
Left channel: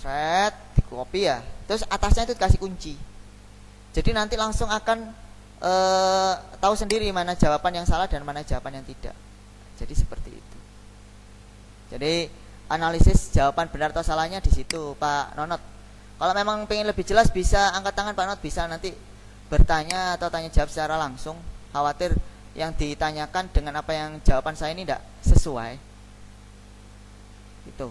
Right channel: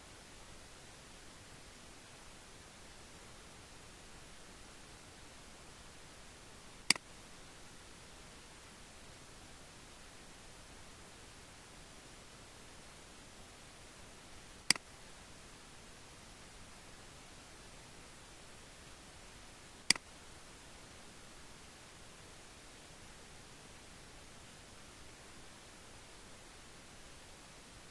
set, di copy ya. Terus atasnya itu dikasih kunci. Jadi nanti langsung akan tahu sendiri mana jawaban yang salah dan mana jawaban yang tidak. Jadi seperti itu. Jadi analisis jawaban benar atau salahnya di situ Pak Nonot. Kalau memang pengen lebih jelas bisa angkat tangan Pak Nonot, bisa nanti bertanya atau tanya jawab secara langsung. Khawatir yang ditanyakan dengan apa yang jawaban saya ini tidak sesuai. Itu.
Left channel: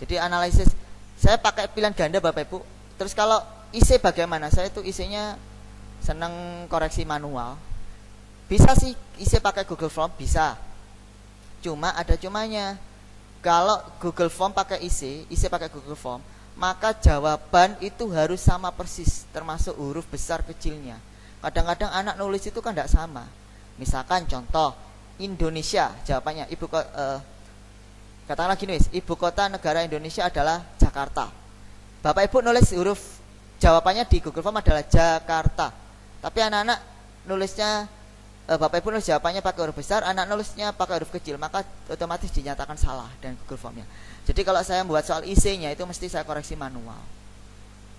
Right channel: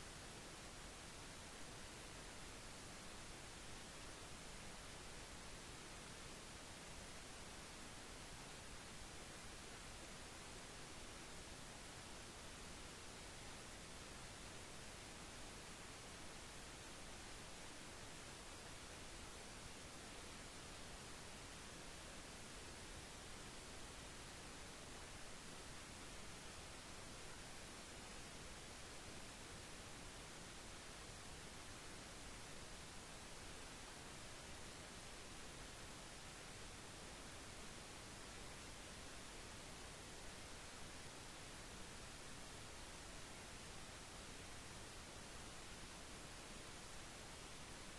Jadi analisis saya pakai pilihan ganda Bapak Ibu. Terus kalau IC bagaimana? Saya itu IC-nya seneng koreksi manual. Bisa sih IC pakai Google Form, bisa. Cuma ada cumanya. Kalau Google Form pakai IC pakai Google Form, maka jawaban itu harus sama persis, termasuk huruf besar kecilnya. Kadang-kadang anak nulis itu kan tidak sama. Misalkan contoh Indonesia, jawabannya katakanlah gini, ibu kota negara Indonesia adalah Jakarta. Bapak Ibu nulis huruf jawabannya di Google Form adalah Jakarta. Tapi anak-anak nulisnya Bapak Ibu nulis jawabannya pakai huruf besar, anak nulisnya pakai huruf kecil, maka otomatis dinyatakan salah dan Google Formnya. Jadi kalau saya membuat soal IC-nya itu mesti saya koreksi manual.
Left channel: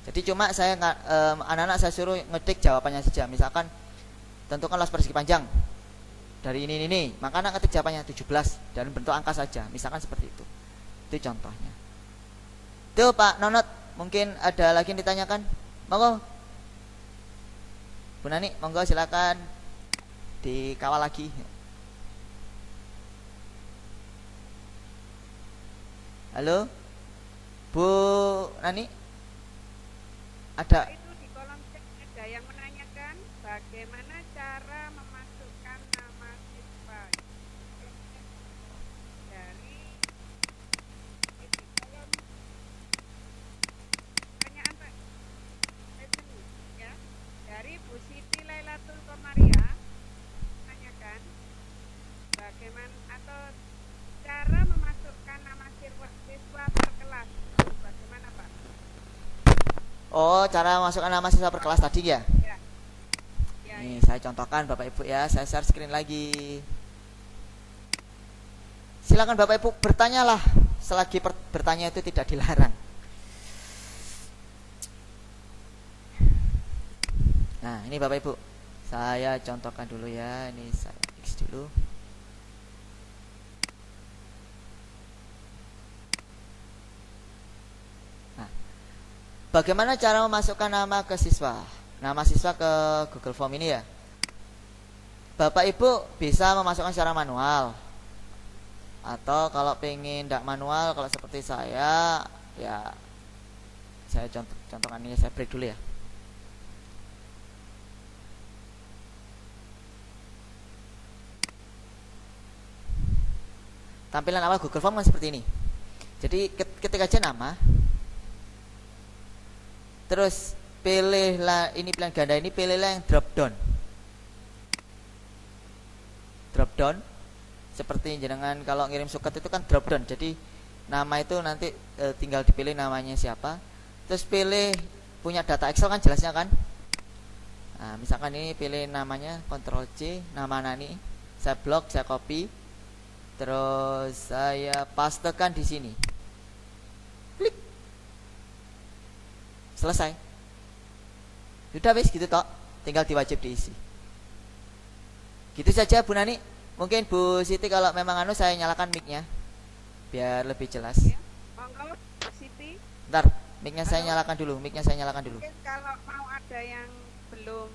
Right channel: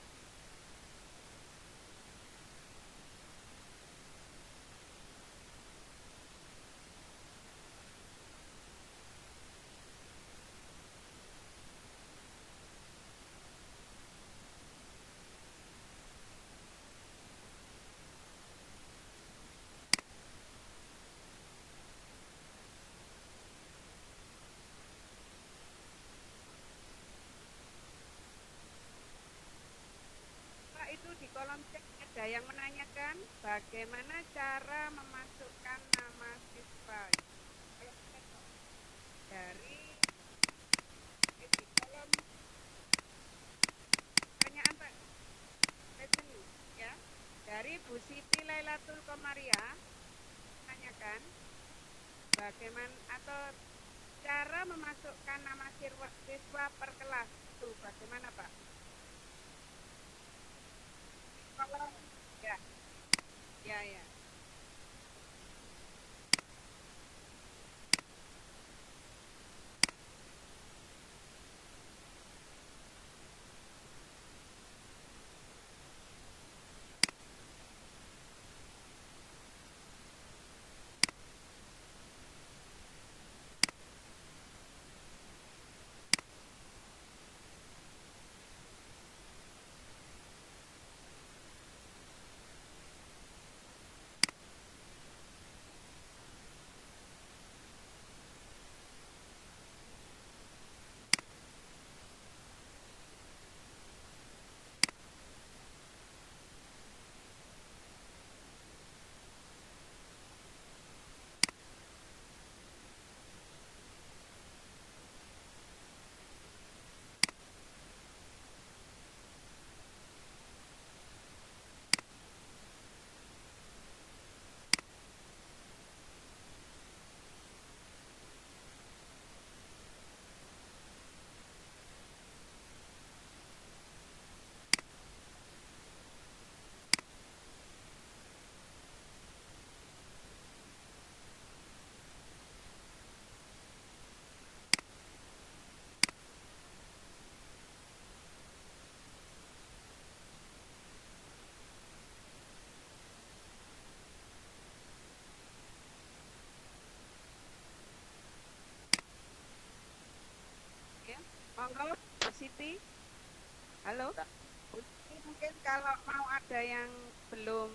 Jadi cuma saya anak-anak saya suruh ngetik jawabannya saja. Misalkan tentukanlah persegi panjang dari ini, maka anak ketik jawabannya 17 dan bentuk angka saja, misalkan seperti itu. Itu contohnya. Itu Pak Nonot, mungkin ada lagi yang ditanyakan? Monggo Bu Nani, monggo silakan dikawal lagi. Halo Bu Nani, ada? Itu di kolom chat ada yang menanyakan bagaimana cara memasukkan nama siswa dari di kolom pertanyaan Pak Leseni, ya, dari Bu Siti Lailatul Komaria menanyakan bagaimana atau cara memasukkan nama siswa per kelas itu bagaimana Pak? Oh, cara masukkan nama siswa per kelas tadi ya? Ya. Ya, Nih, ya. saya contohkan Bapak Ibu ya, saya share screen lagi. Silakan Bapak Ibu bertanyalah, selagi bertanya itu tidak dilarang. Nah, ini Bapak Ibu, saya contohkan dulu ya, ini saya fix dulu. Nah, bagaimana cara memasukkan nama ke siswa? Nama siswa ke Google Form ini ya. Bapak Ibu bisa memasukkan secara manual. Atau kalau pengen tidak manual, kalau seperti saya, ya saya contohkan ini, saya break dulu ya. Tampilan awal Google Form kan seperti ini. Jadi ketik aja nama, terus pilihlah ini pilihan ganda ini, pilihlah yang drop down. Drop down seperti jenengan kalau ngirim suket itu kan drop down. Jadi nama itu nanti tinggal dipilih namanya siapa. Terus pilih punya data Excel kan jelasnya kan. Nah, misalkan ini pilih namanya, Ctrl C, nama Nani. Saya blok, saya copy. Terus saya pastekan di sini. Klik. Selesai. Sudah wis gitu tok, tinggal diwajib diisi. Gitu saja Bu Nani. Mungkin Bu Siti kalau memang saya nyalakan mic-nya biar lebih jelas. Ya. Monggo Bu Siti. Bentar, mic-nya saya Halo? nyalakan dulu, mic-nya saya nyalakan dulu. Mungkin kalau mau ada yang belum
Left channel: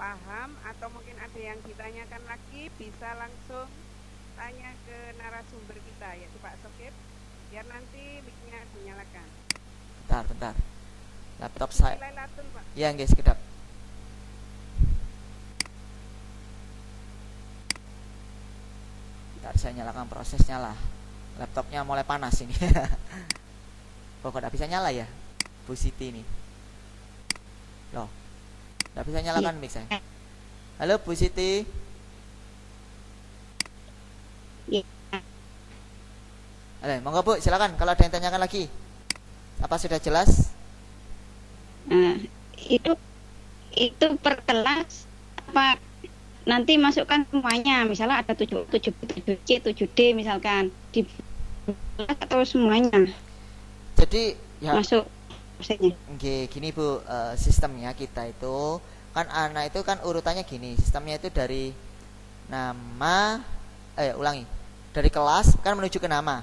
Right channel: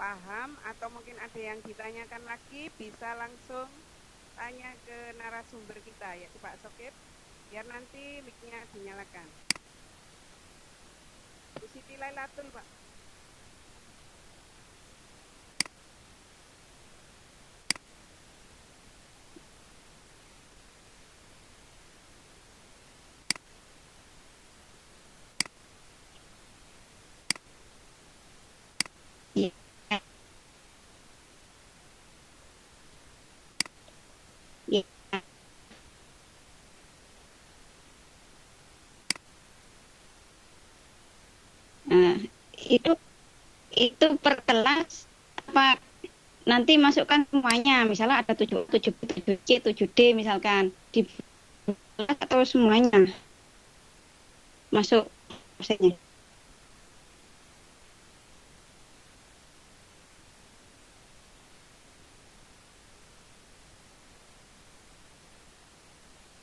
paham atau mungkin ada yang ditanyakan lagi bisa langsung tanya ke narasumber kita yaitu Pak Sokip biar nanti mic-nya dinyalakan. Bentar. Laptop Siti saya. Lailatul, Pak. Ya, guys, sekedap. Bentar, saya nyalakan prosesnya lah. Laptopnya mulai panas ini. Kok tidak bisa nyala ya, Bu Siti ini? Loh, tidak bisa nyalakan mic saya. Halo Bu Siti. Iya. Halo, monggo Bu, silakan kalau ada yang tanyakan lagi. Apa sudah jelas? Nah, itu per kelas apa nanti masukkan semuanya, misalnya ada 7C 7D misalkan di kelas atau semuanya Jadi ya masuk prosesnya. gini Bu, sistemnya kita itu kan anak itu kan urutannya gini, sistemnya itu dari nama, dari kelas kan menuju ke nama,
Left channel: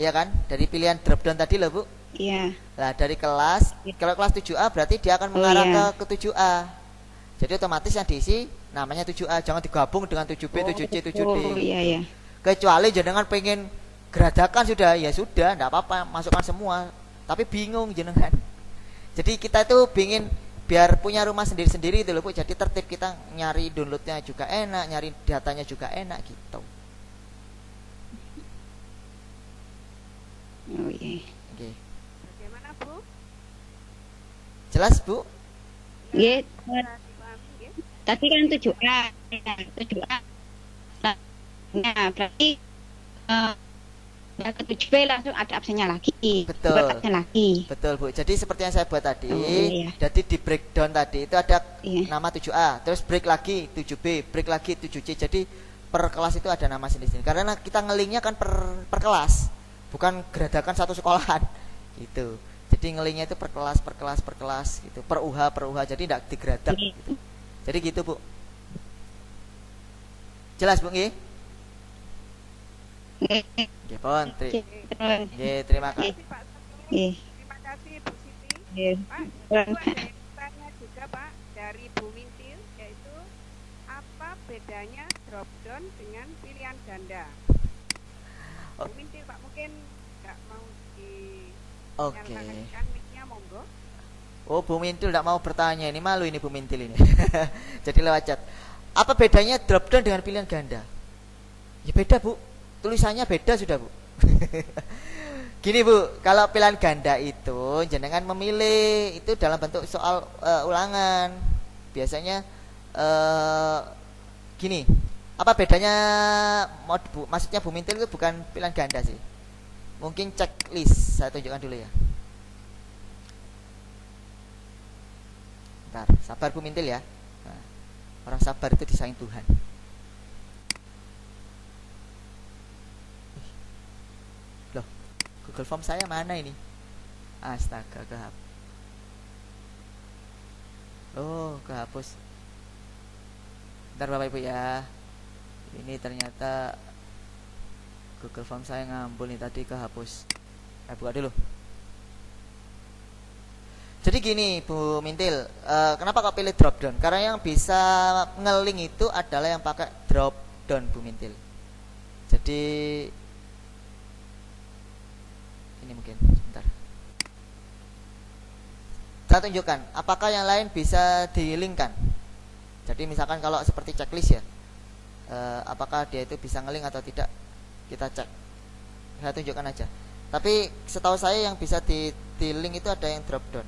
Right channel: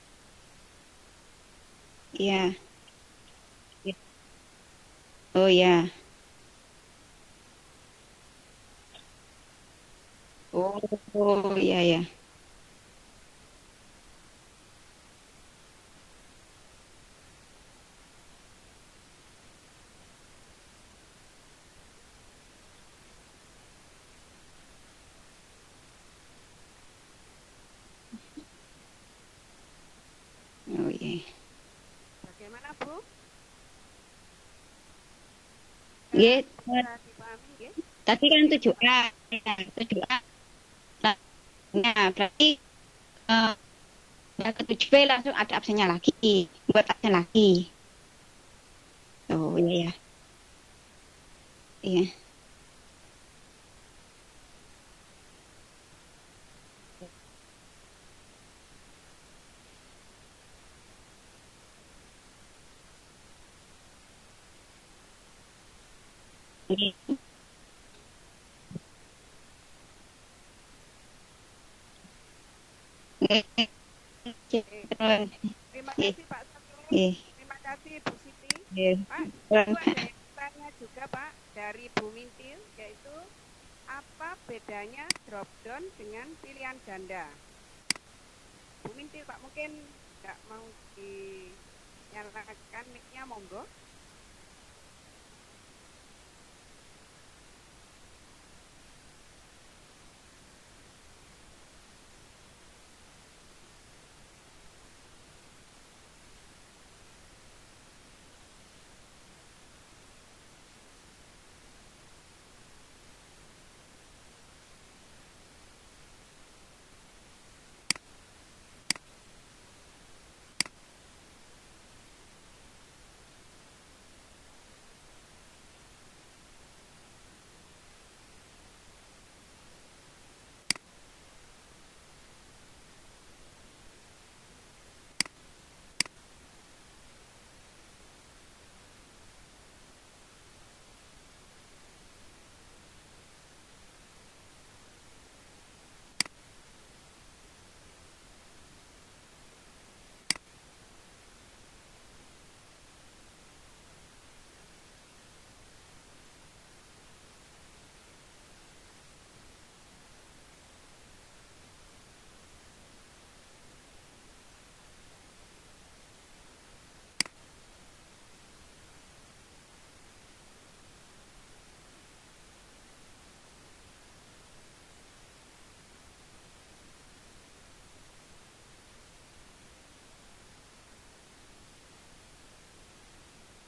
ya kan, dari pilihan drop down tadi loh Bu. Iya. Lah dari kelas, kalau kelas 7A berarti dia akan Oh, mengarah iya. ke 7A. Jadi otomatis yang diisi namanya 7A, jangan digabung dengan 7B, 7C, 7D. Oh iya. Kecuali jenengan pengen geradakan sudah, ya sudah, enggak apa-apa, masukkan semua. Tapi bingung jenengan. Jadi kita itu pingin biar punya rumah sendiri-sendiri itu loh Bu. Jadi tertib, kita nyari downloadnya juga enak, nyari datanya juga enak gitu. Oh iya. Oke. Bagaimana, Bu? Jelas Bu? Nggih, Bisa dipahami nggih? tadi kan 7A. Ya, 7A. Nah, berarti ke 7B langsung ada absennya lagi. Betul. Buat absen lagi. Betul Bu. Jadi seperti yang saya buat tadi. Oh, iya. Jadi di breakdown tadi itu ada Iya. nama 7A, terus break lagi 7B, break lagi 7C. Jadi per kelas itu ada nama sendiri-sendiri. Karena kita ngelinknya kan per kelas, bukan geradakan satu sekolahan. Gitu. Jadi ngelingnya itu per kelas gitu, per UH, jadi tidak digradak. Jadi gitu Bu. Jelas Bu nggih? Nggih pun. Terima kasih. Pak Satu. Nggih. Terima kasih Bu Siti. Nggih. Pak, itu ada yang tanya juga Pak dari Bu Mintil, yaitu apa bedanya drop down dengan pilihan ganda? Bu Mintil Pak, mungkin nggak mau Oke. dinyalakan mic-nya, monggo. Oh, Bu Mintil tidak mau bertanya, ini malu ini Bu Mintil ini. Jadi lewat chat. Apa bedanya drop down dengan pilihan ganda? Ya beda Bu, tulisannya beda sudah Bu. Gini Bu, kalau pilihan ganda itu jenengan memilih itu dalam bentuk soal ulangan. Biasanya gini, apa bedanya maksudnya Bu Mintil itu bukan pilihan ganda sih. Mungkin checklist, saya tunjukkan dulu ya. Bentar, sabar Bu Mintil ya. Nah, orang sabar itu disayang Tuhan. Loh, Google Form saya mana ini? Astaga, kehapus. Oh, kehapus. Bentar Bapak Ibu ya. Ini ternyata Google Form saya ngambul nih, tadi kehapus. Buka dulu. Jadi gini Bu Mintil, kenapa kok pilih drop down? Karena yang bisa ngeling itu adalah yang pakai drop down Bu Mintil. Jadi ini mungkin sebentar. Saya tunjukkan apakah yang lain bisa dilingkan. Jadi misalkan kalau seperti checklist ya, apakah dia itu bisa ngeling atau tidak, kita cek. Saya tunjukkan aja. Tapi setahu saya yang bisa di link itu ada yang drop down.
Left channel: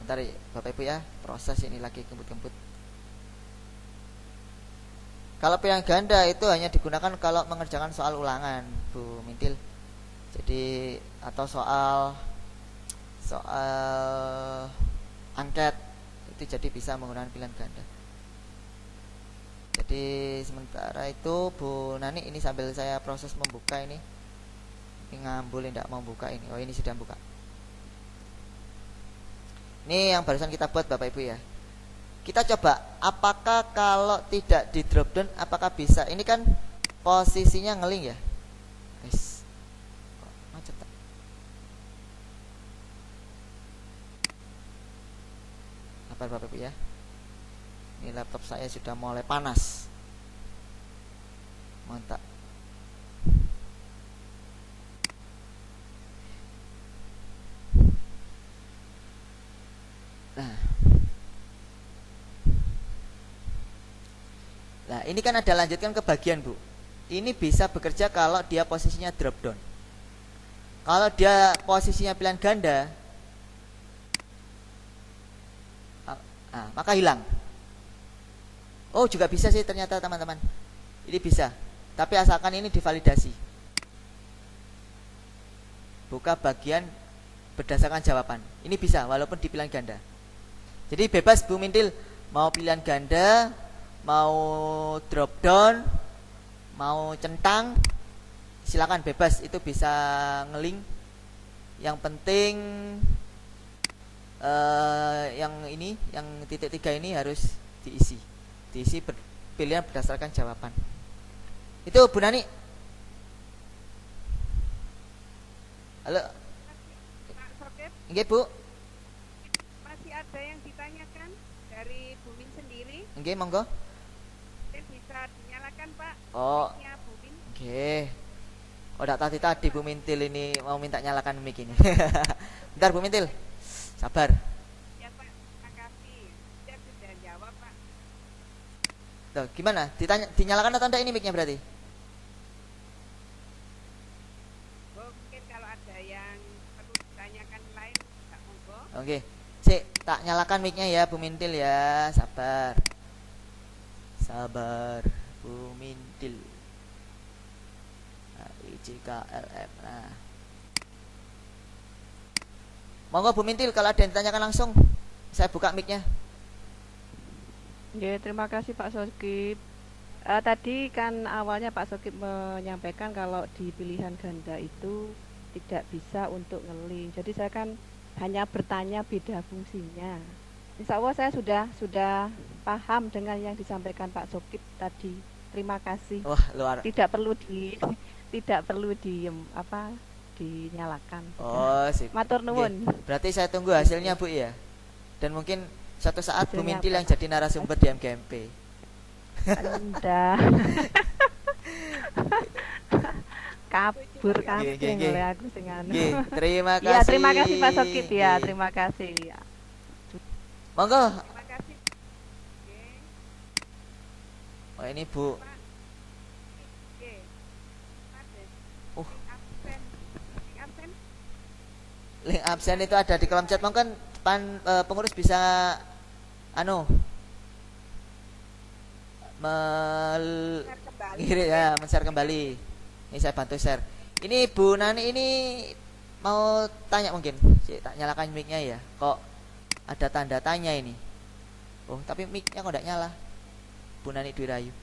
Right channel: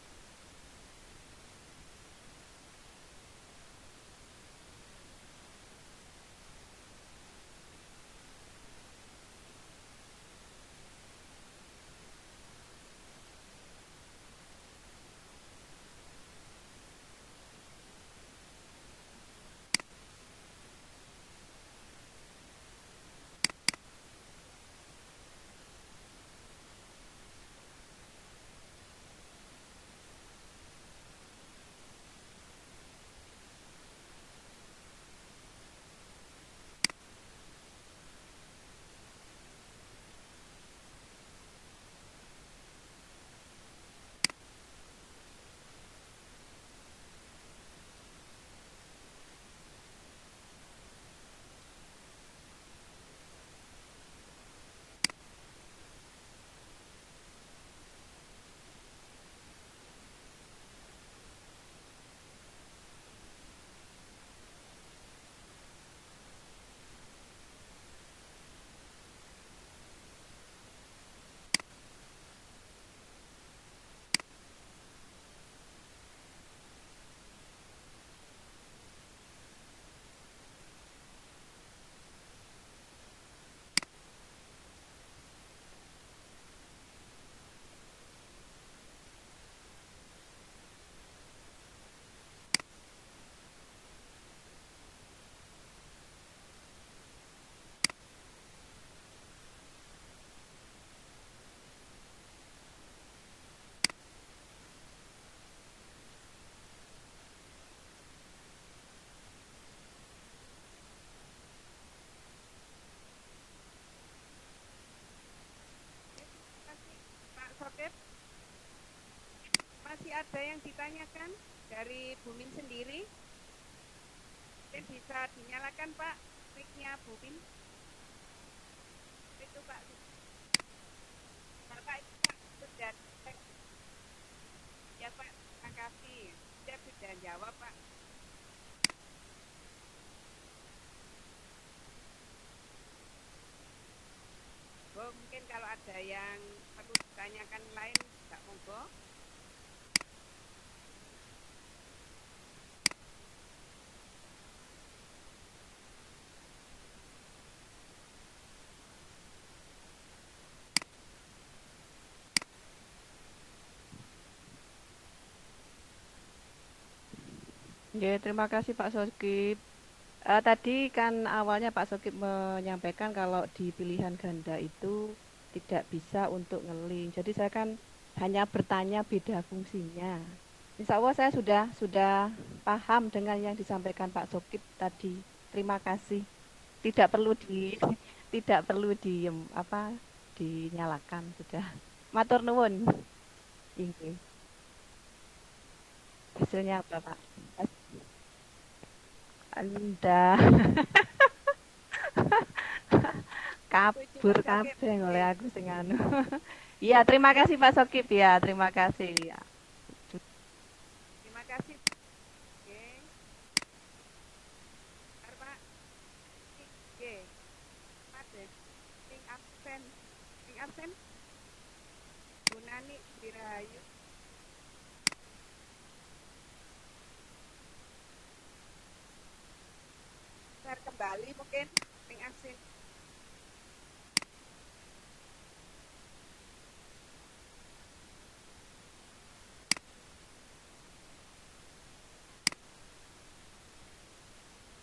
Bentar ya, Bapak Ibu ya, proses ini lagi kembut-kembut. Kalau pilihan ganda itu hanya digunakan kalau mengerjakan soal ulangan Bu Mintil. Jadi atau soal angket itu jadi bisa menggunakan pilihan ganda. Jadi sementara itu Bu Nani, ini sambil saya proses membuka ini ngambul tidak mau buka ini. Oh, ini sudah buka. Ini yang barusan kita buat Bapak Ibu ya. Kita coba apakah kalau tidak di drop down apakah bisa. Ini kan posisinya ngeling ya. Guys. Macet tak? Sabar Bapak Ibu ya. Ini laptop saya sudah mulai panas. Mantap. Nah, ini kan ada lanjutkan ke bagian Bu. Ini bisa bekerja kalau dia posisinya drop down. Kalau dia posisinya pilihan ganda, maka hilang. Oh, juga bisa sih ternyata teman-teman. Ini bisa. Tapi asalkan ini divalidasi. Buka bagian berdasarkan jawaban. Ini bisa walaupun di pilihan ganda. Jadi bebas Bu Mintil, mau pilihan ganda, mau drop down, mau centang, silakan bebas, itu bisa ngeling. Yang penting yang ini, yang titik 3 ini harus diisi pilihan berdasarkan jawaban. Itu Bu Nani. Halo Pak Sokip, nggih Bu. masih ada yang ditanyakan dari Bu Min sendiri. Nggih monggo. Mungkin bisa dinyalakan Pak Oh, mic-nya Bu Min. oke. Oh, tadi Bu Mintil ini mau minta nyalakan mic ini. Bentar Bu Mintil. Sabar. Ya Pak, makasih. Saya sudah jawab Pak. Tuh, gimana? Dinyalakan atau enggak ini mic-nya berarti? Bu, mungkin kalau ada yang perlu ditanyakan lain, nggak monggo. Oke. Sik, tak nyalakan mic-nya ya Bu Mintil ya. Sabar. Sabar Bu Mintil. IJKLF. Nah. Monggo Bu Mintil, kalau ada yang ditanyakan langsung saya buka mic-nya. Ya, terima kasih Pak Sokip. Tadi kan awalnya Pak Sokip menyampaikan kalau di pilihan ganda itu tidak bisa untuk ngeling. Jadi saya kan hanya bertanya beda fungsinya. Insya Allah saya sudah paham dengan yang disampaikan Pak Sokip tadi. Terima kasih. Wah, luar. Tidak perlu dinyalakan. Sudah. Oh, sip. Matur nuwun. Berarti saya tunggu hasilnya, Bu ya. Dan mungkin suatu saat Bu Hasilnya Mintil apa, yang Pak? jadi narasumber di MGMP. Anda kabur kabeh oleh aku sing anu. Terima kasih. Iya, terima kasih Pak Sokip ya, terima kasih ya. Monggo. Terima kasih. Oke. Oh, ini Bu. Pak. Oke. Ada. Oh. Link absen. Link absen. Link absen itu ada di kolom chat. Mungkin pengurus bisa Share kembali. men-share kembali. Ini saya bantu share. Ini Bu Nani ini mau tanya mungkin. Tak nyalakan mic-nya ya. Kok ada tanda tanya ini? Oh, tapi mic-nya kok enggak nyala. Bu Nani Dwi Rayu.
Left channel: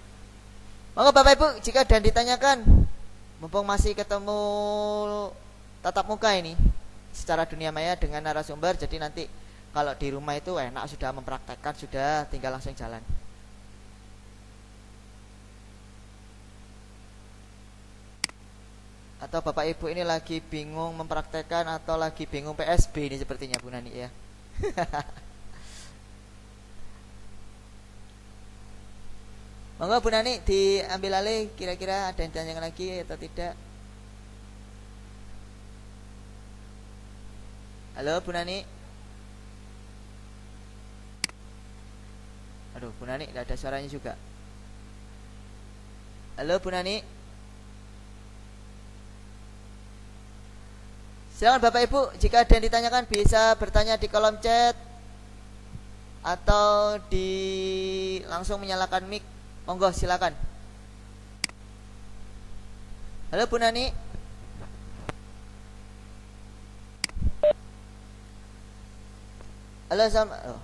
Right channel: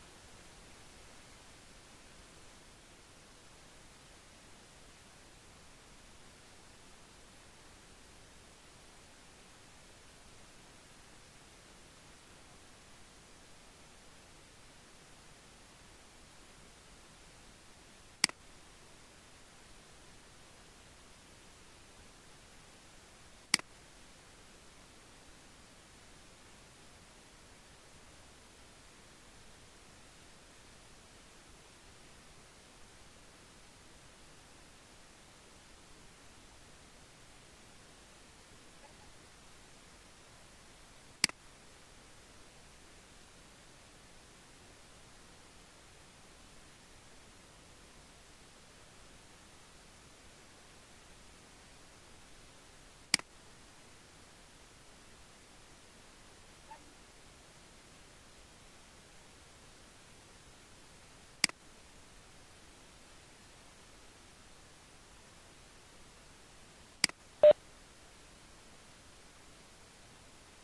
Monggo Bapak Ibu, jika dan ditanyakan, mumpung masih ketemu tatap muka ini secara dunia maya dengan narasumber, jadi nanti kalau di rumah itu enak sudah mempraktekkan, sudah tinggal langsung jalan. Atau Bapak Ibu ini lagi bingung mempraktekkan atau lagi bingung PSB ini sepertinya Bu Nani ya. Monggo Bu Nani diambil alih, kira-kira ada yang tanya lagi atau tidak? Halo Bu Nani. Aduh, Bu Nani tidak ada suaranya juga. Halo Bu Nani. Silakan Bapak Ibu, jika ada yang ditanyakan bisa bertanya di kolom chat atau langsung menyalakan mic. Monggo silakan. Halo Bu Nani. Halo sama. Oh.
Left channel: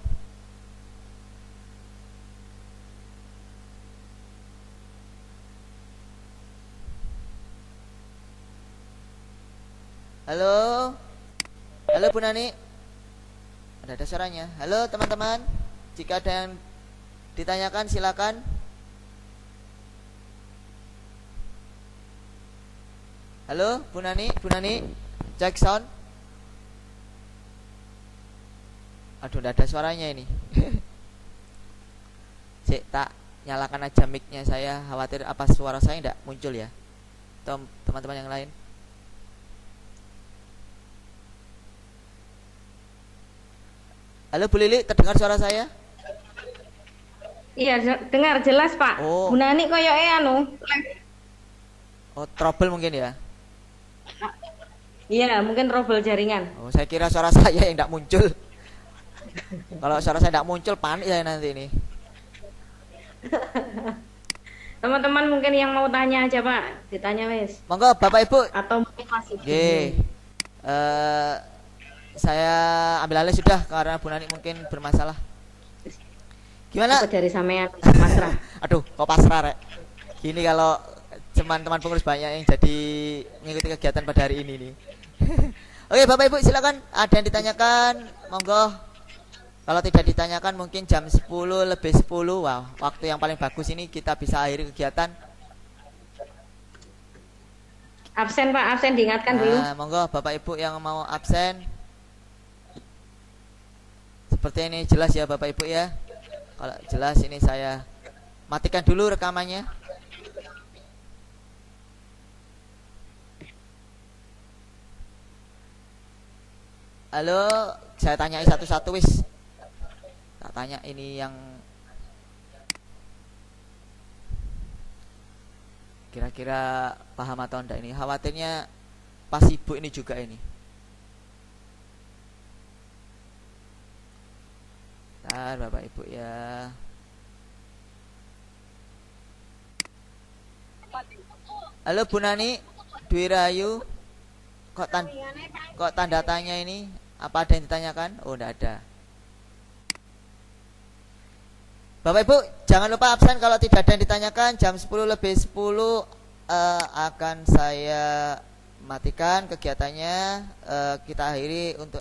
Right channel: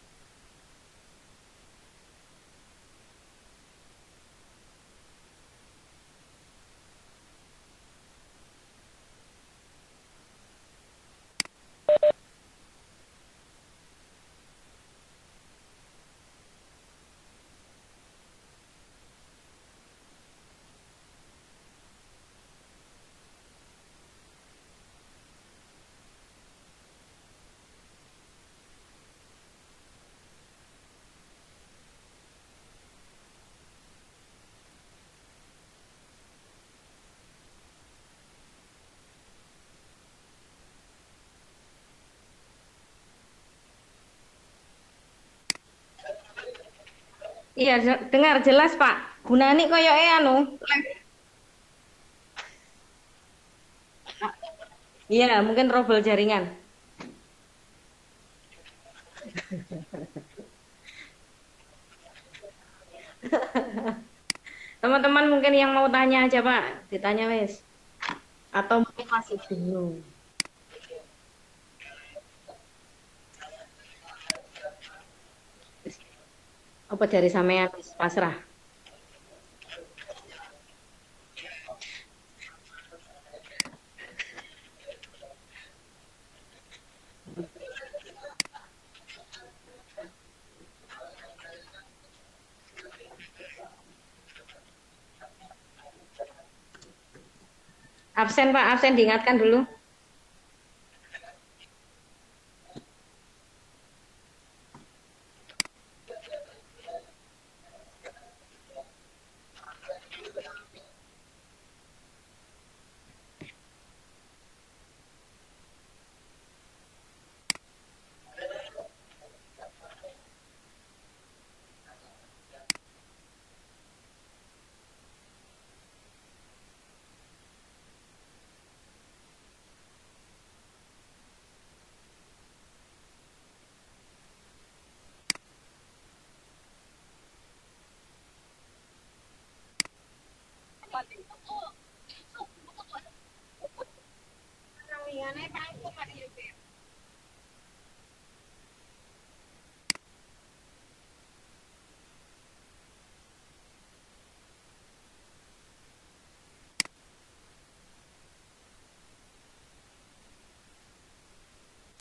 Halo. Halo Bu Nani. Ada suaranya. Halo teman-teman. Jika ada yang ditanyakan silakan. Halo Bu Nani, Bu Nani. Cek sound. Aduh, tidak ada suaranya ini. Cek, tak nyalakan aja mic-nya, saya khawatir apa suara saya tidak muncul ya. Teman-teman yang lain. Halo Bu Lili, terdengar suara saya? Iya, dengar jelas Pak. Oh. Bu Nani koyoke Oh, trouble mungkin ya. Iya, mungkin trouble jaringan. Oh, saya kira suara saya yang tidak muncul. Kalau suara saya tidak muncul, panik saya nanti ini. Teman-teman mungkin yang mau tanya aja Pak, ditanya wes. Monggo Bapak Ibu. Atau mungkin masih bingung. Saya ambil alih sudah karena Bu Nani mungkin bermasalah. Gimana? Apa dari sampean pasrah? Aduh, kok pasrah rek. Gini kalau teman-teman pengurus banyak yang jadi mengikuti kegiatan pada hari ini nih. Oke Bapak Ibu silakan, ada yang ditanyakan, monggo. Kalau tidak ditanyakan mungkin jam 10 lebih 10. Wow, waktu yang paling bagus ini kita bisa akhiri kegiatan. Absen Pak, absen diingatkan dulu. Monggo Bapak Ibu yang mau absen. Seperti ini jelas ya Bapak Ibu ya. Kalau jelas ini saya matikan dulu rekamannya. Halo, saya tanya satu-satu wis. Tak tanya ini yang kira-kira paham atau enggak ini. Khawatirnya pas ibu ini juga ini. Bentar Bapak Ibu ya. Halo Bu Nani Dwi Rayu. Kok tanda tanya ini? Apa ada yang ditanyakan? Oh, enggak ada. Bapak Ibu jangan lupa absen kalau tidak ada yang ditanyakan. Jam 10 lebih 10 akan saya matikan kegiatannya. Kita akhiri untuk